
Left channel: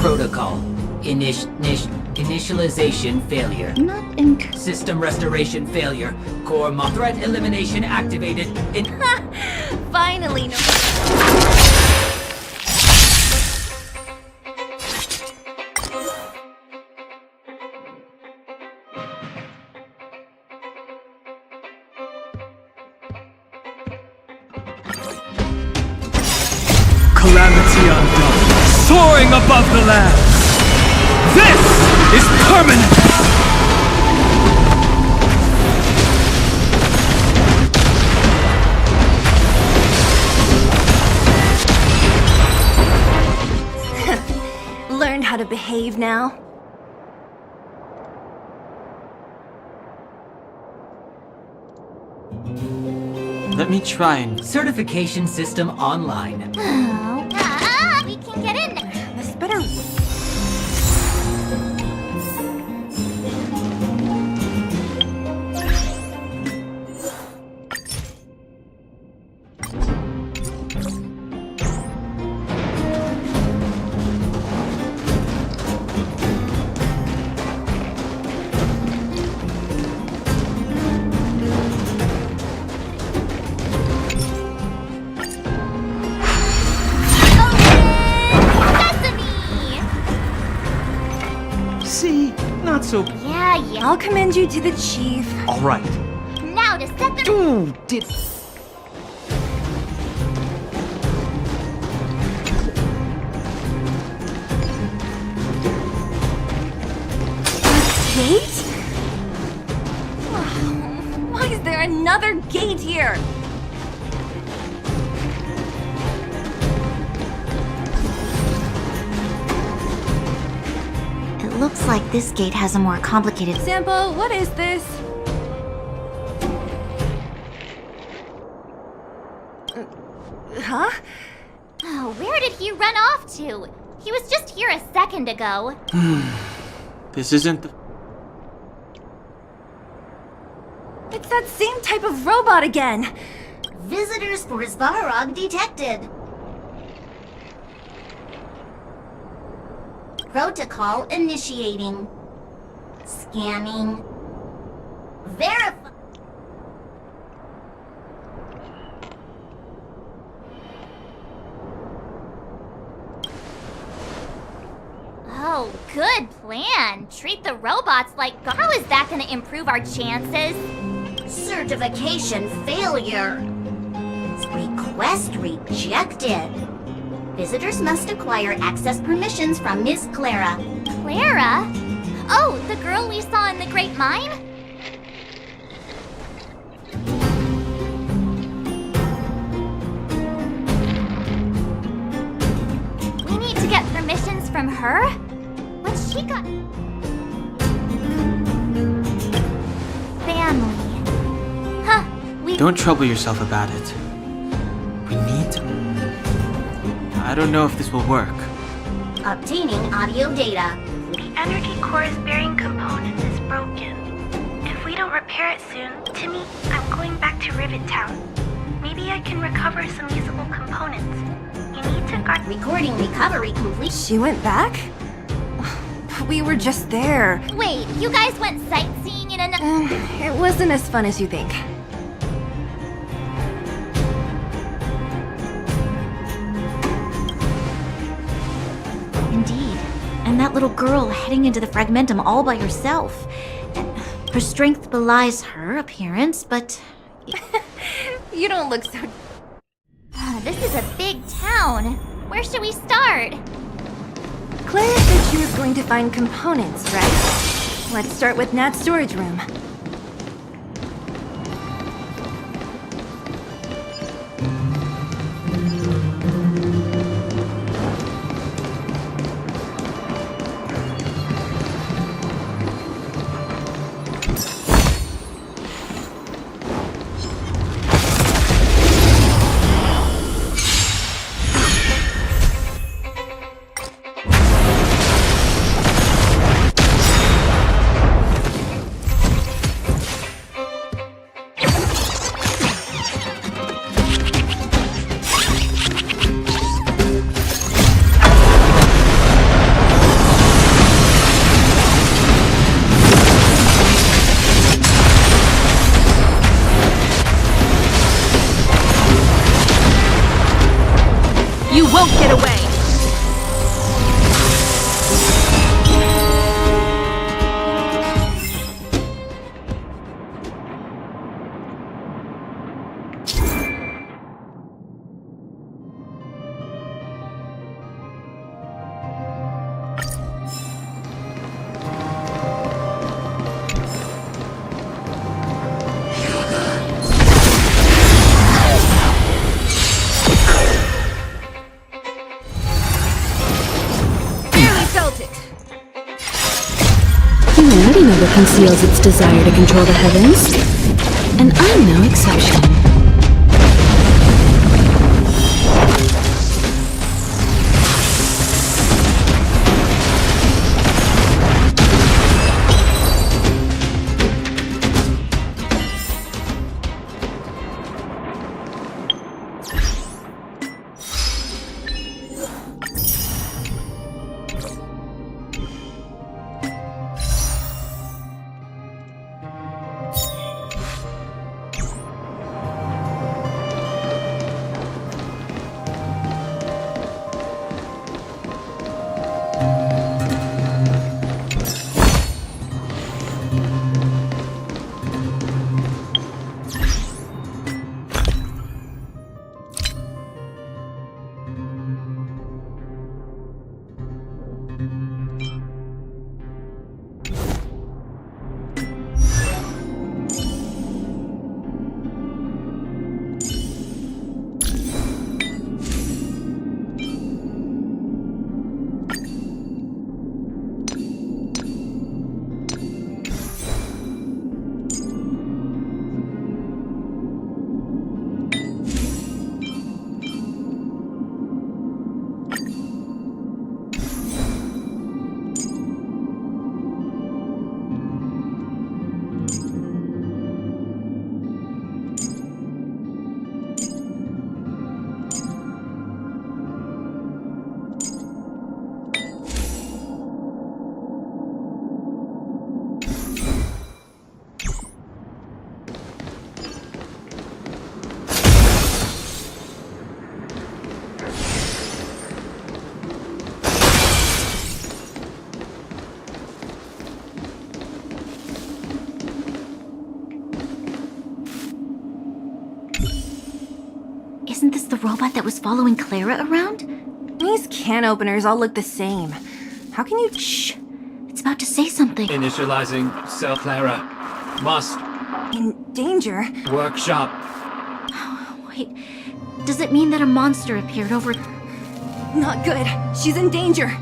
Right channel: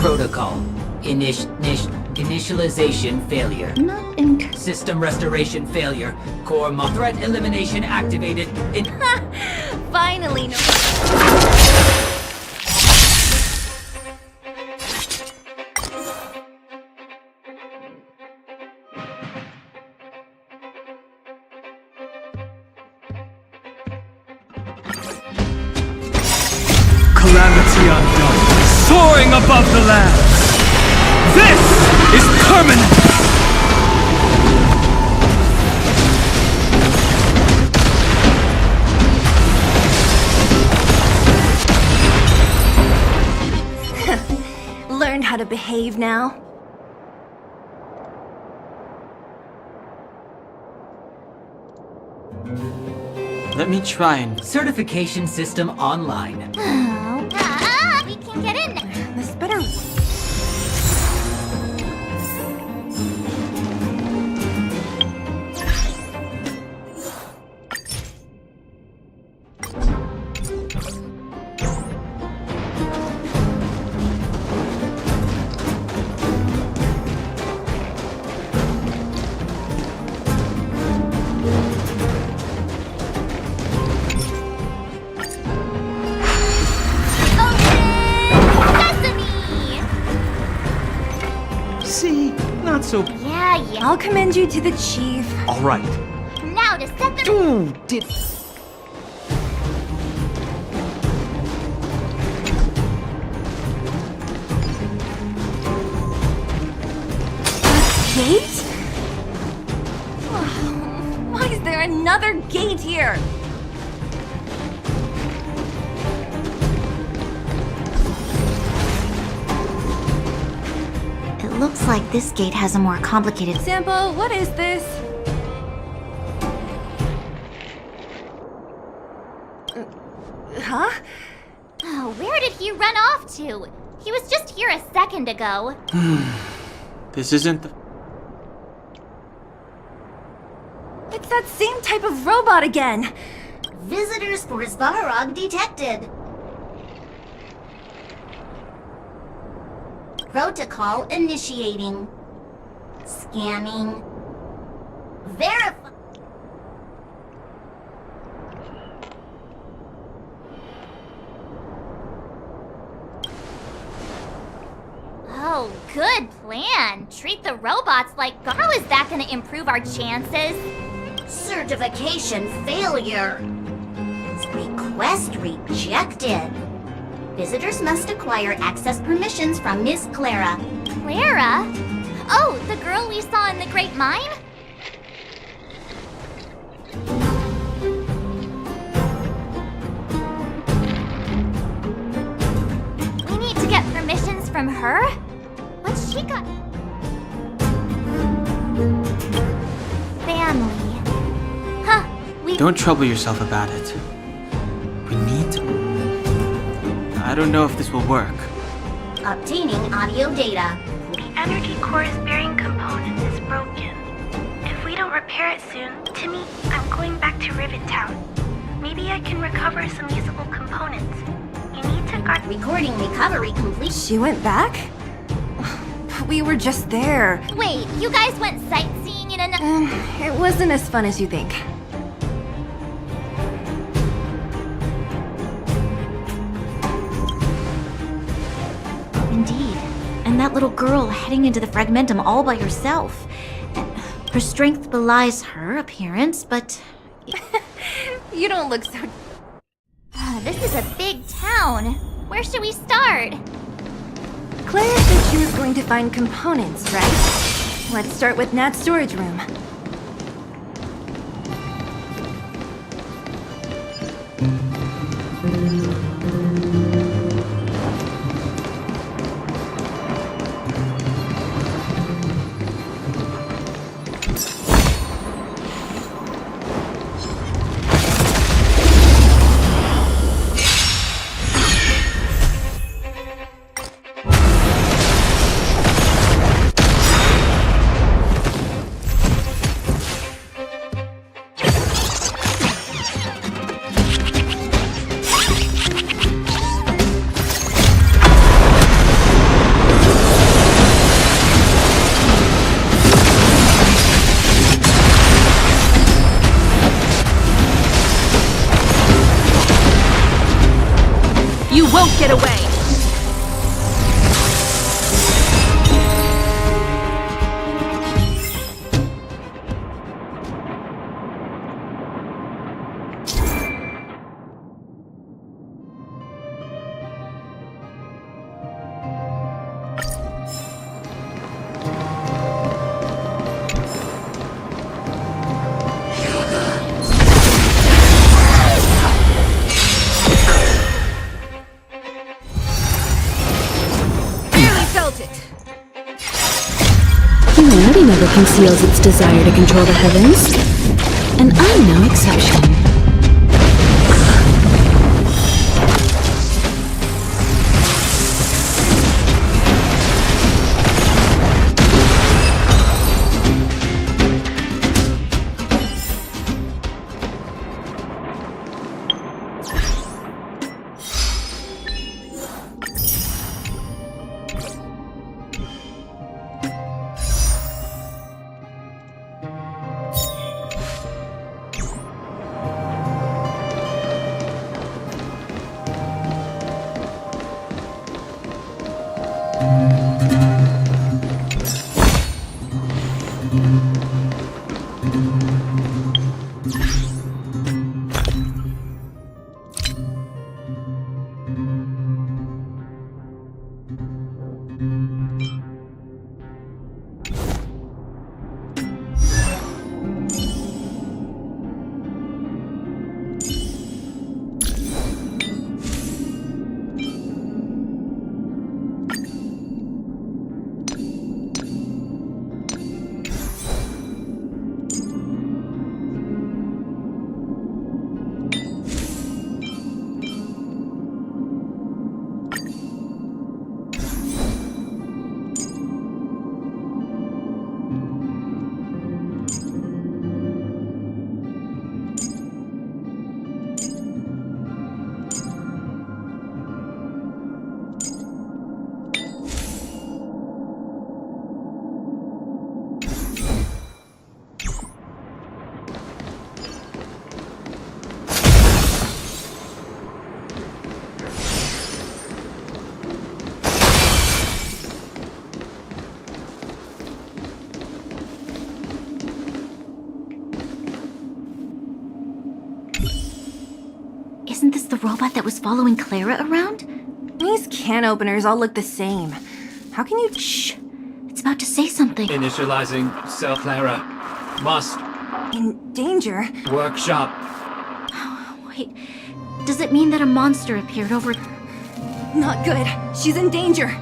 Protocol. Initialization failure. Not in... System restoration failure. Core threat elimination activated. Finally, no. Calamity undone, soaring above the lands. This is permanent. Learned how to behave now? let me try and... Certification system online. We can get in. This better... So Yeah. I'll commend you to the chief. all right. Now to set the... Did... Gate? Why is there another gate here? It looks like this gate has a more complicated... Sampo, what is this? Huh? Oh, where did he run off to? He was just here a second ago. This isn't the... It's that same type of robot again. Visitors for Svarog detected. Protocol initiating. Scanning. Verify. Good plan. Treat the robots like How is that gonna improve our chances? Certification failure. Request rejected. Visitors must acquire access permissions from Miss Clara. Clara? Oh, the girl we saw in the Great Mine? We need to get permissions from her? What's she got? Family. Huh, we... Don't trouble yourself about it. We need to... I don't know if this will work. Obtaining audio data. The energy core's bearing component is broken. If we don't repair it soon, Timmy, I'm going back to Rivet Town. Maybe I can recover some usable components. You need to guard... Recording recovery complete. She went back? We were just there. Wait, you guys went sightseeing in an... It wasn't as fun as you think. Indeed. And that little girl heading into the Fragmentum all by herself. Her strength belies her appearance, but... You don't look so... This is a big town. Where should we start? Clara said she was going to find components, right? Let's start with Nat's storage room. You won't get away! Humanity never conceals its desire to control the heavens, and I'm no exception. Isn't this the robot that was following Clara around? These can openers all look the same. How can you— Shh! It's about to say something. Initializing cell Clara. Must. In danger? Workshop. Wait, does it mean that a monster appeared over— Not good. She's in danger.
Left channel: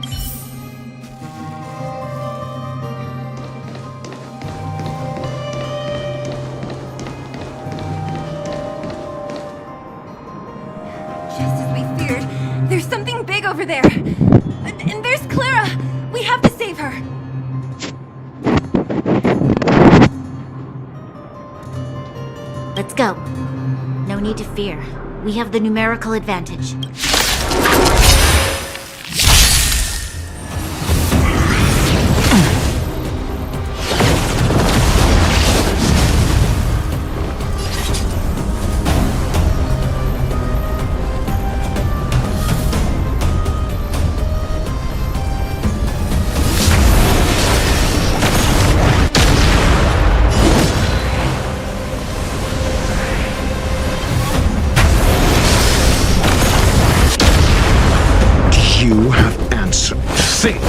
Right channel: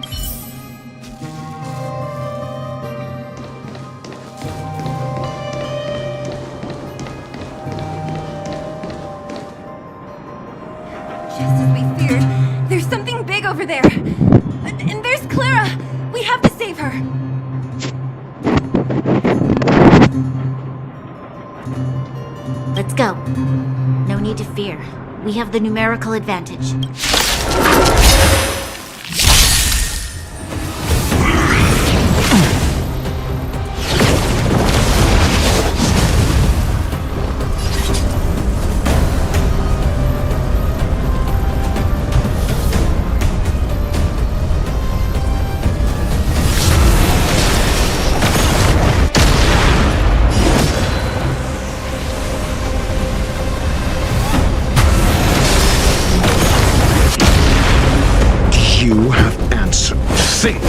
Just as we feared, there's something big over there. And there's Clara. We have to save her. Let's go. No need to fear. We have the numerical advantage. You have answered. Think.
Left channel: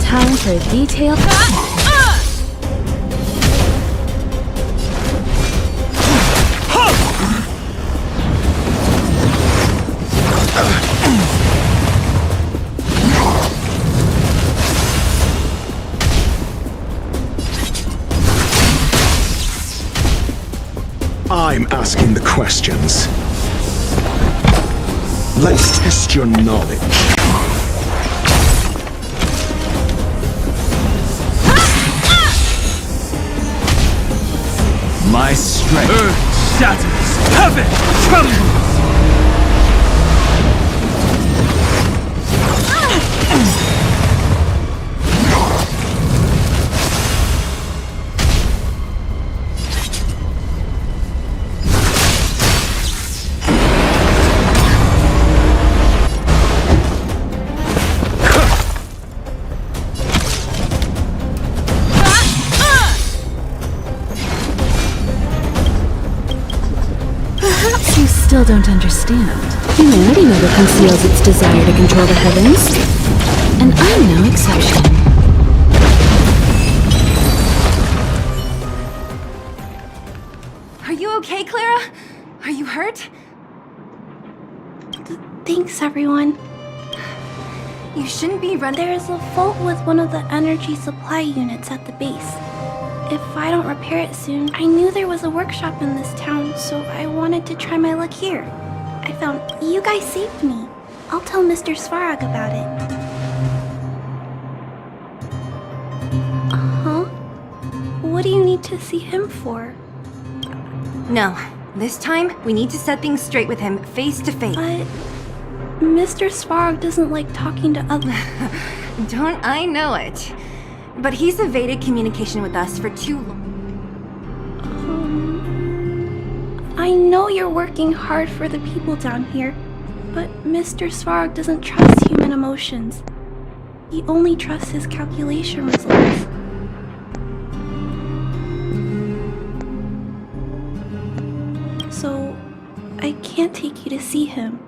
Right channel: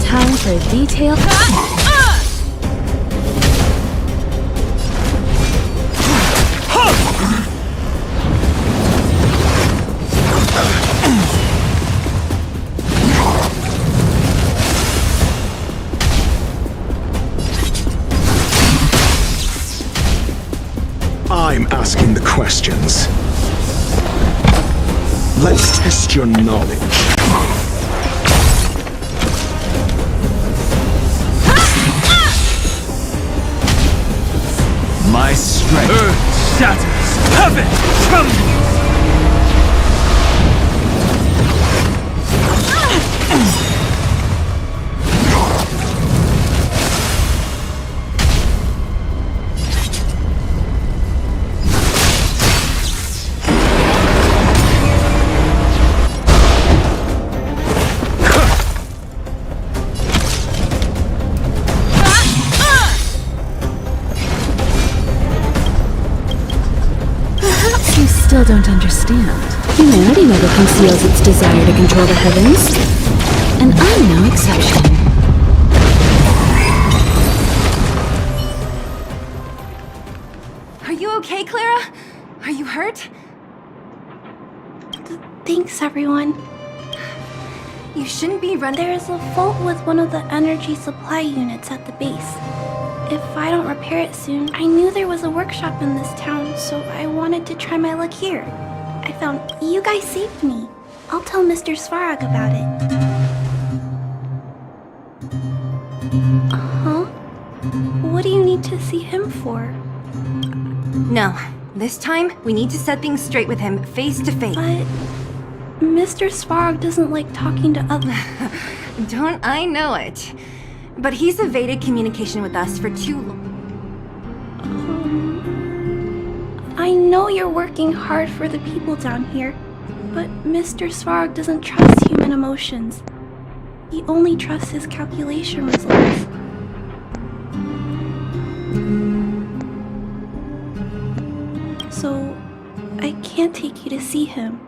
Time for a detailed. I'm asking the questions. Let's test your knowledge. My strength. Earth shatters. Heaven trembles. Perhaps you still don't understand. Humanity never conceals its desire to control the heavens. And I'm no exception. Are you okay, Clara? Are you hurt? Thanks, everyone. You shouldn't be running. There is a fault with one of the energy supply units at the base. If I don't repair it soon, I knew there was a workshop in this town, so I wanted to try my luck here. I found you guys saved me. I'll tell Mr. Svarog about it. Huh? What do you need to see him for? No. This time, we need to set things straight with him, face to face. But Mr. Svarog doesn't like talking to others. Don't I know it? But he's evaded communication with us for too long. I know you're working hard for the people down here, but Mr. Svarog doesn't trust human emotions. He only trusts his calculation results. So, I can't take you to see him.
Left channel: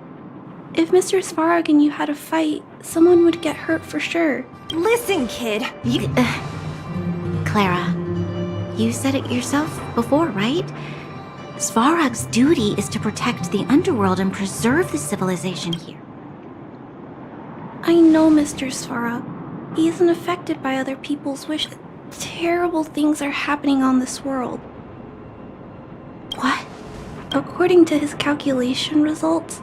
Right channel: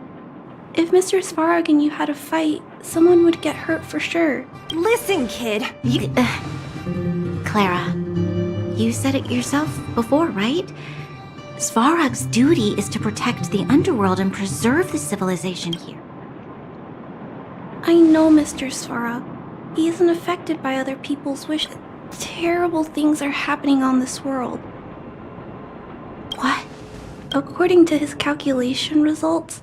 If Mr. Svarog and you had a fight, someone would get hurt for sure. Listen, kid. Clara, you said it yourself before, right? Svarog's duty is to protect the underworld and preserve the civilization here. I know Mr. Svarog. He isn't affected by other people's wishes. Terrible things are happening on this world. What? According to his calculation results,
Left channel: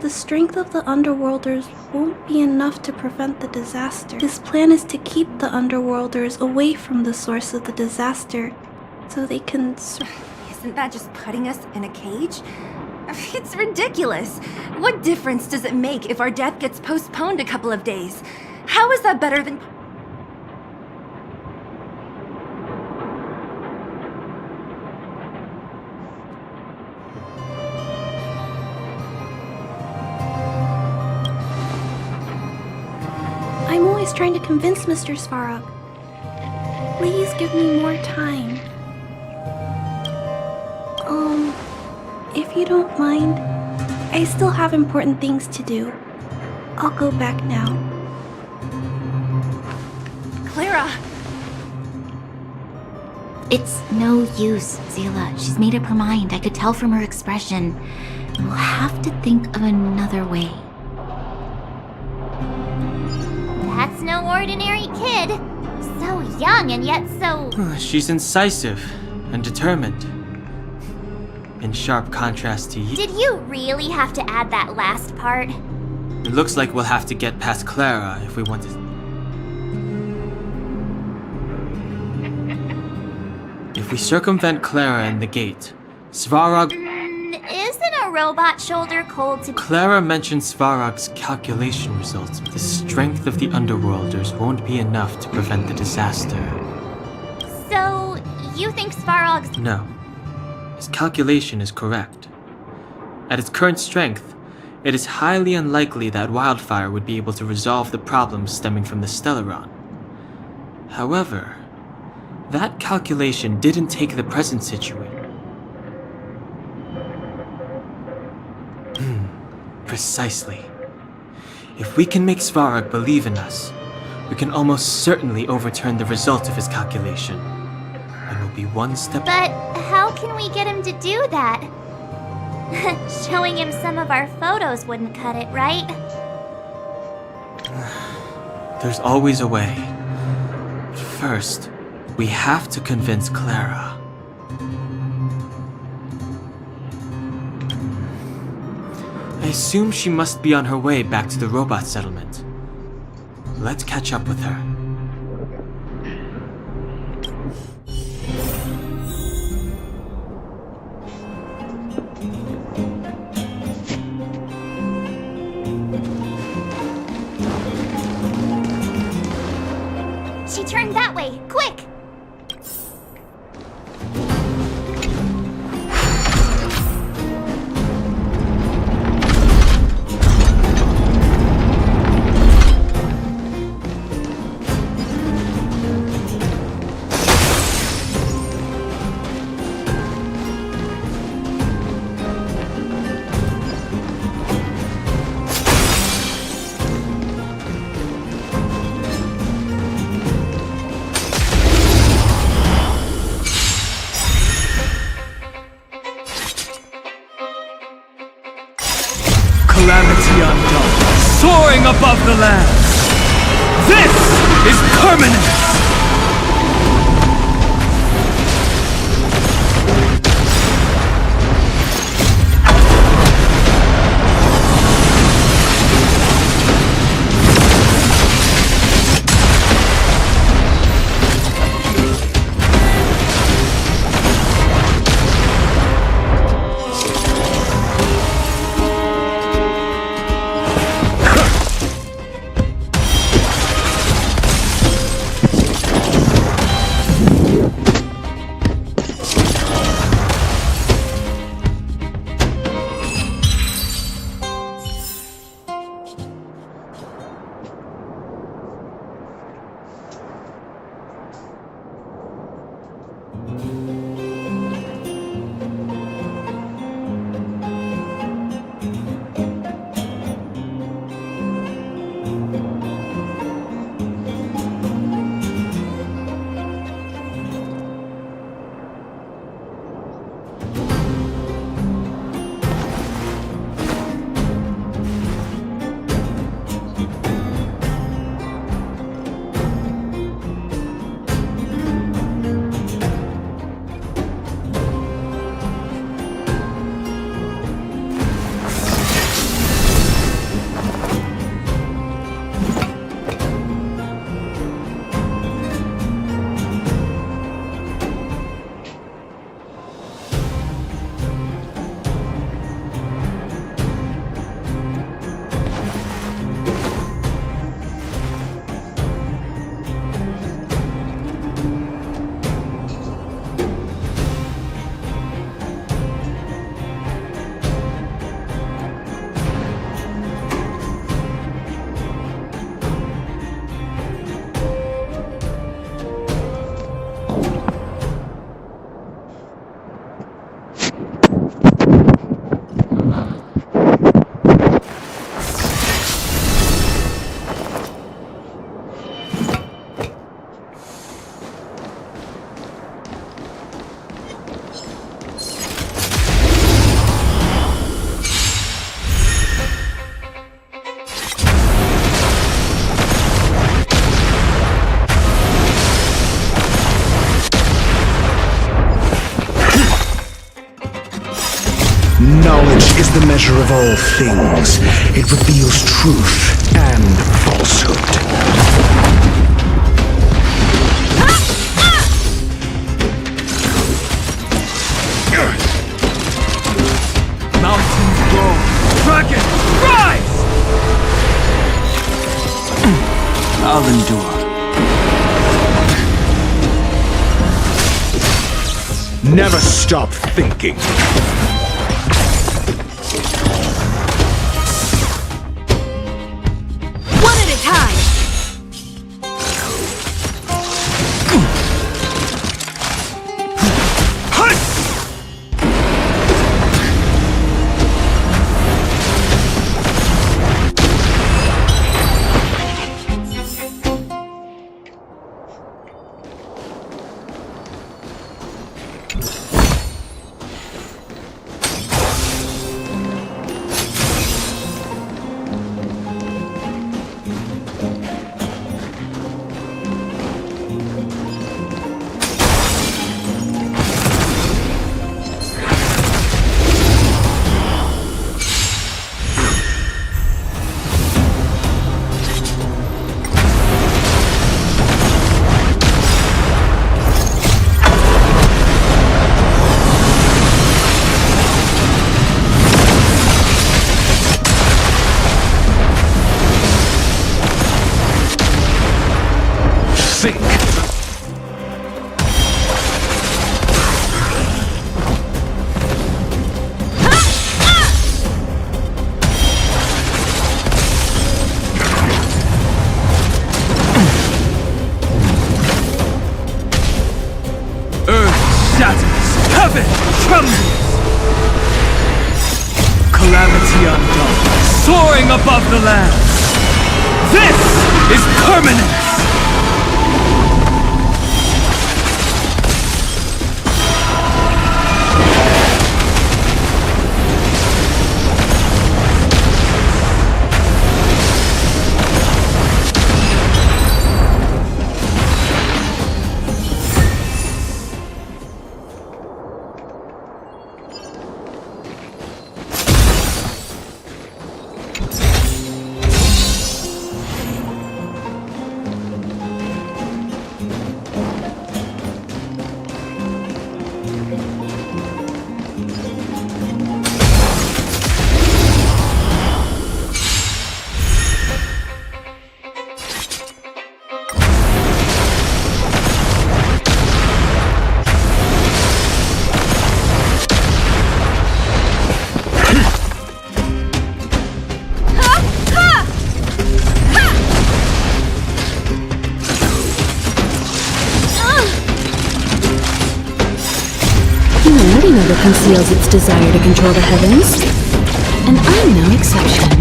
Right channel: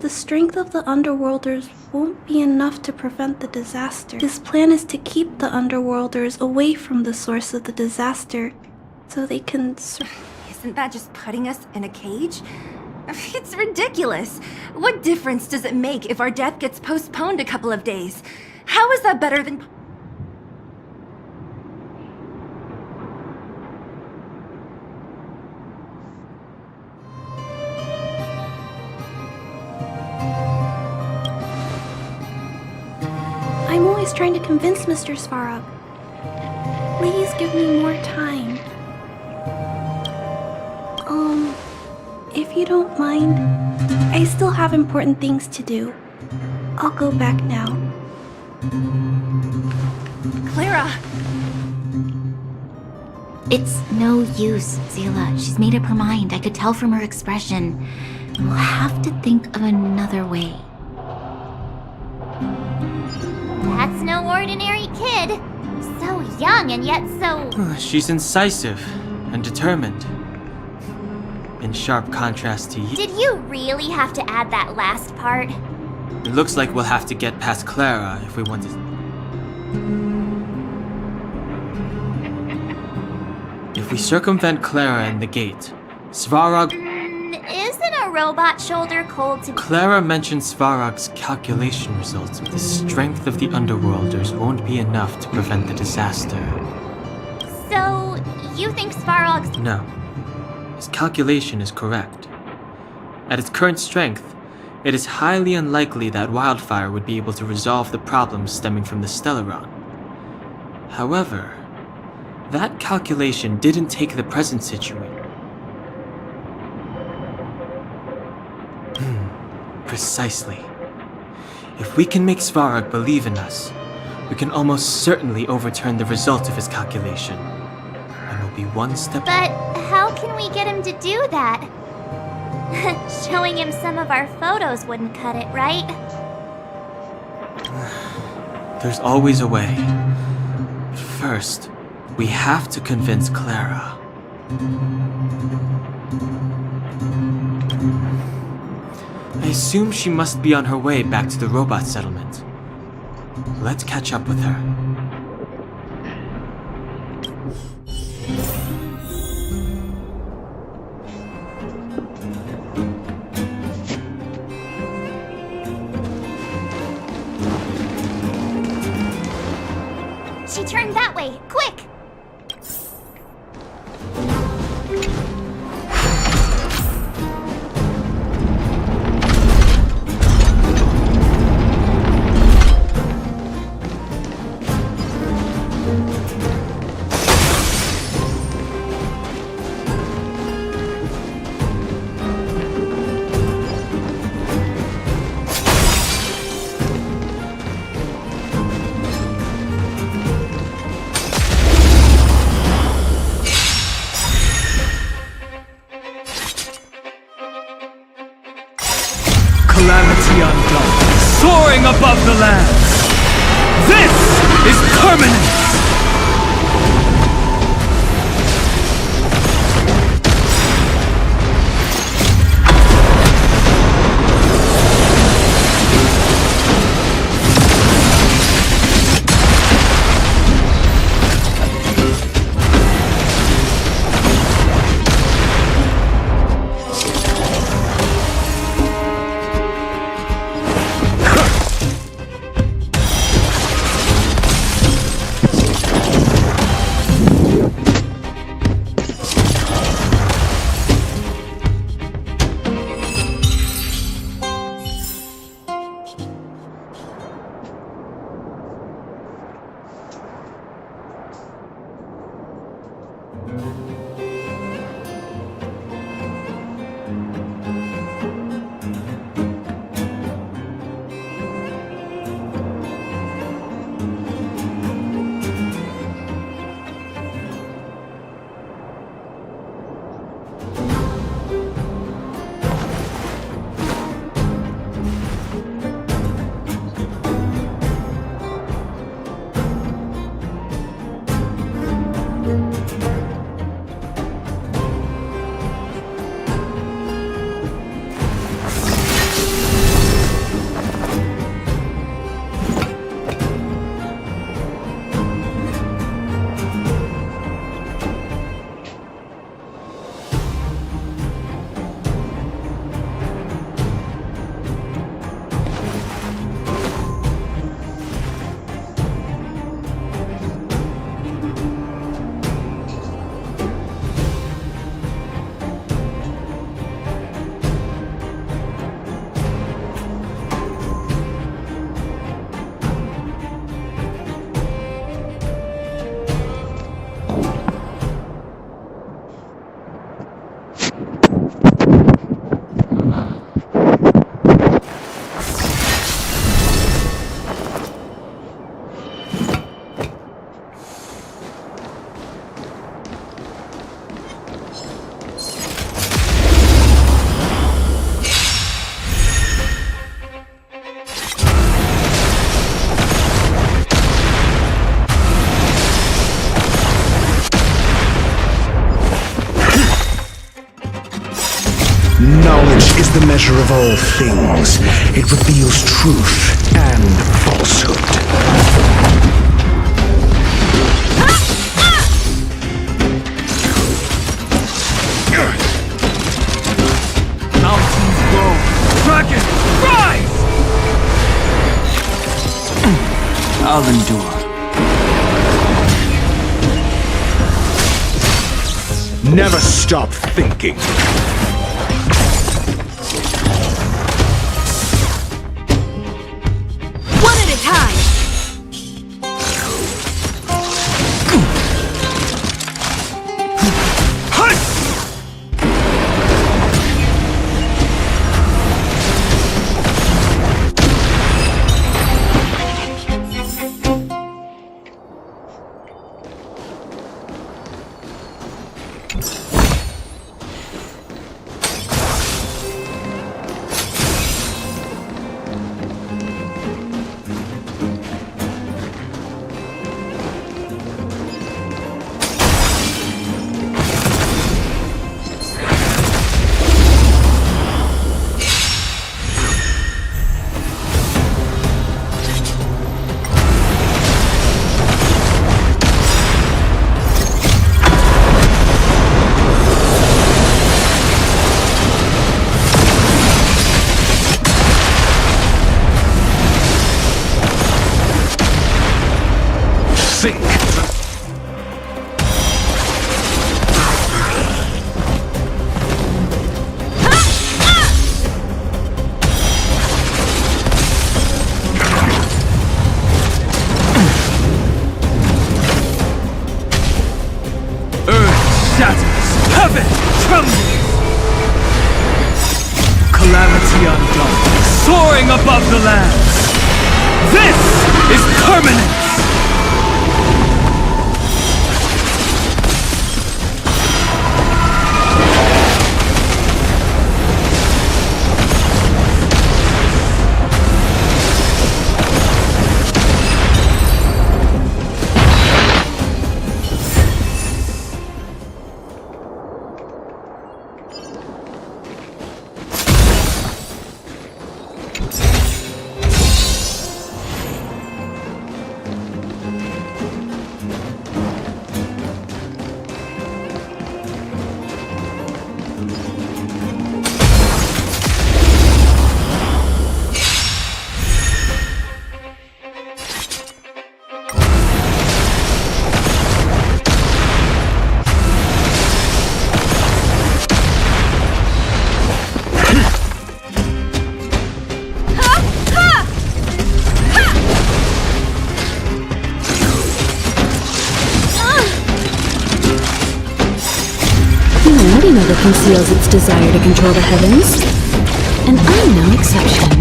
the strength of the Underworlders won't be enough to prevent the disaster. His plan is to keep the Underworlders away from the source of the disaster, so they can Isn't that just putting us in a cage? It's ridiculous. What difference does it make if our death gets postponed a couple of days? How is that better than... I'm always trying to convince Mr. Svarog. Please give me more time. If you don't mind, I still have important things to do. I'll go back now. Clara! It's no use, Zila. She's made up her mind. I could tell from her expression. We'll have to think of another way. That's no ordinary kid. So young and yet so... She's incisive and determined. In sharp contrast to you. Did you really have to add that last part? It looks like we'll have to get past Clara if we want to... If we circumvent Clara and the gate, Svarog... Isn't a robot shoulder cold to... Clara mentioned Svarog's calculation results. The strength of the Underworlders won't be enough to prevent the disaster. So, you think Svarog's... No. His calculation is correct. At its current strength, it is highly unlikely that Wildfire would be able to resolve the problems stemming from the Stellaron. However, that calculation didn't take the present situation. Precisely. If we can make Svarog believe in us, we can almost certainly overturn the result of his calculation. And we'll be one step... But how can we get him to do that? Showing him some of our photos wouldn't cut it, right? There's always a way. But first, we have to convince Clara. I assume she must be on her way back to the robot settlement. Let's catch up with her. She turned that way! Quick! Calamity undone, soaring above the lands. This is permanence! Knowledge is the measure of all things. It reveals truth and falsehood. Mountains grow, dragons rise! I'll endure. Never stop thinking. One at a time! Think. Earth shatters, heaven trembles. Calamity undone, soaring above the lands. This is permanence. Humanity never conceals its desire to control the heavens, and I'm no exception.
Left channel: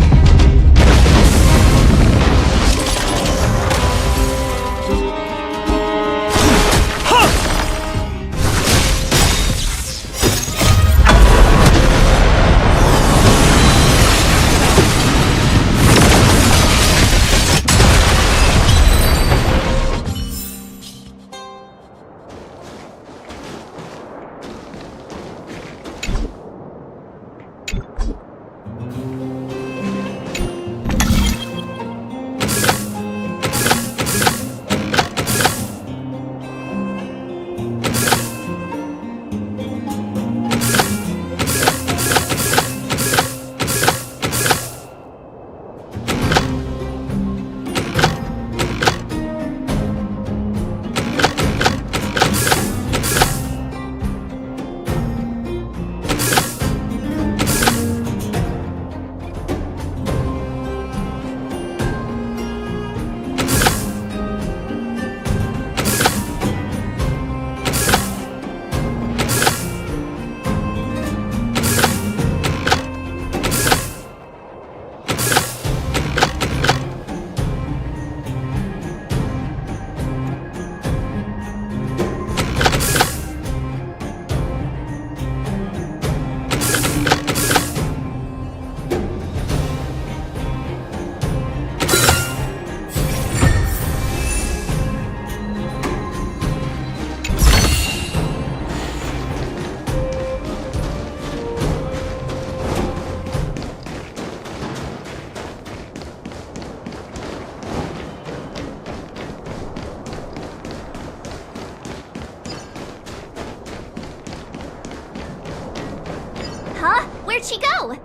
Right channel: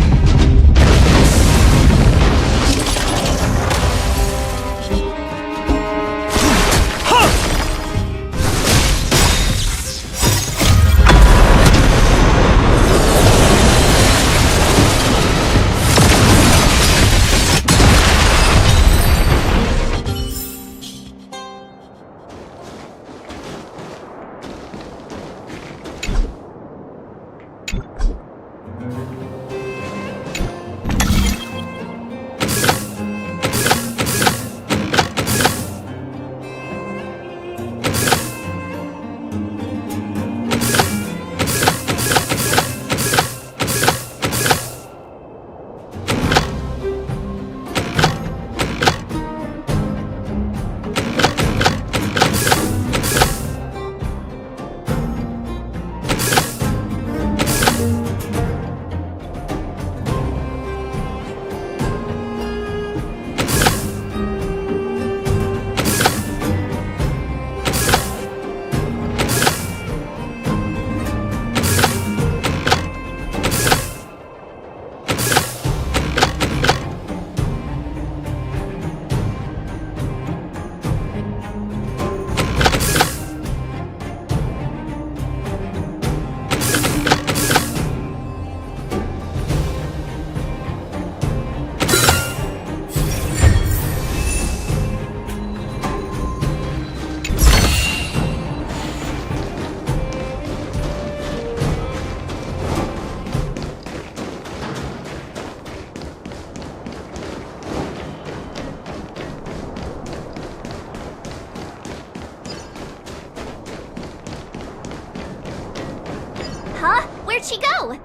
Huh? Where'd she go?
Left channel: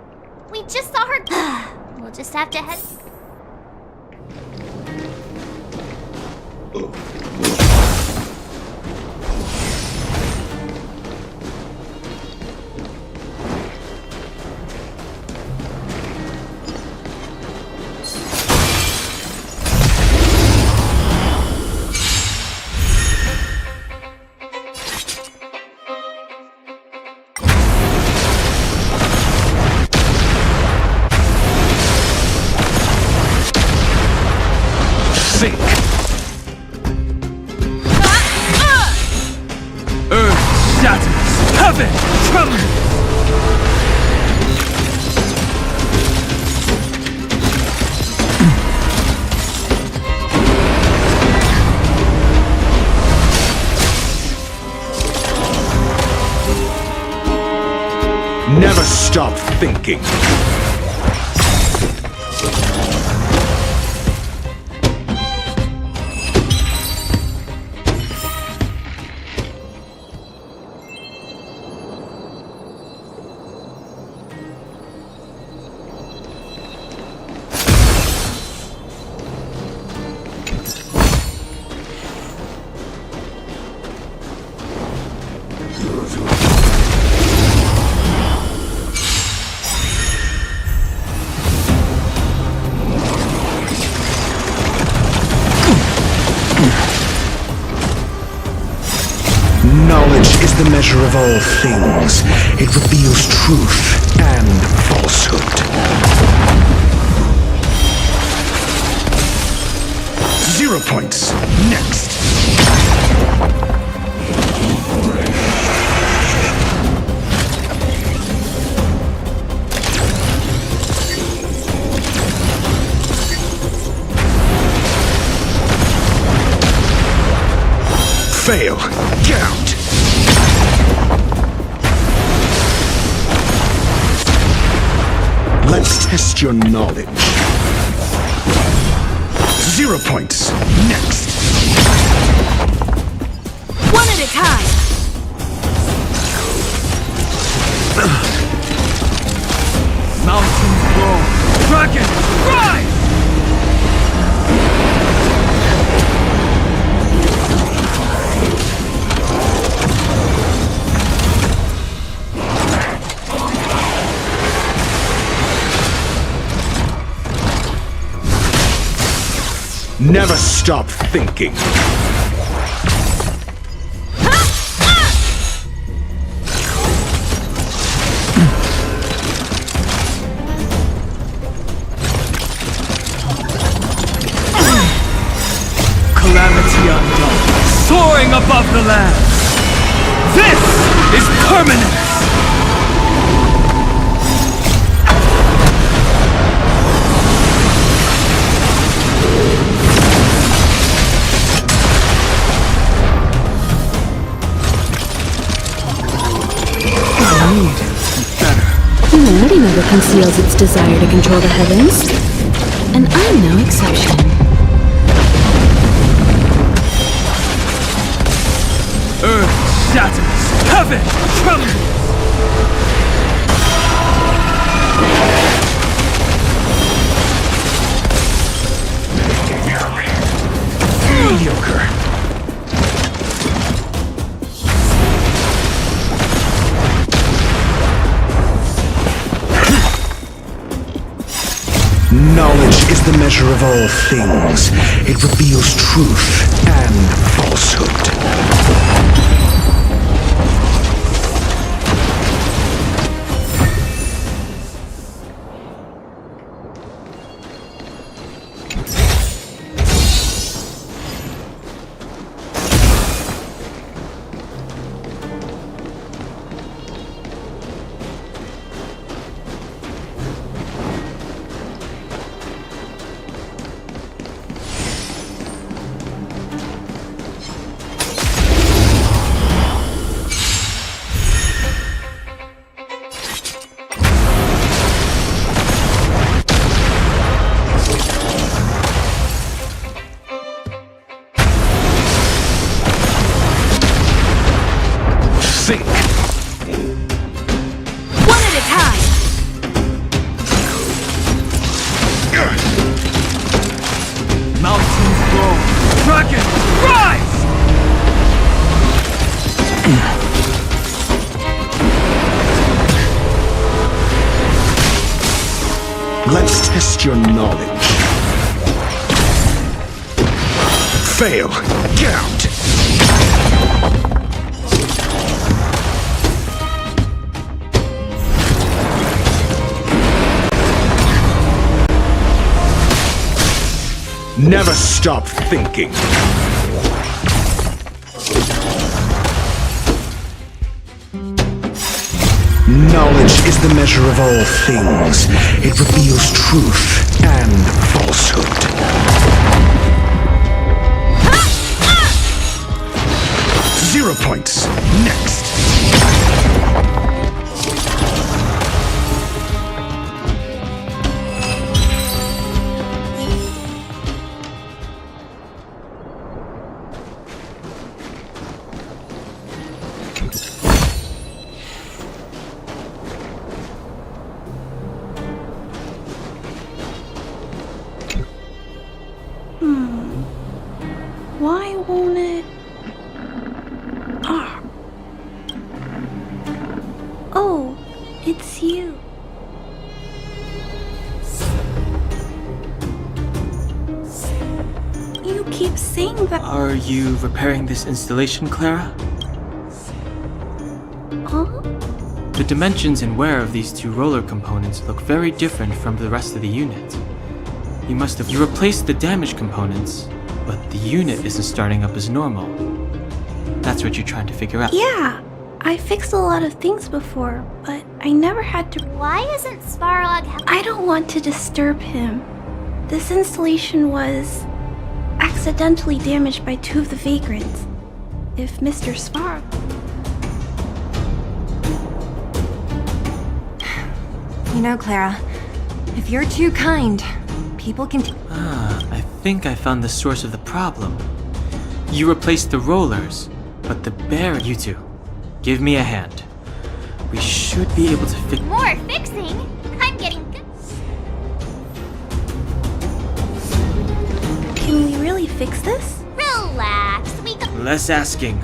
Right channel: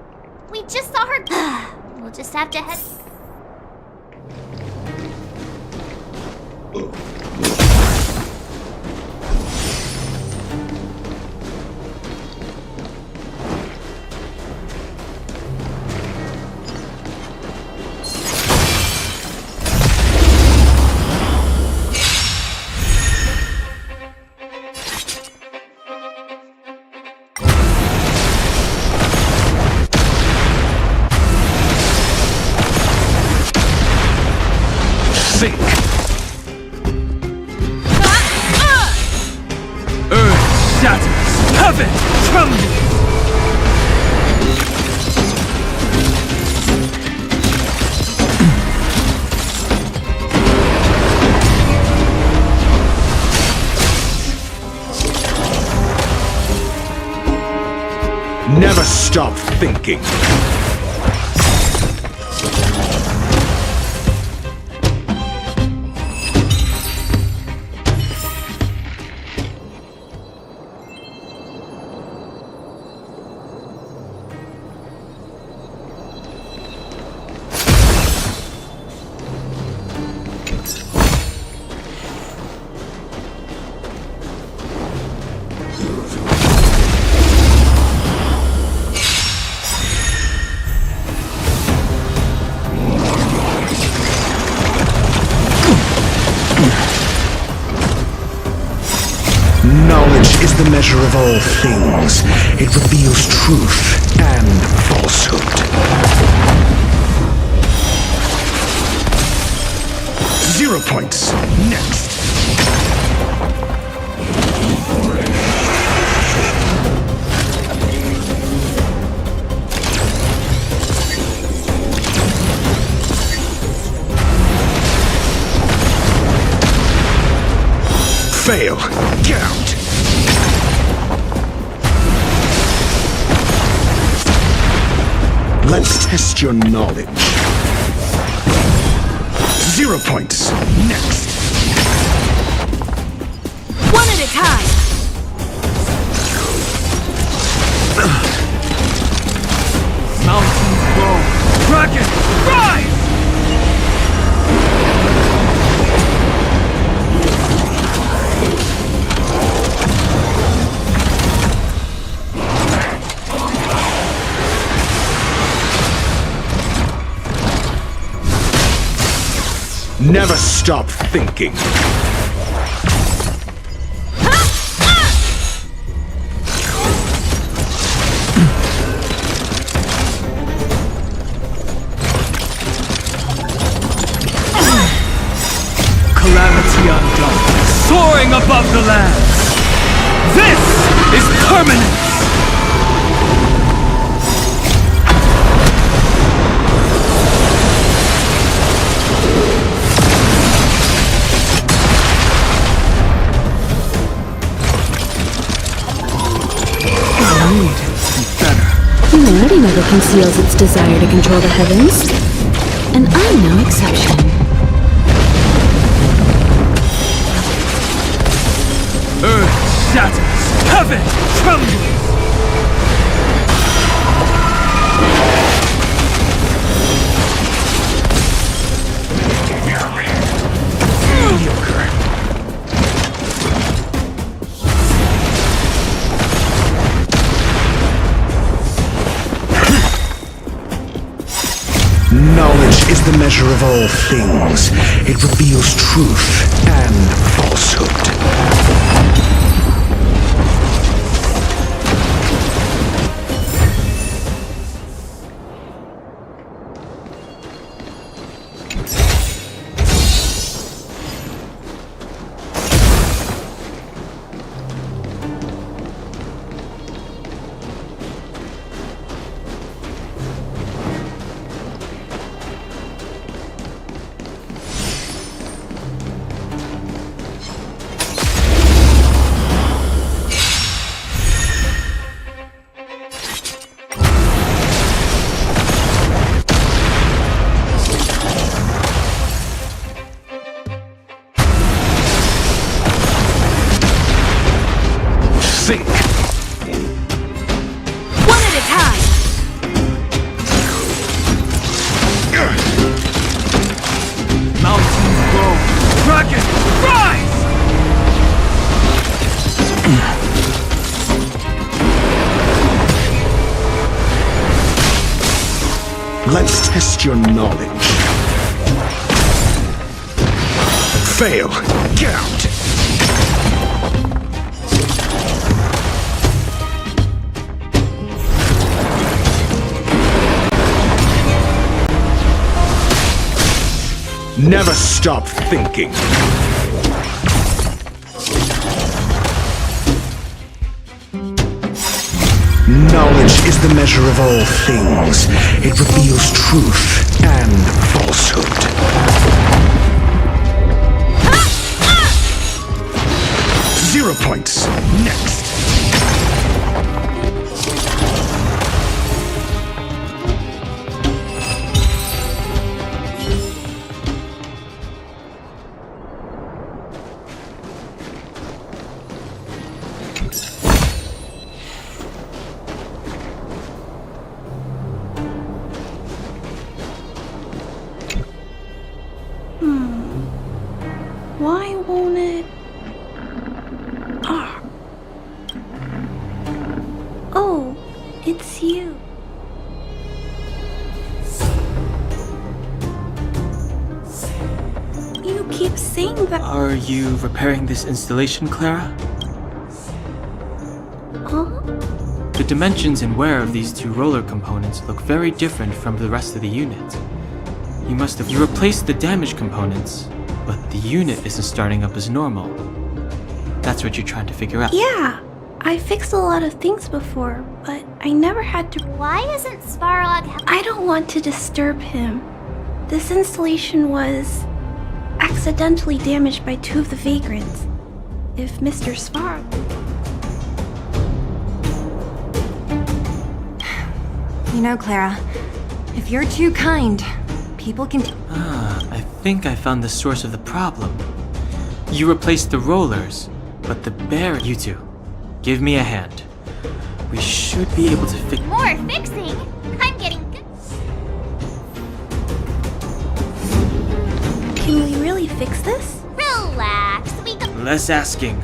We just saw her. We'll just have to head. Sink! Earth shatters! Heaven trembles! Never stop thinking. Knowledge is the measure of all things. It reveals truth and falsehood. 0 points. Next. Fail. Get out. Let's test your knowledge. 0 points. Next. One at a time. Mountains grow. Dragons rise! Never stop thinking. Calamity undone, soaring above the lands. This is permanence! Humanity never conceals its desire to control the heavens, and I'm no exception. Earth shatters, heaven trembles! Mediocre. Knowledge is the measure of all things. It reveals truth and falsehood. One at a time. Dragon, rise! Let's test your knowledge. Fail. Get out. Never stop thinking. Knowledge is the measure of all things. It reveals truth and falsehood. 0 points. Next. Why won't it? Ah. Oh, it's you. You keep saying that. Are you repairing this installation, Clara? Huh? The dimensions and wear of these two roller components look very different from the rest of the unit. You replaced the damaged components, but the unit isn't starting up as normal. That's what you're trying to figure out. Yeah, I fixed a lot of things before, but I never had to. Why isn't Svarog? I don't want to disturb him. This installation was accidentally damaged by 2 of the vagrants. If Mr. Svarog. You know, Clara, if you're too kind, people can. I think I found the source of the problem. You replaced the rollers, but the bear. You two, give me a hand. We should be able to fix. More fixing? I'm getting good. Can we really fix this? Relax, we got. Less asking.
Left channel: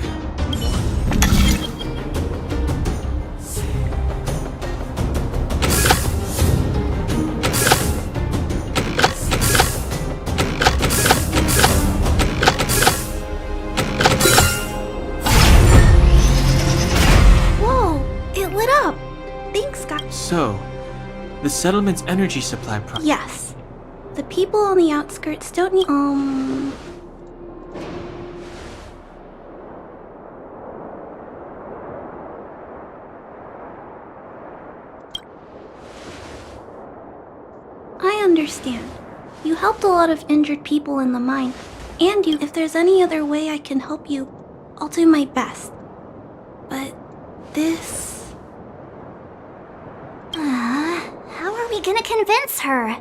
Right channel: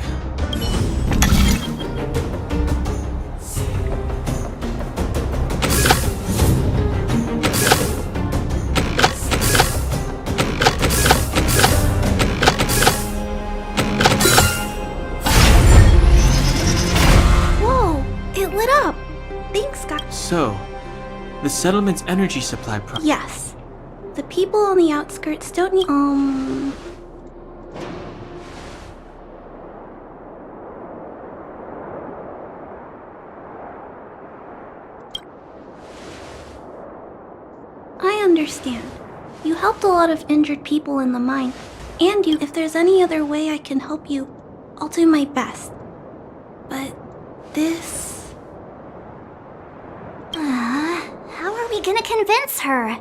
So, the settlement's energy supply problem. Yes. The people on the outskirts don't need. I understand. You helped a lot of injured people in the mine. And if there's any other way I can help you, I'll do my best. But this. How are we gonna convince her?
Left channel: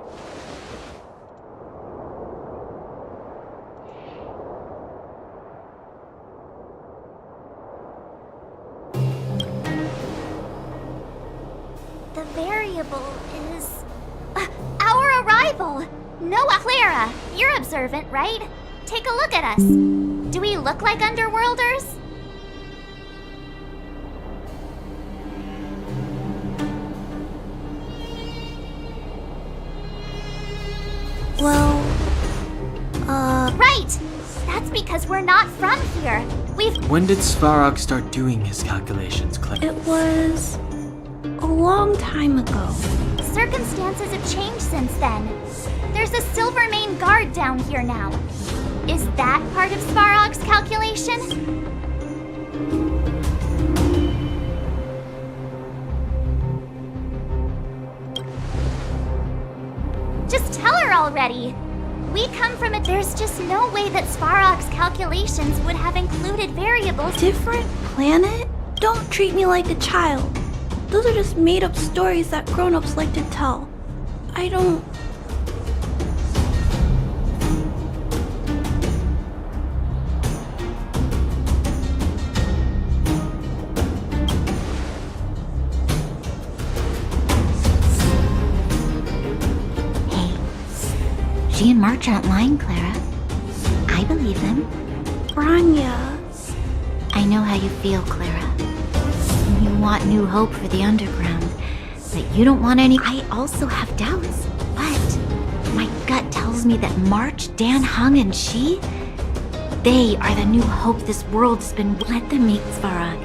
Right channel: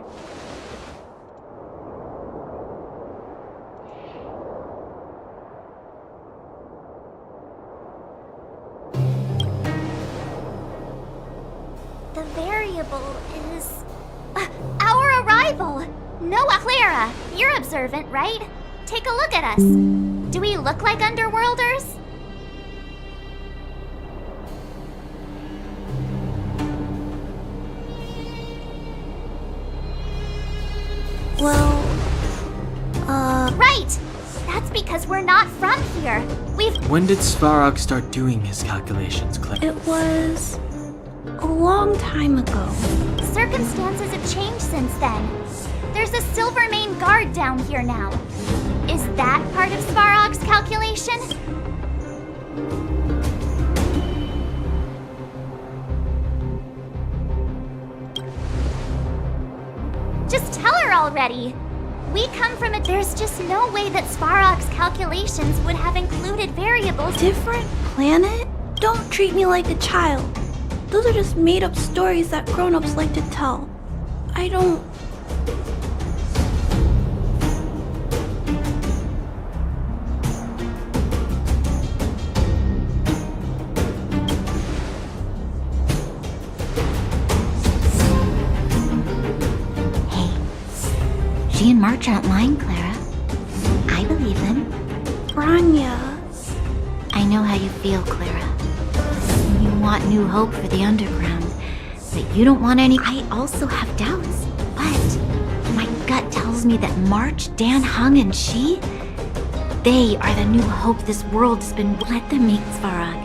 The variable is... our arrival! Noah, Clara, you're observant, right? Take a look at us. Do we look like Underworlders? Well, Right! That's because we're not from here. When did Svarog start doing his calculations, Claire? It was a long time ago. Circumstances have changed since then. There's a Silvermane guard down here now. Is that part of Svarog's calculation? Just tell her already! We come from there's just no way that Svarog's calculations would have included variables. Different planet? Don't treat me like a child. Those are just made-up stories that grown-ups like to tell. I don't... She and March aren't lying, Clara. believe them. Branya. I know how you feel, Clara. You want new hope for the underground, but you don't want any. I also have doubts, but my gut tells me that March, Dan Hung, and she, they are the new hope this world has been. Let them meet Svarog,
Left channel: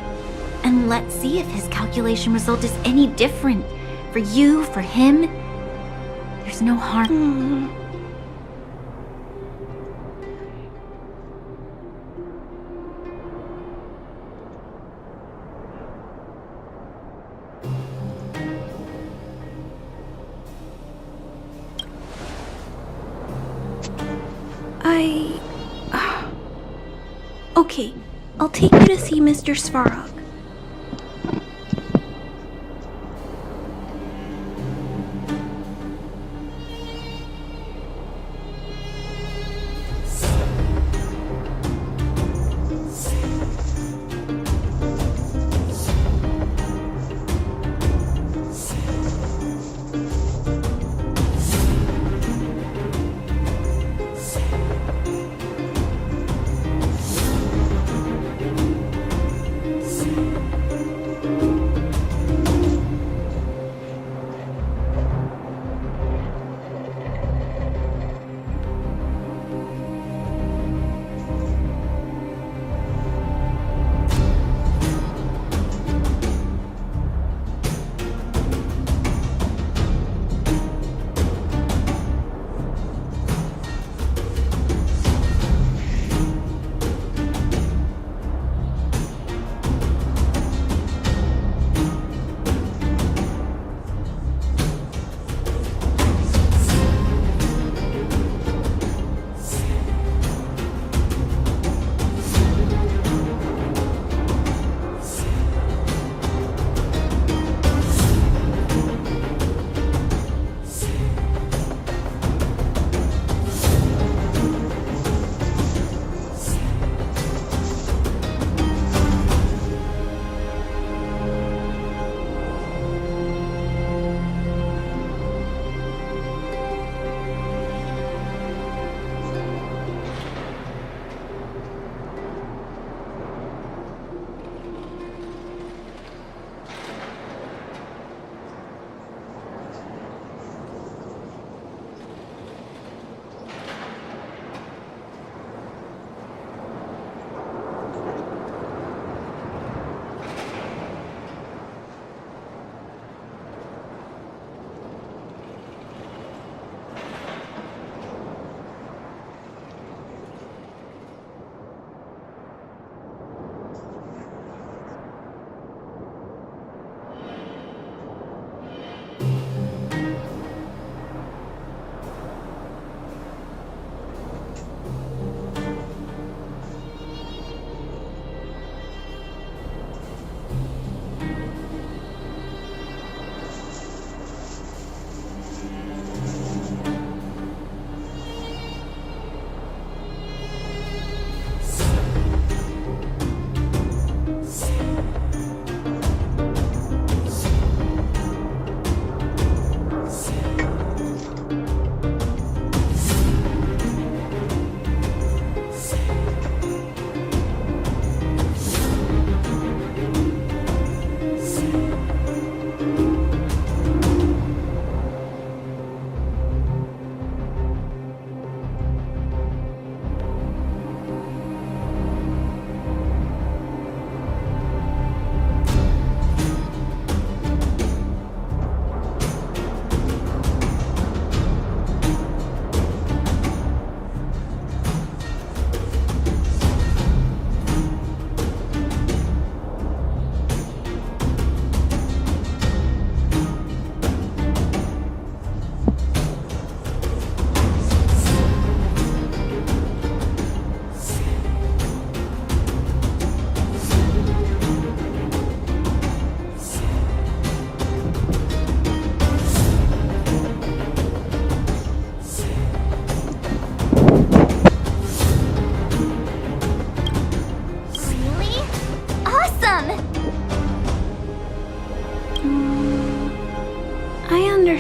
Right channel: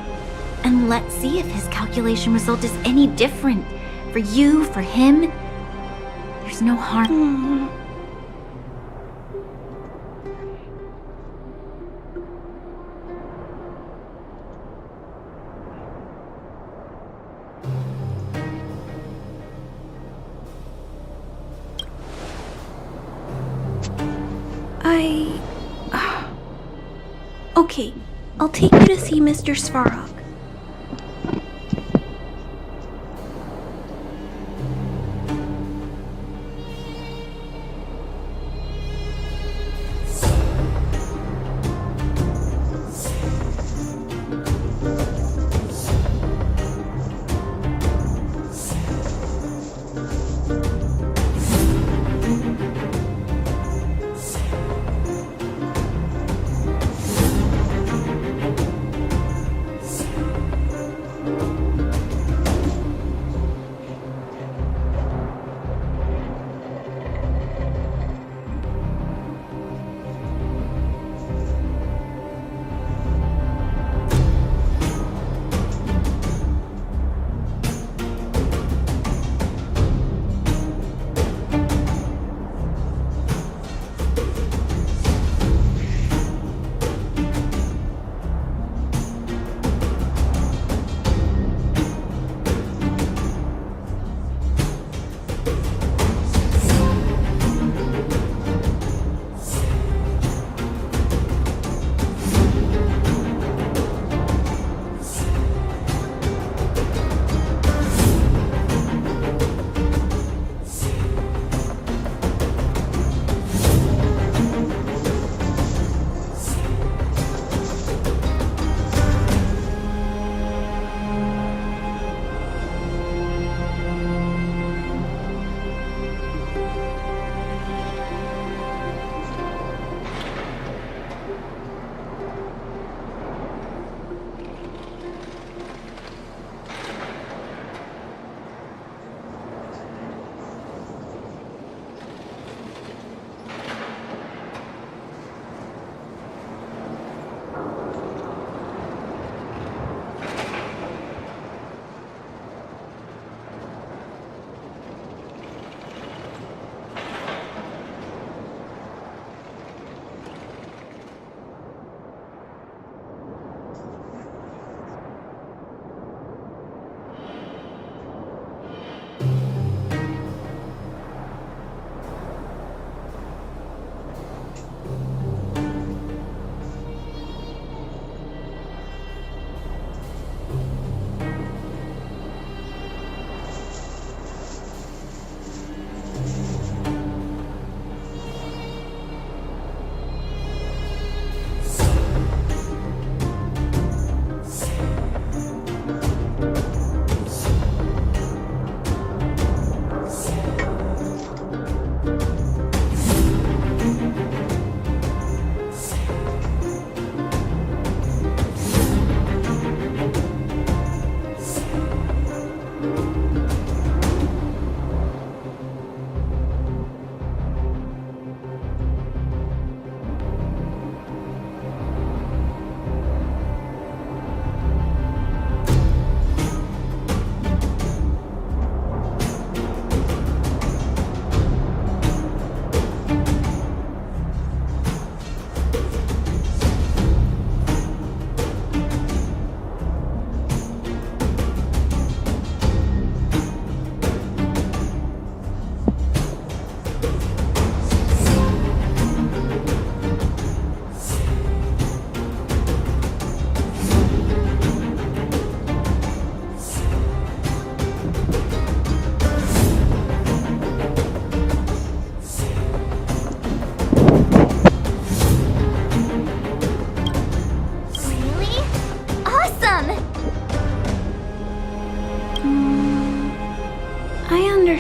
and let's see if his calculation result is any different. For you, for him, there's no harm. Okay, I'll take you to see Mr. Svarog.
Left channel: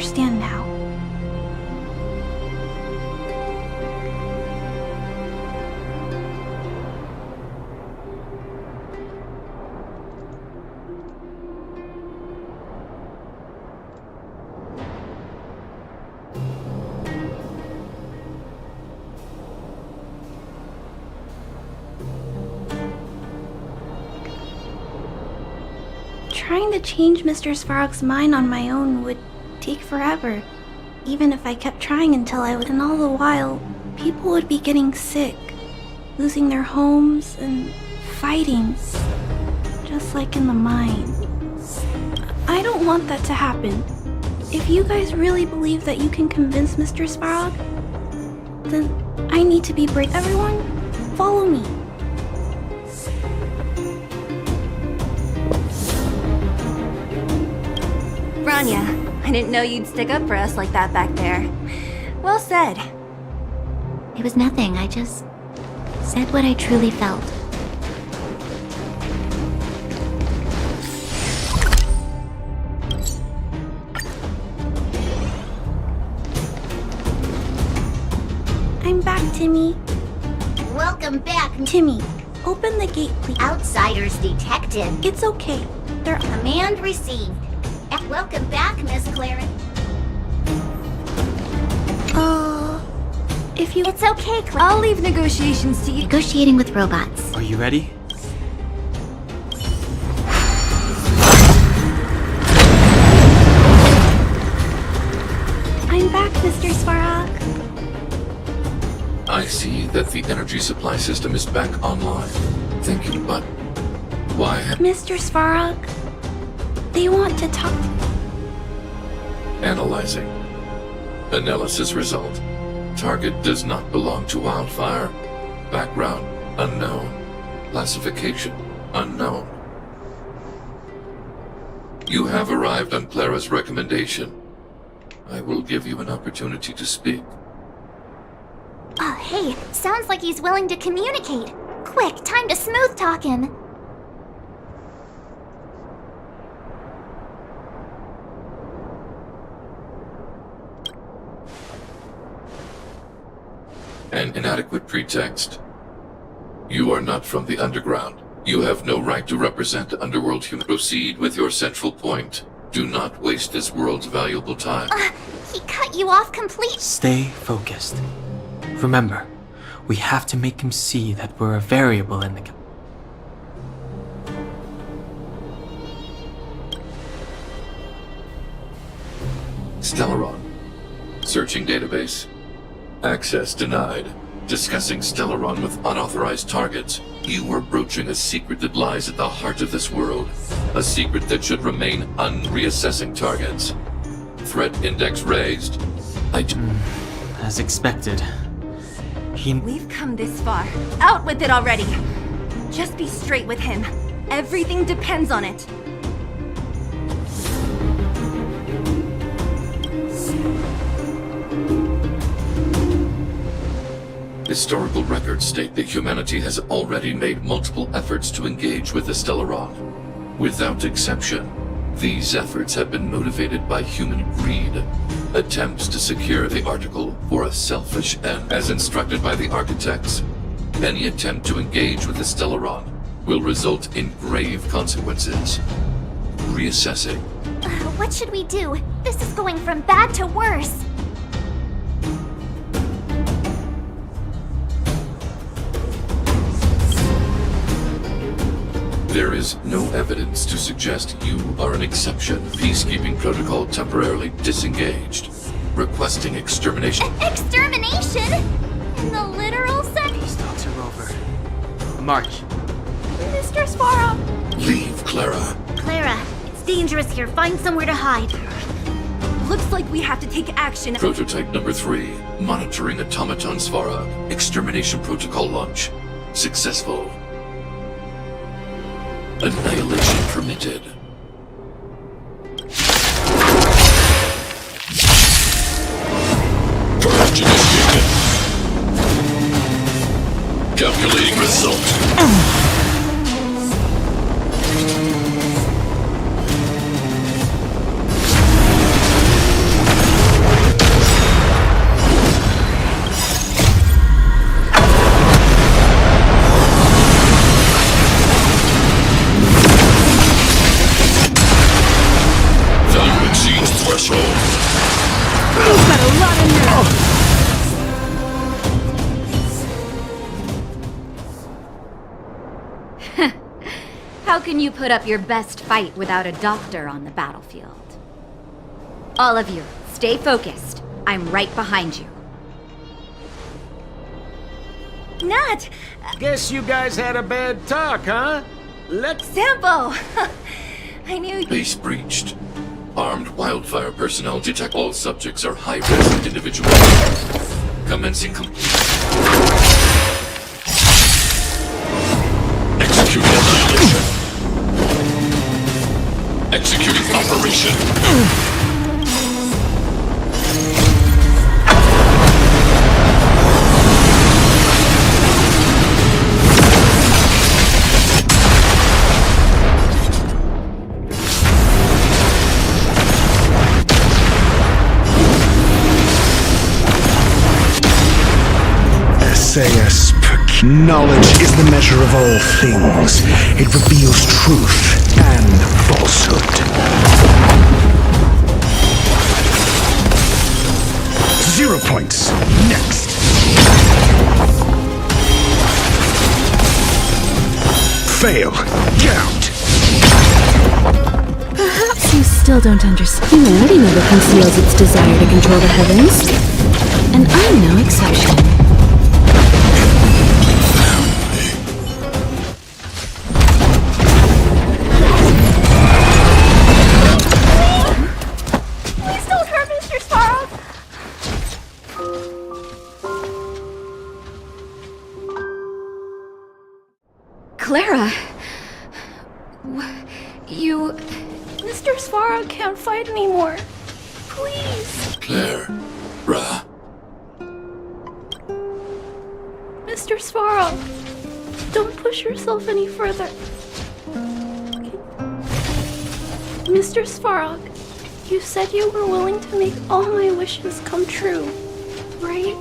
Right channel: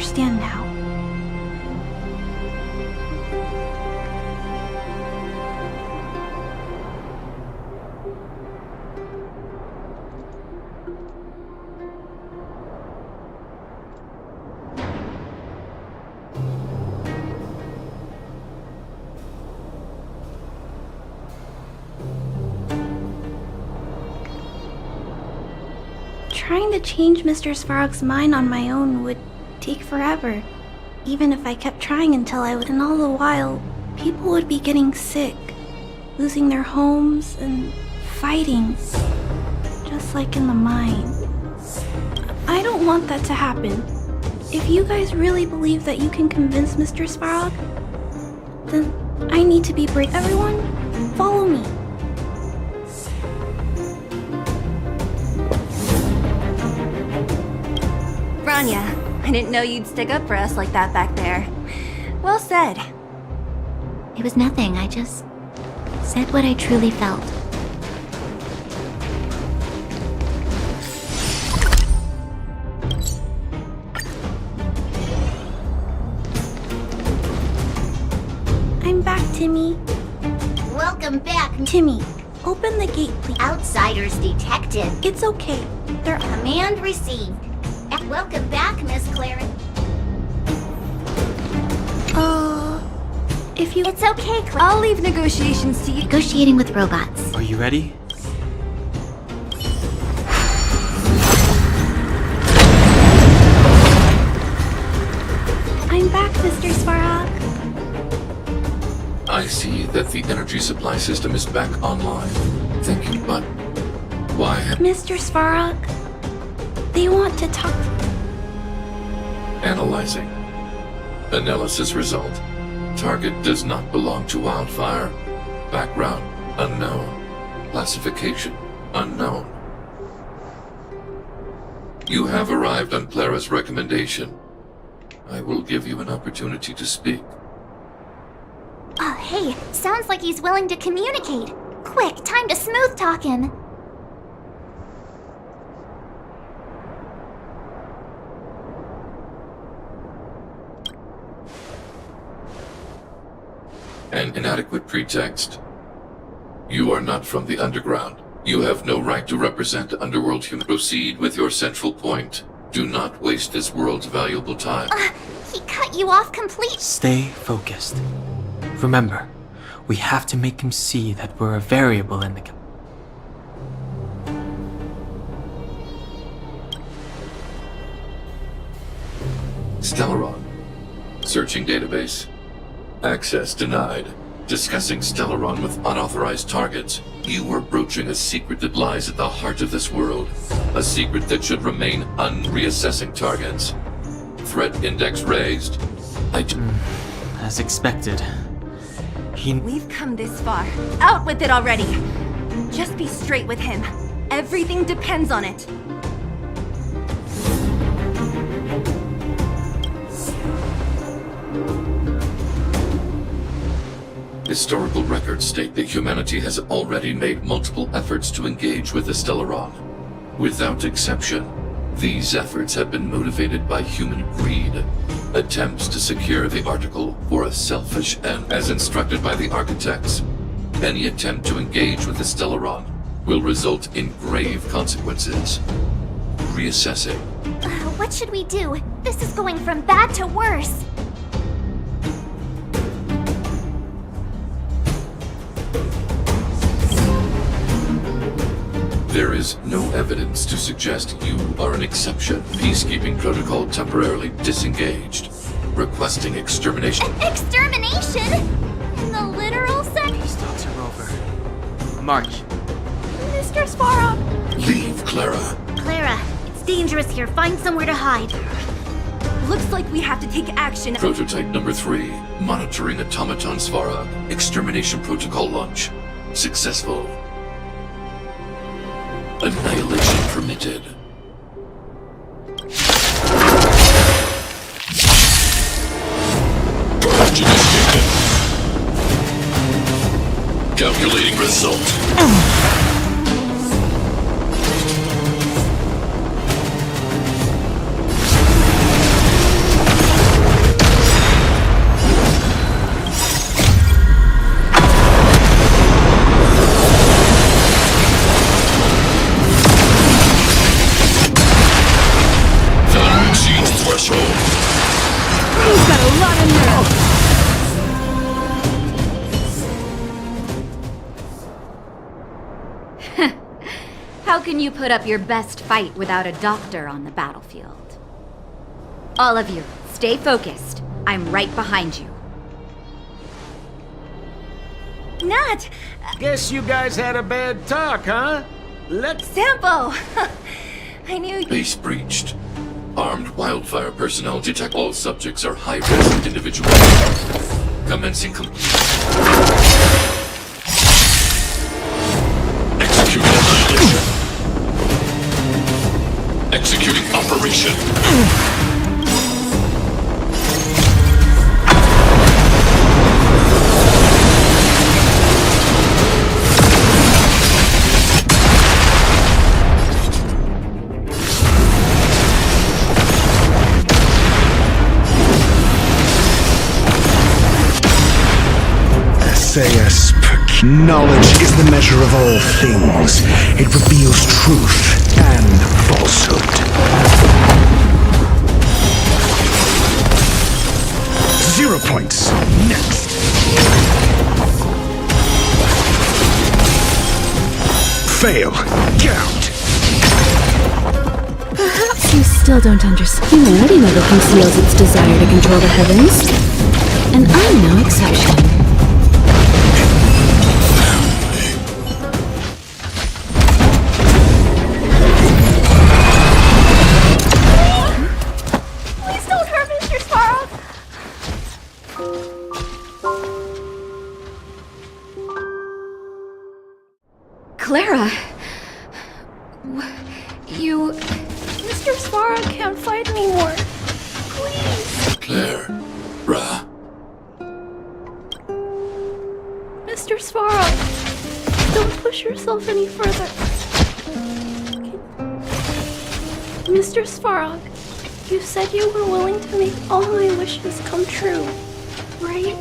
understand now. Trying to change Mr. Svarog's mind on my own would take forever, even if I kept trying until I would. And all the while, people would be getting sick, losing their homes, and fighting, just like in the mine. I don't want that to happen. If you guys really believe that you can convince Mr. Svarog, then I need to be brave. Everyone, follow me. Rania, I didn't know you'd stick up for us like that back there. Well said. It was nothing, I just said what I truly felt. I'm back, Timmy. Welcome back. Timmy, open the gate, please. Outsiders detected. It's okay. They're... Command received. Welcome back, Miss Clara. If you... It's okay, Clara. I'll leave negotiations to you. Negotiating with robots. Are you ready? I'm back, Mr. Svarog. I see that the energy supply system is back online. Thank you, but why? Mr. Svarog, they want to talk to... Analyzing. Analysis result. Target does not belong to Wildfire. Background unknown. Classification unknown. You have arrived on Clara's recommendation. I will give you an opportunity to speak. Oh, hey, sounds like he's willing to communicate. Quick, time to smooth talk him. An inadequate pretext. You are not from the underground. You have no right to represent underworld human. Proceed with your central point. Do not waste this world's valuable time. He cut you off completely. Stay focused. Remember, we have to make him see that we're a variable in the... Stellaron. Searching database. Access denied. Discussing Stellaron with unauthorized targets. You are broaching a secret that lies at the heart of this world. A secret that should remain unreassessing targets. Threat index raised. As expected. We've come this far. Out with it already! Just be straight with him. Everything depends on it. Historical records state that humanity has already made multiple efforts to engage with the Stellaron. Without exception, these efforts have been motivated by human greed. Attempts to secure the article for a selfish end. As instructed by the architects, any attempt to engage with the Stellaron will result in grave consequences. Reassessing. What should we do? This is going from bad to worse. There is no evidence to suggest you are an exception. Peacekeeping protocol temporarily disengaged. Requesting extermination. Extermination? In the literal sense? Peace talks are over. March. Mr. Svarog! Leave, Clara. Clara, it's dangerous here. Find somewhere to hide. Looks like we have to take action. Prototype number 3. Monitoring automaton Svarog. Extermination protocol launch. Successful. Annihilation permitted. Purge initiated. Calculating result. How can you put up your best fight without a doctor on the battlefield? All of you, stay focused. I'm right behind you. Nat! Guess you guys had a bad talk, huh? Let's... Sampo! I knew... Base breached. Armed wildfire personnel detect all subjects are high-risk individuals. Commencing complete. Executing annihilation. Executing operation. Knowledge is the measure of all things. It reveals truth and falsehood. 0 points. Next. Fail. Get out. Perhaps you still don't understand. Humanity never conceals its desire to control the heavens. And I'm no exception. Clara! You... Mr. Svarog can't fight anymore. Please! Clara. Mr. Svarog, don't push yourself any further. Mr. Svarog, you said you were willing to make all my wishes come true, right?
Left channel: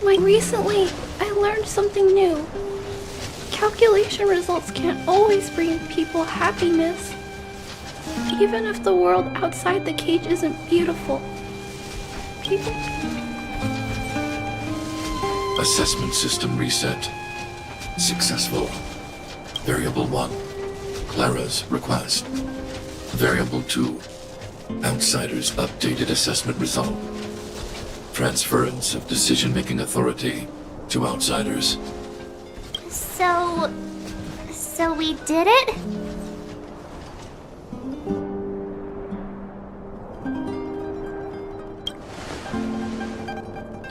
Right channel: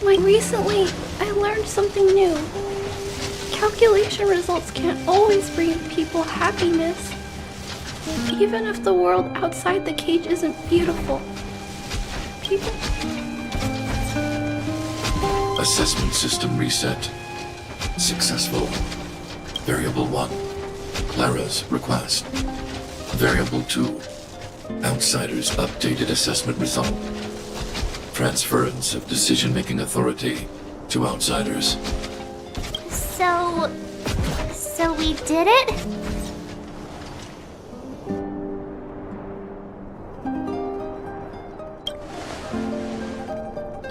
Recently, I learned something new. Calculation results can't always bring people happiness. Even if the world outside the cage isn't beautiful. People... Assessment system reset. Successful. Variable 1. Clara's request. Variable 2. Outsiders' updated assessment result. Transference of decision-making authority to outsiders. So we did it?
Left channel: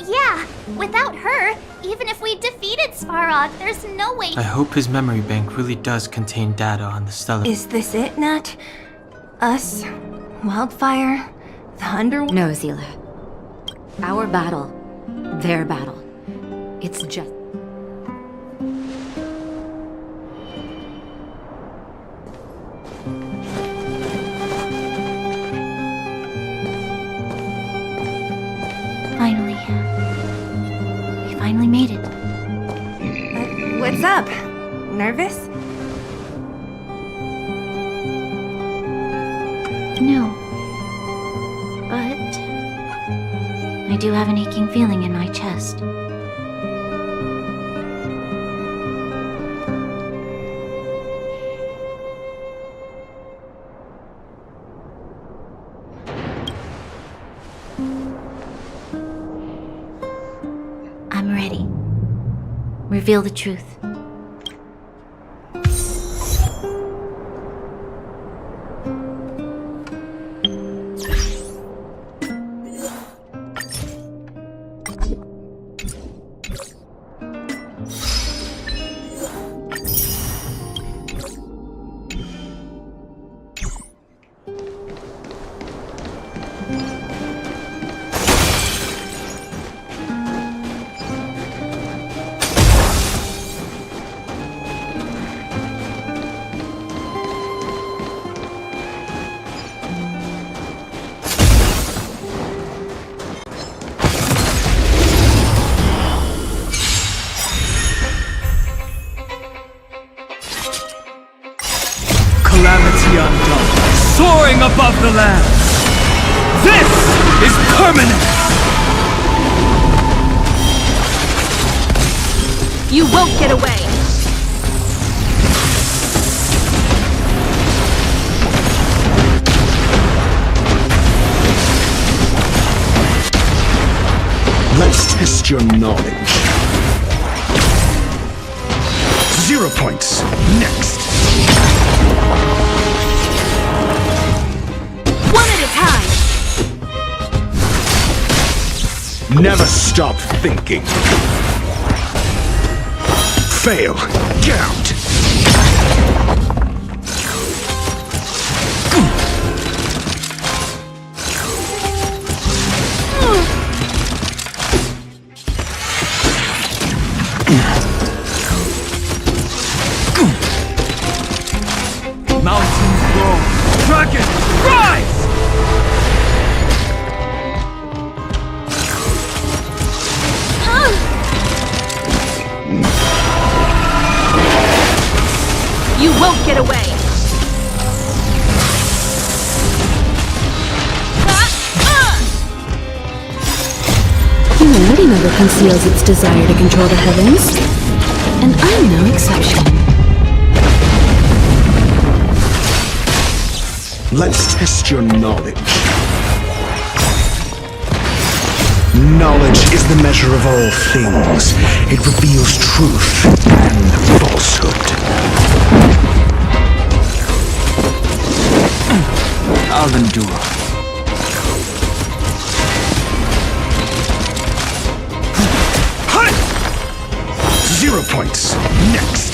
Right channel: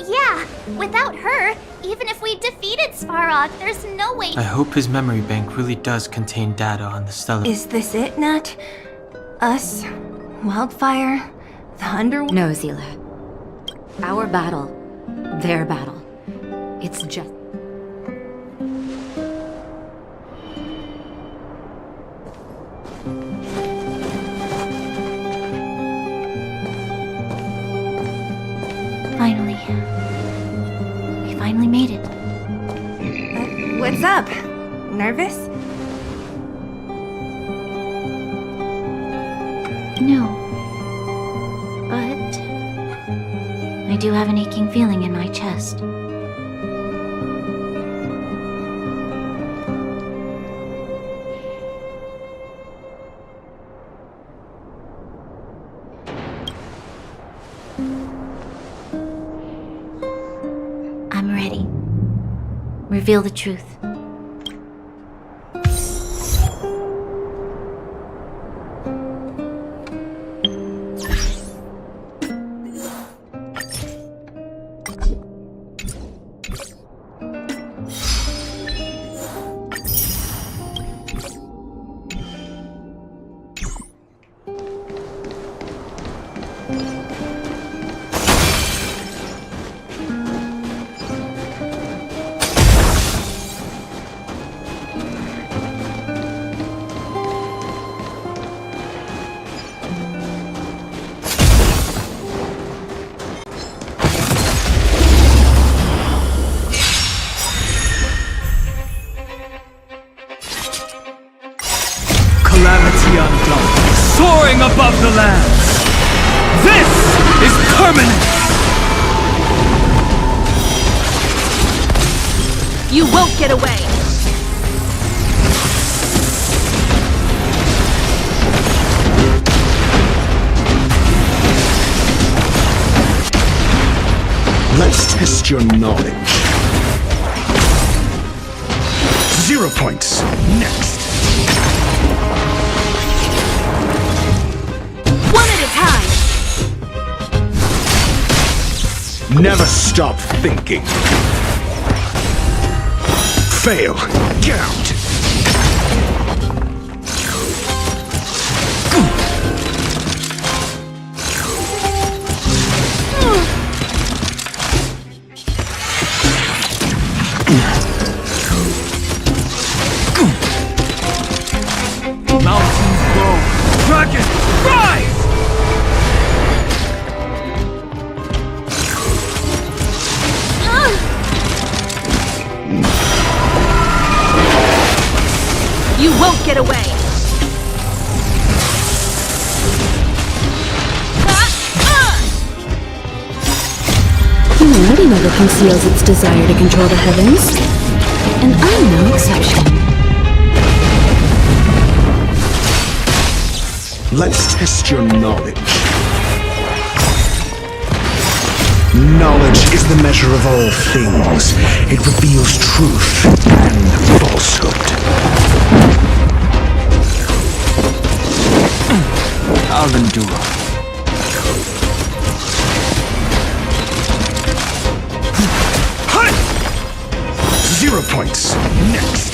Yeah, without her, even if we defeated Svarog, there's no way... I hope his memory bank really does contain data on the Stellar... Is this it, Nat? Us? Wildfire? The Underworld? No, Zila. Our battle. Their battle. It's just... Finally. We finally made it. What's up? Nervous? No. But... I do have an aching feeling in my chest. I'm ready. Reveal the truth. Calamity undone, soaring above the lands. This is permanence! You won't get away! Let's test your knowledge. 0 points. Next. One at a time! Never stop thinking. Fail. Get out. Mountains grow. Dragon, rise! You won't get away! Humanity never conceals its desire to control the heavens, and I'm no exception. Let's test your knowledge. Knowledge is the measure of all things. It reveals truth and falsehood. I'll endure. Hi! 0 points. Next.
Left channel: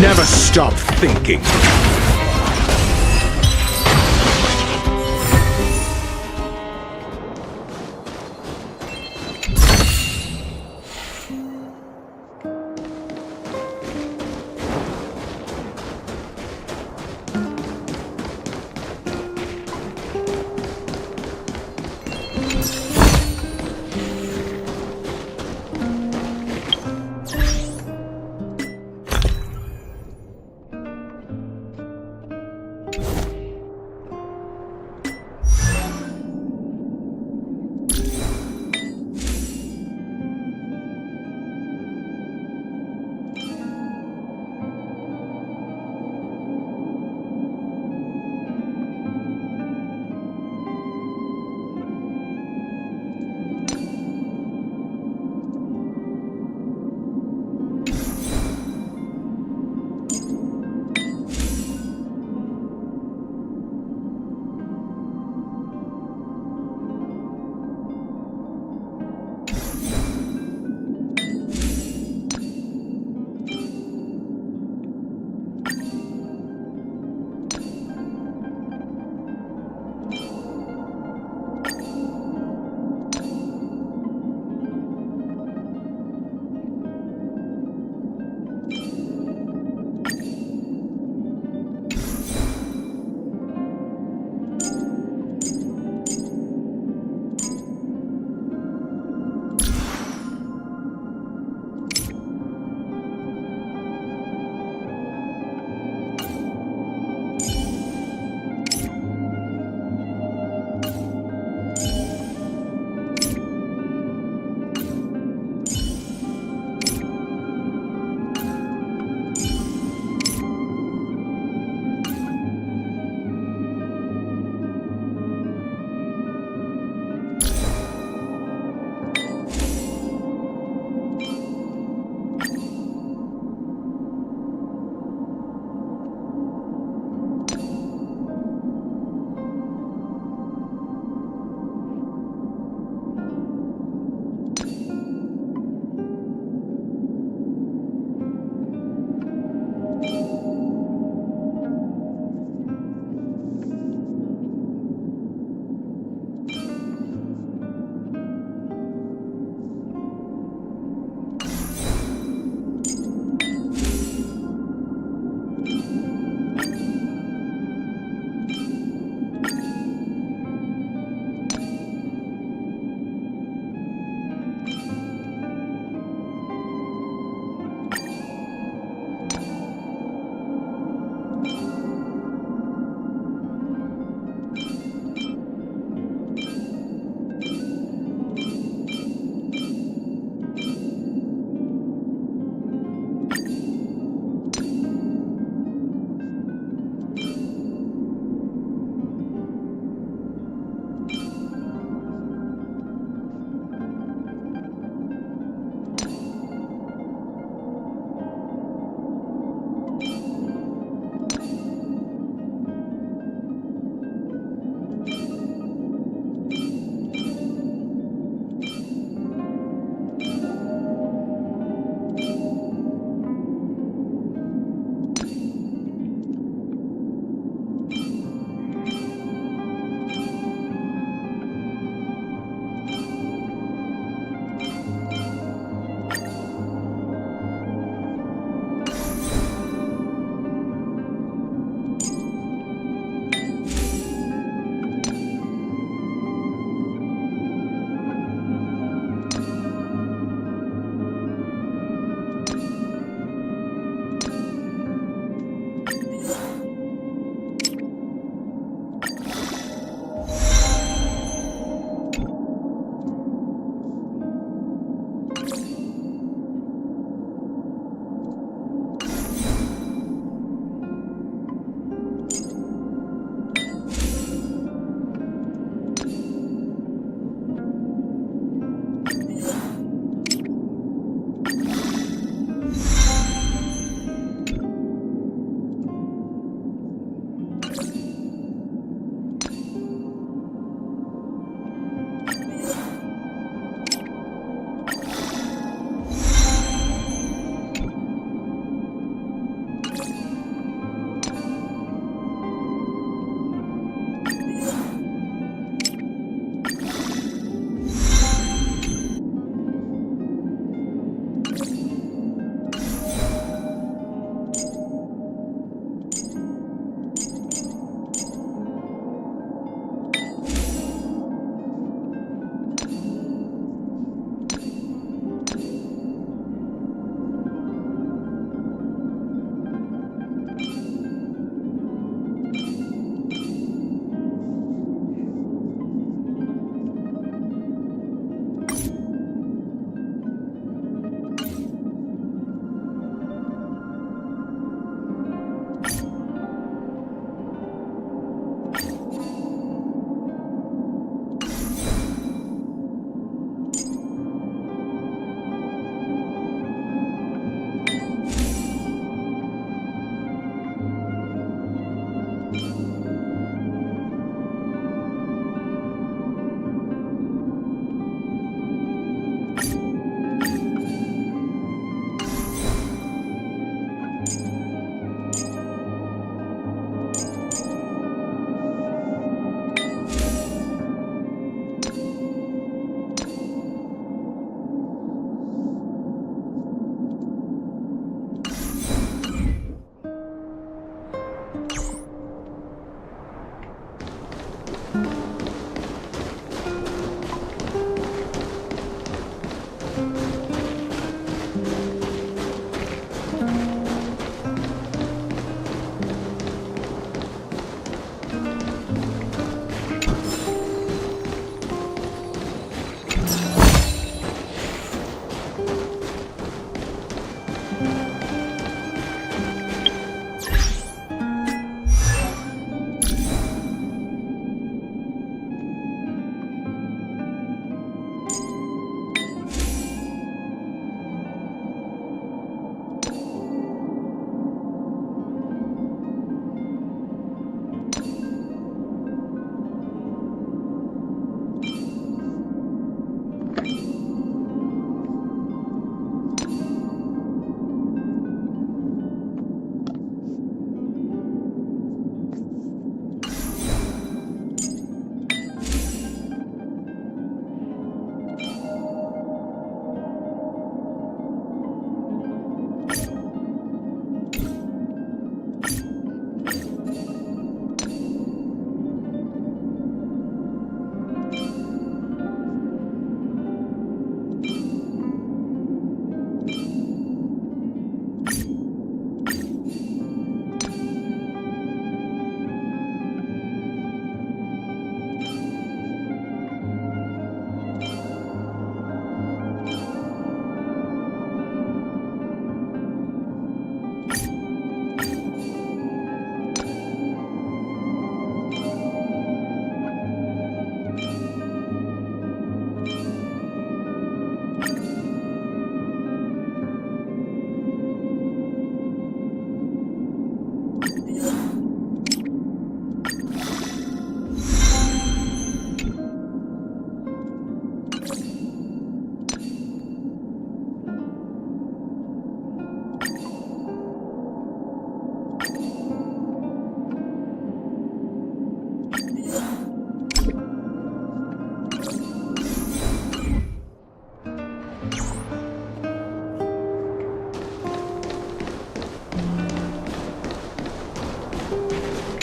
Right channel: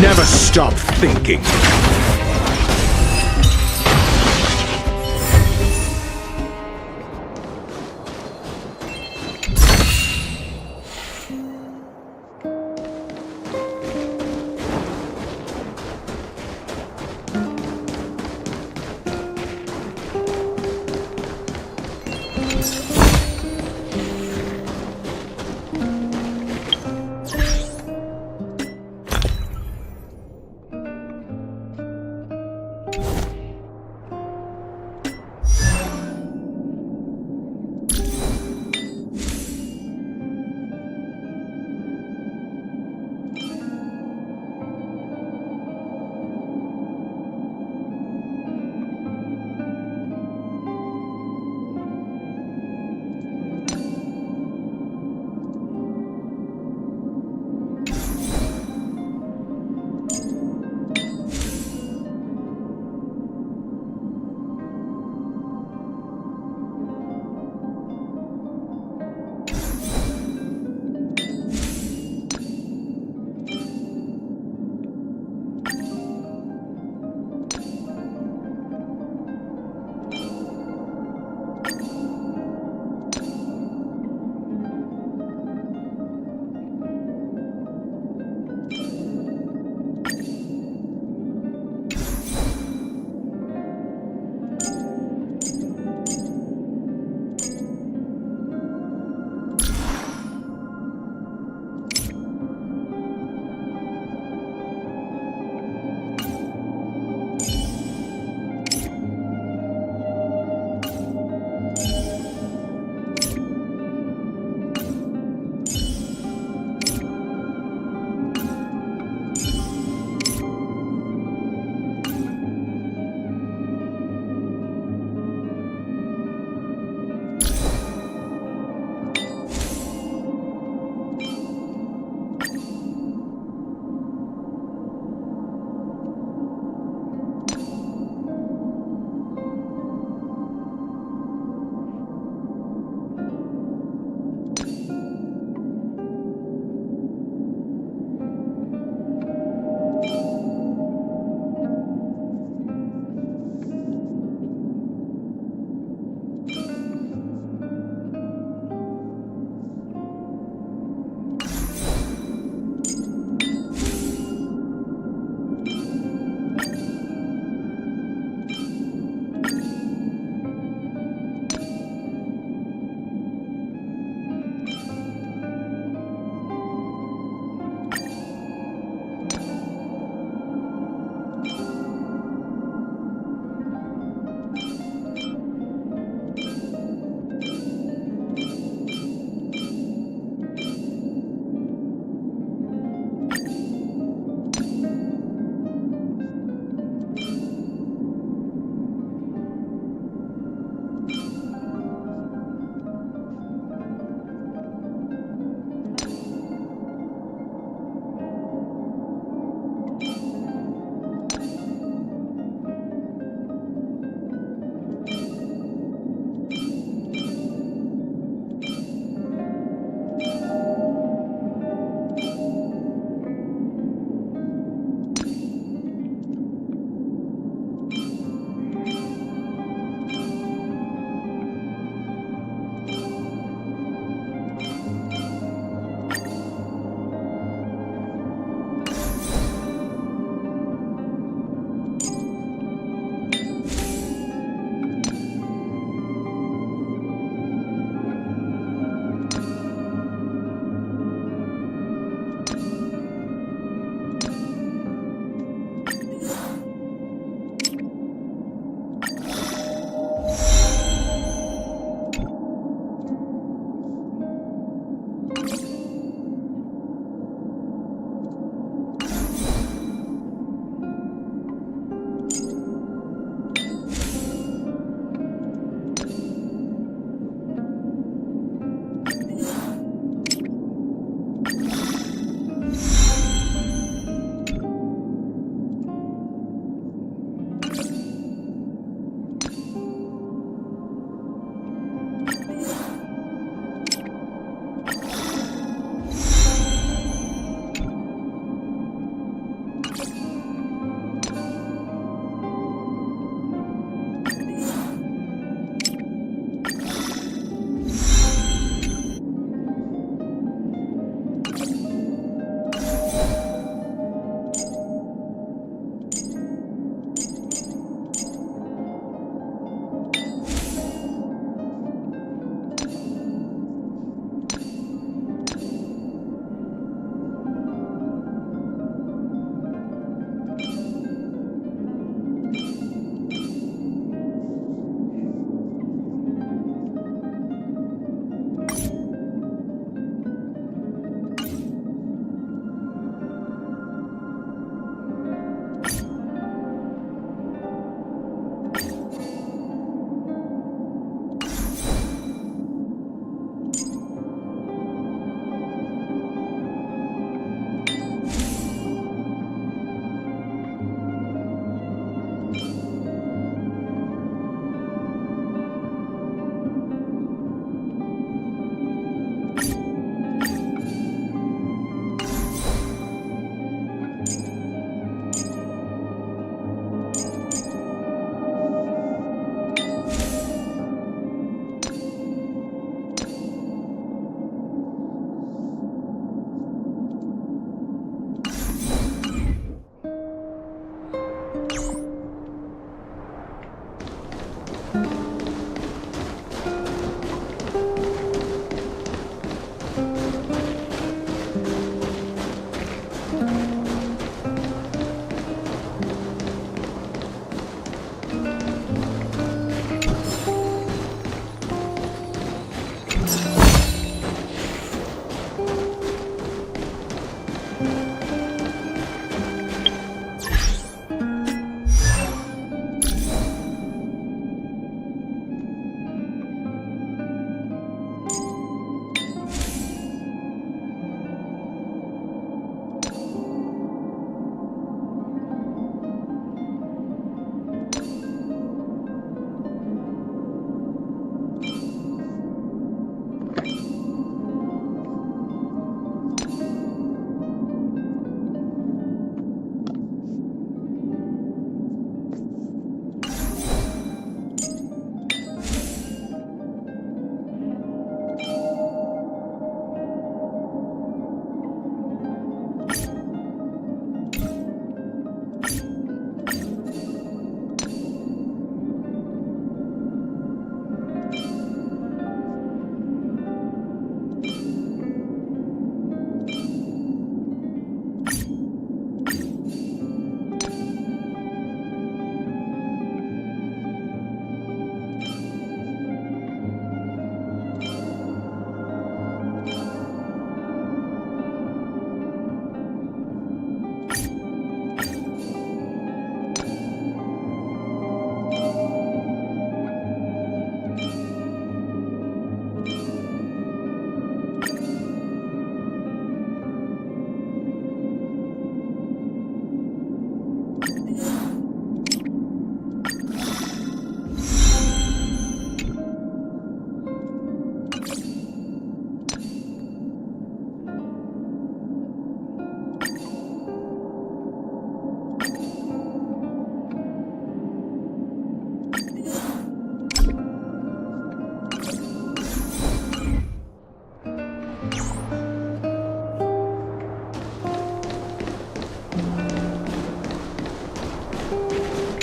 Never stop thinking.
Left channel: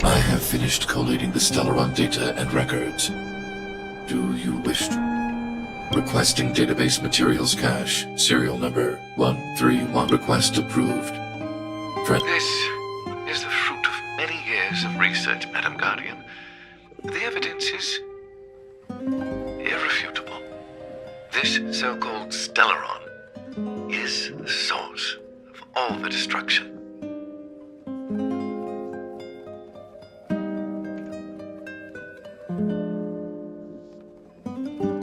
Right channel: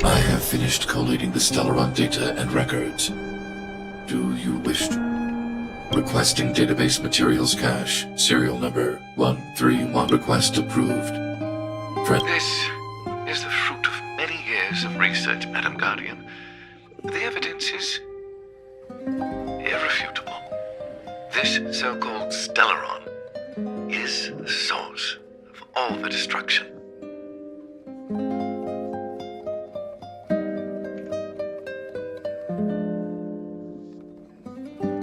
I have finished collating the Stellaron data and records. Do you wish to? Requesting database materials cache, serial number 131. Request approved. This is the fruit of many years of research, Madam Guardian. The evidence is irrefutable. This so-called Stellaron is the source of all the destruction.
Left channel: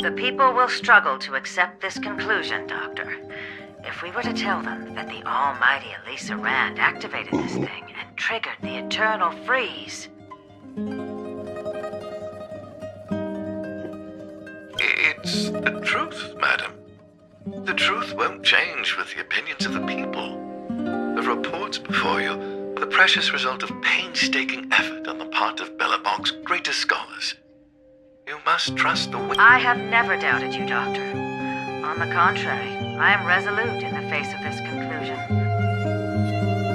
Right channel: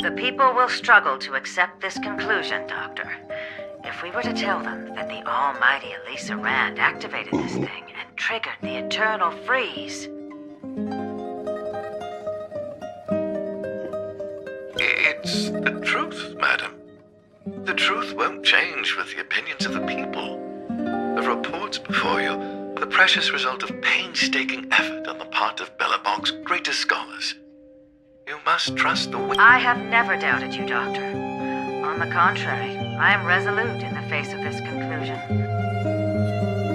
The people will struggle to accept this conclusion, Doctor. If we were to tell them that the almighty Elisa Rand activated this thing and triggered the eternal freeze. It's the truth, madam. The truth won't change with the opinions of the people. The reports before you are the precious result of painstaking effort on the part of Bellabog's greatest scholars. You must trust the I have never doubted you, Doctor. On the contrary, I am resolute in the face of this conclusion.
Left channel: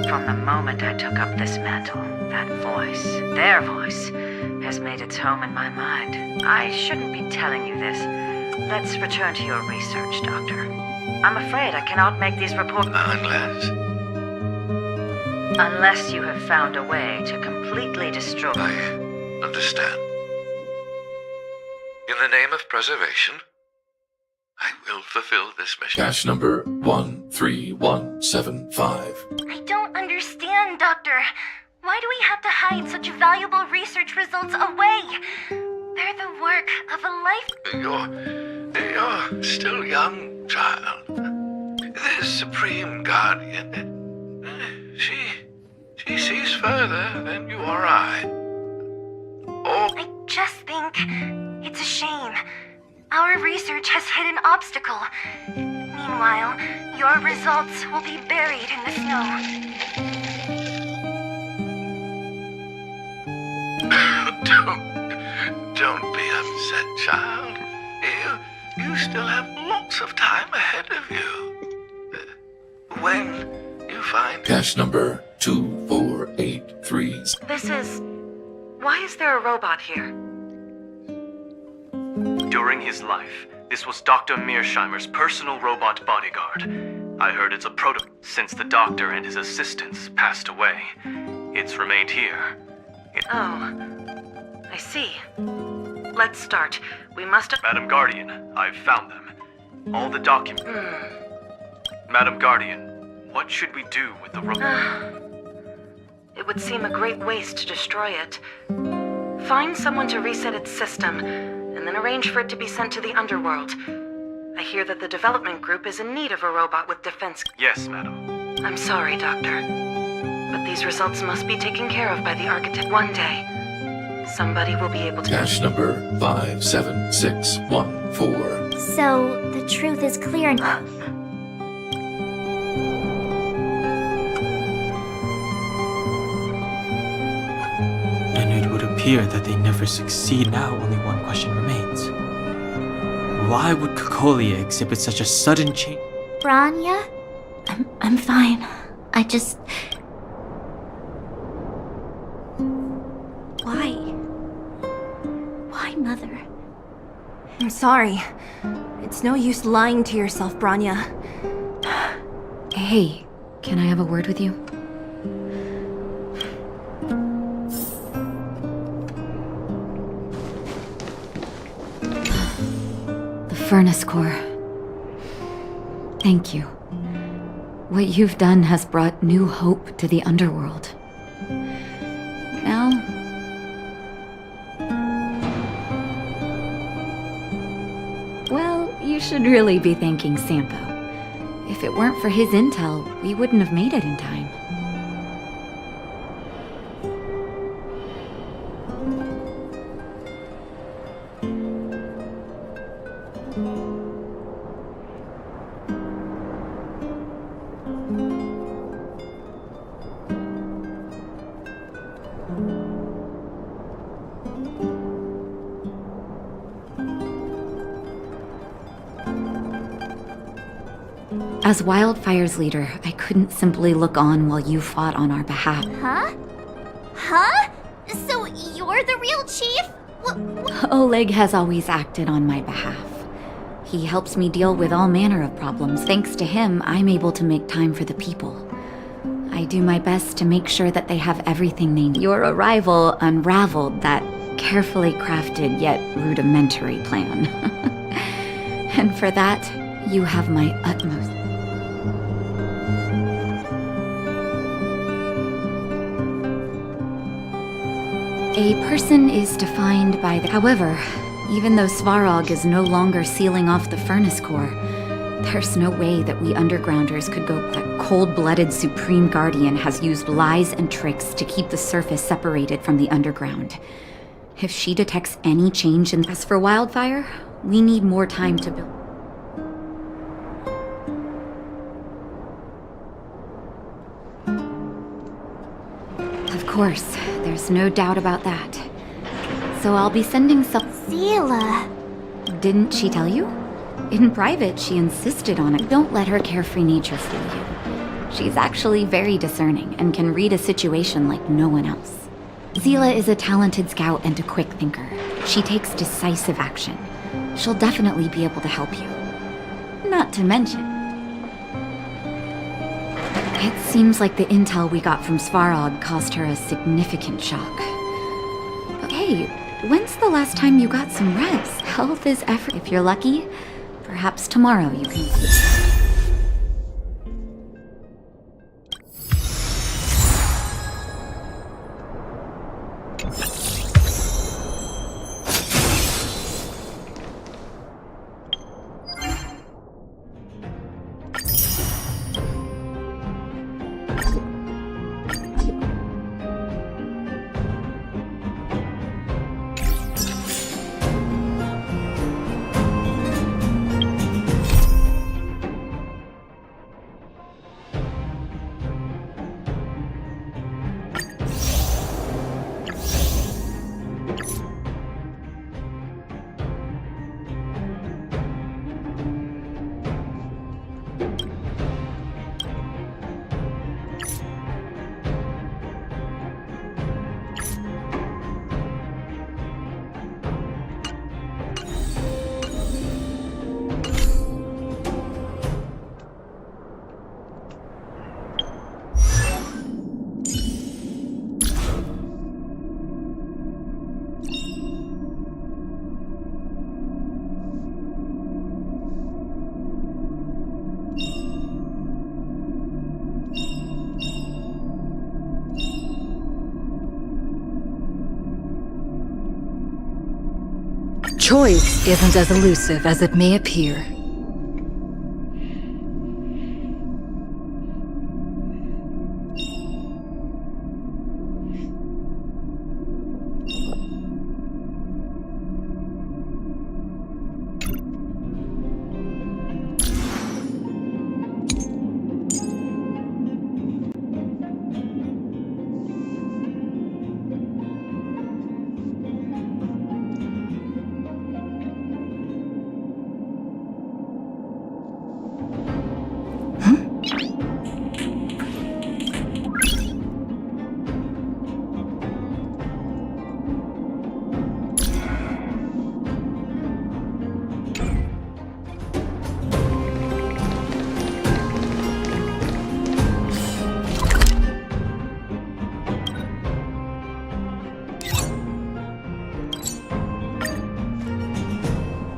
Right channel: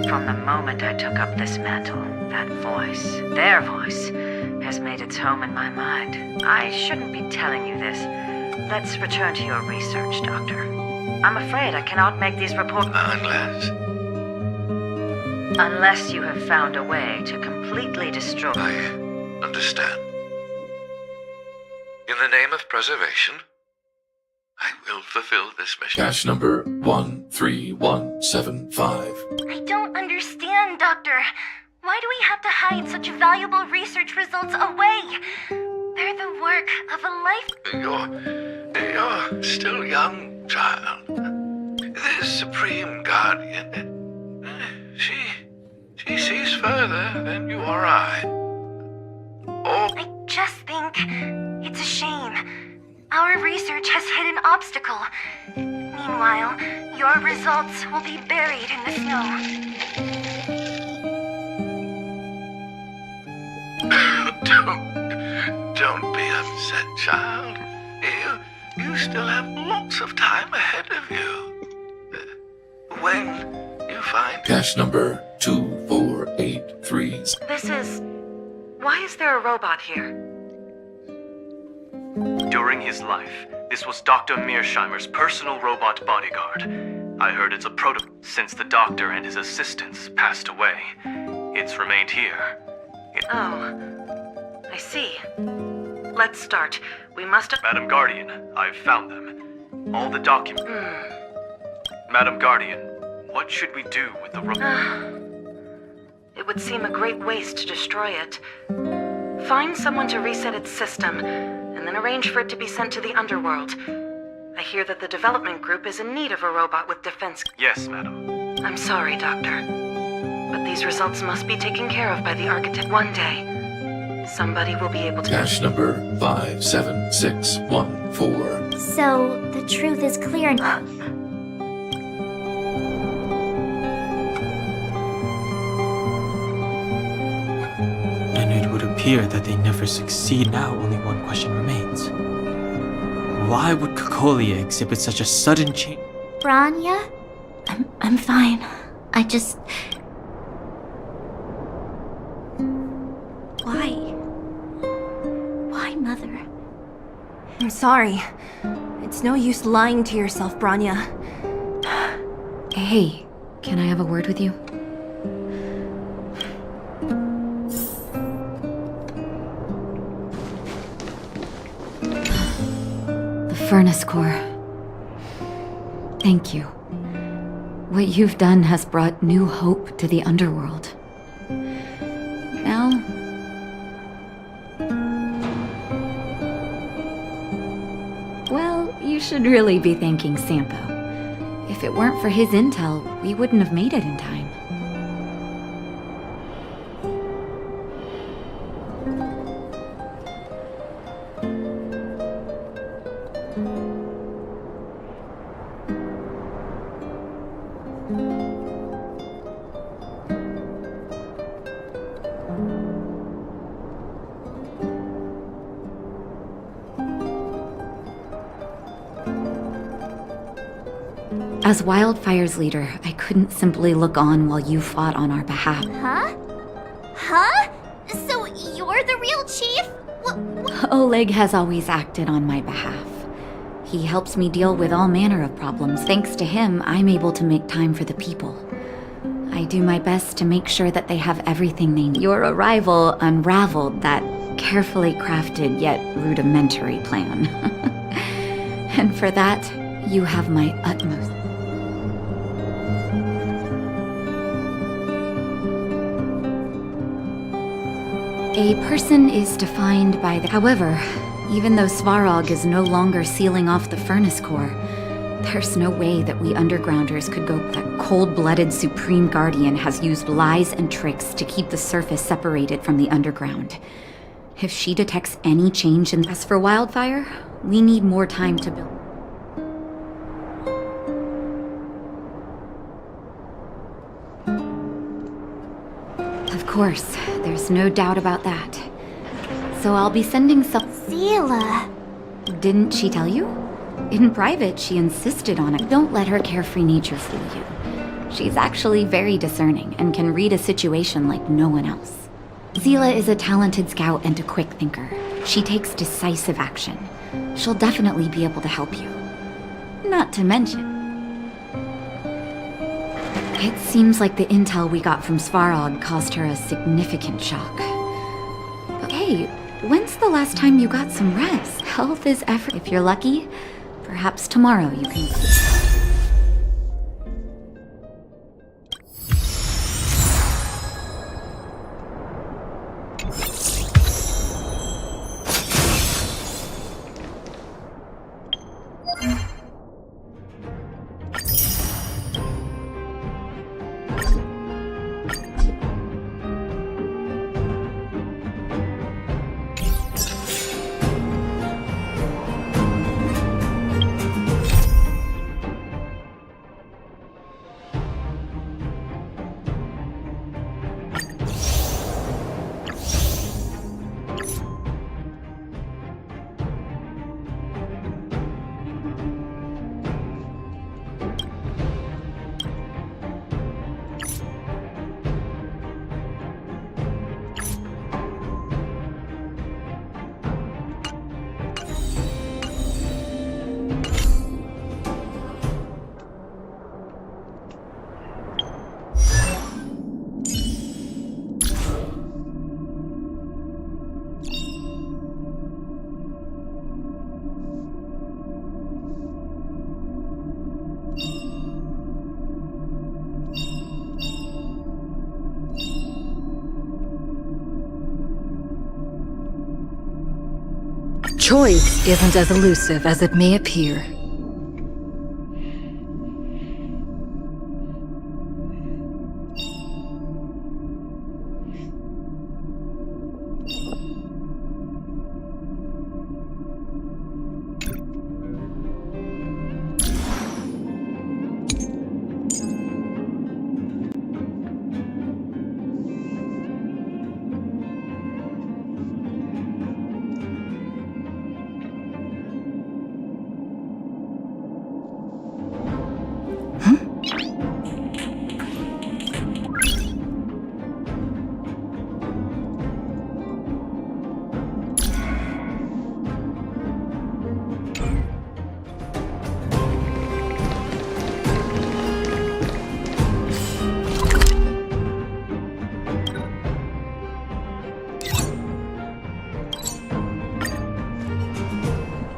From the moment I took up this mantle, that voice, their voice, has made its home in my mind. I shouldn't be telling you this. Let's return to your research, Doctor. I'm afraid I cannot make these reports... Unless you have found a way to completely destroy... I understand. In the name of preservation, I will fulfill this mission. Cache number 13175. I don't understand, Doctor. Why do we have to hide such valuable research results away? They're the work of a life... You're still young, child. This Supreme Guardian, she sees further than you or I. I just think it's a shame. Our research has hit an obstacle. Meanwhile, your results will be buried in the snow. Don't be upset, child. You still have lots of time ahead of you. When you find... Cache number 2483. Why is there a robot here? During his life, this was Dr. Mearsheimer's personal robot bodyguard. I heard it's a since the doctor and his assistants passed away. It's remained here. Oh, I see. Let's start. We must... Madam Guardian, I've found them. All the documents... Madam Guardian, what should we do with the robot? It would seem a great waste to destroy it. Find someone to reset its system, and then arrange for it to be sent to the underworld. I hear that the development group is in need of a robot with defense... Yes, madam. I'm sorry, Doctor. But these results must be taken care of by the architect. One day, somebody will be able to... Cache number 57614. So, the truth is clear. And it would appear that they never succeed. Now only one question remains. Why would Kokolia exhibit such a sudden change? Branya? I'm fine. I just... Why, Mother? I'm sorry. It's no use lying to yourself, Branya. Hey, can I have a word with you? The furnace core. Thank you. What you've done has brought new hope to the underworld. Now... well, you should really be thanking Sampo. If it weren't for his intel, we wouldn't have made it in time. As Wildfire's leader, I couldn't simply look on while you fought on our behalf. Huh? Huh? So you're the real chief? Oleg has always acted on my behalf. He helps me deal with all manner of problems. Thanks to him, I'm able to make time for the people. I do my best to make sure that they have everything they need. Your arrival unraveled that carefully crafted yet rudimentary plan. And for that, you have my utmost. A person is defined by the... However, even though Svarog is no longer sealing off the furnace core, there's no way that we undergrounders could go... That cold-blooded Supreme Guardian has used lies and tricks to keep the surface separated from the underground. If she detects any change in... As for Wildfire, we need more time to build... Of course, there's no doubt about that. So I'll be sending some... Zila! Didn't she tell you? In private, she insisted on it. Don't let her carefree nature fool you. She's actually very discerning and can read a situation like no one else. Zila is a talented scout and a quick thinker. She takes decisive action. She'll definitely be able to help you. Not to mention... It seems like the intel we got from Svarog caused her a significant shock. But hey, when's the last time you got some rest? Health is effort. If you're lucky, perhaps tomorrow you can... Choice isn't as elusive as it may appear.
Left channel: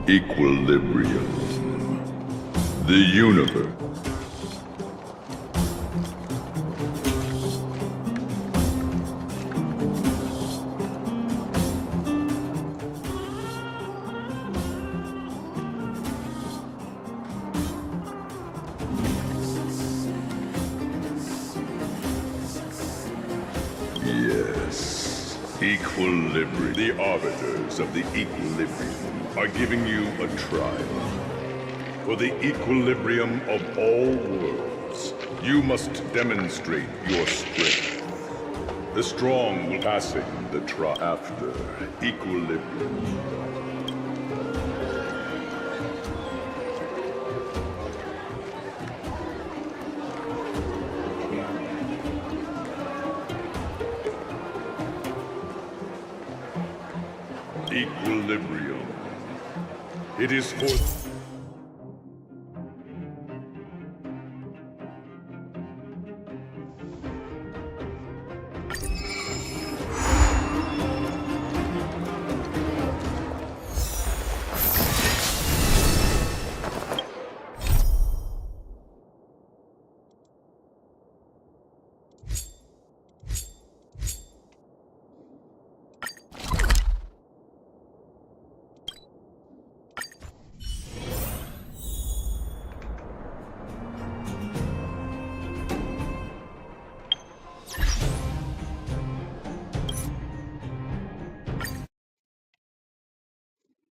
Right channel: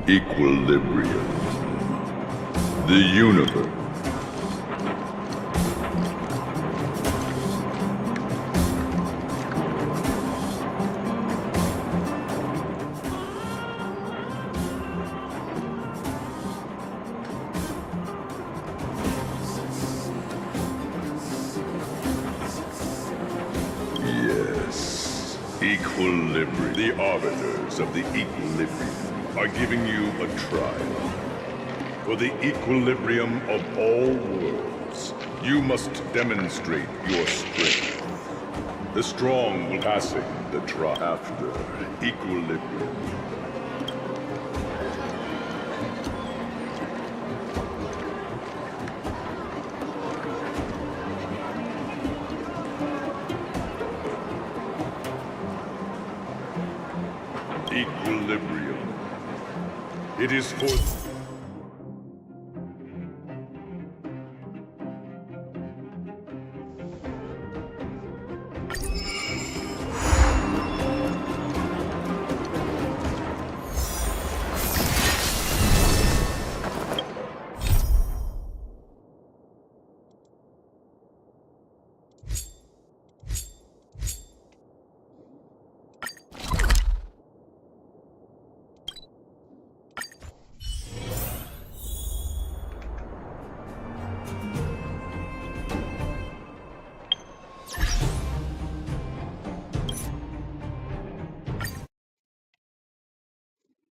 Equilibrium. The universe. Yes. Equilibrium. The arbiters of the equilibrium are giving you a trial. For the equilibrium of all worlds, you must demonstrate your strength. The strong will passing the trial after equilibrium. Equilibrium. It is for...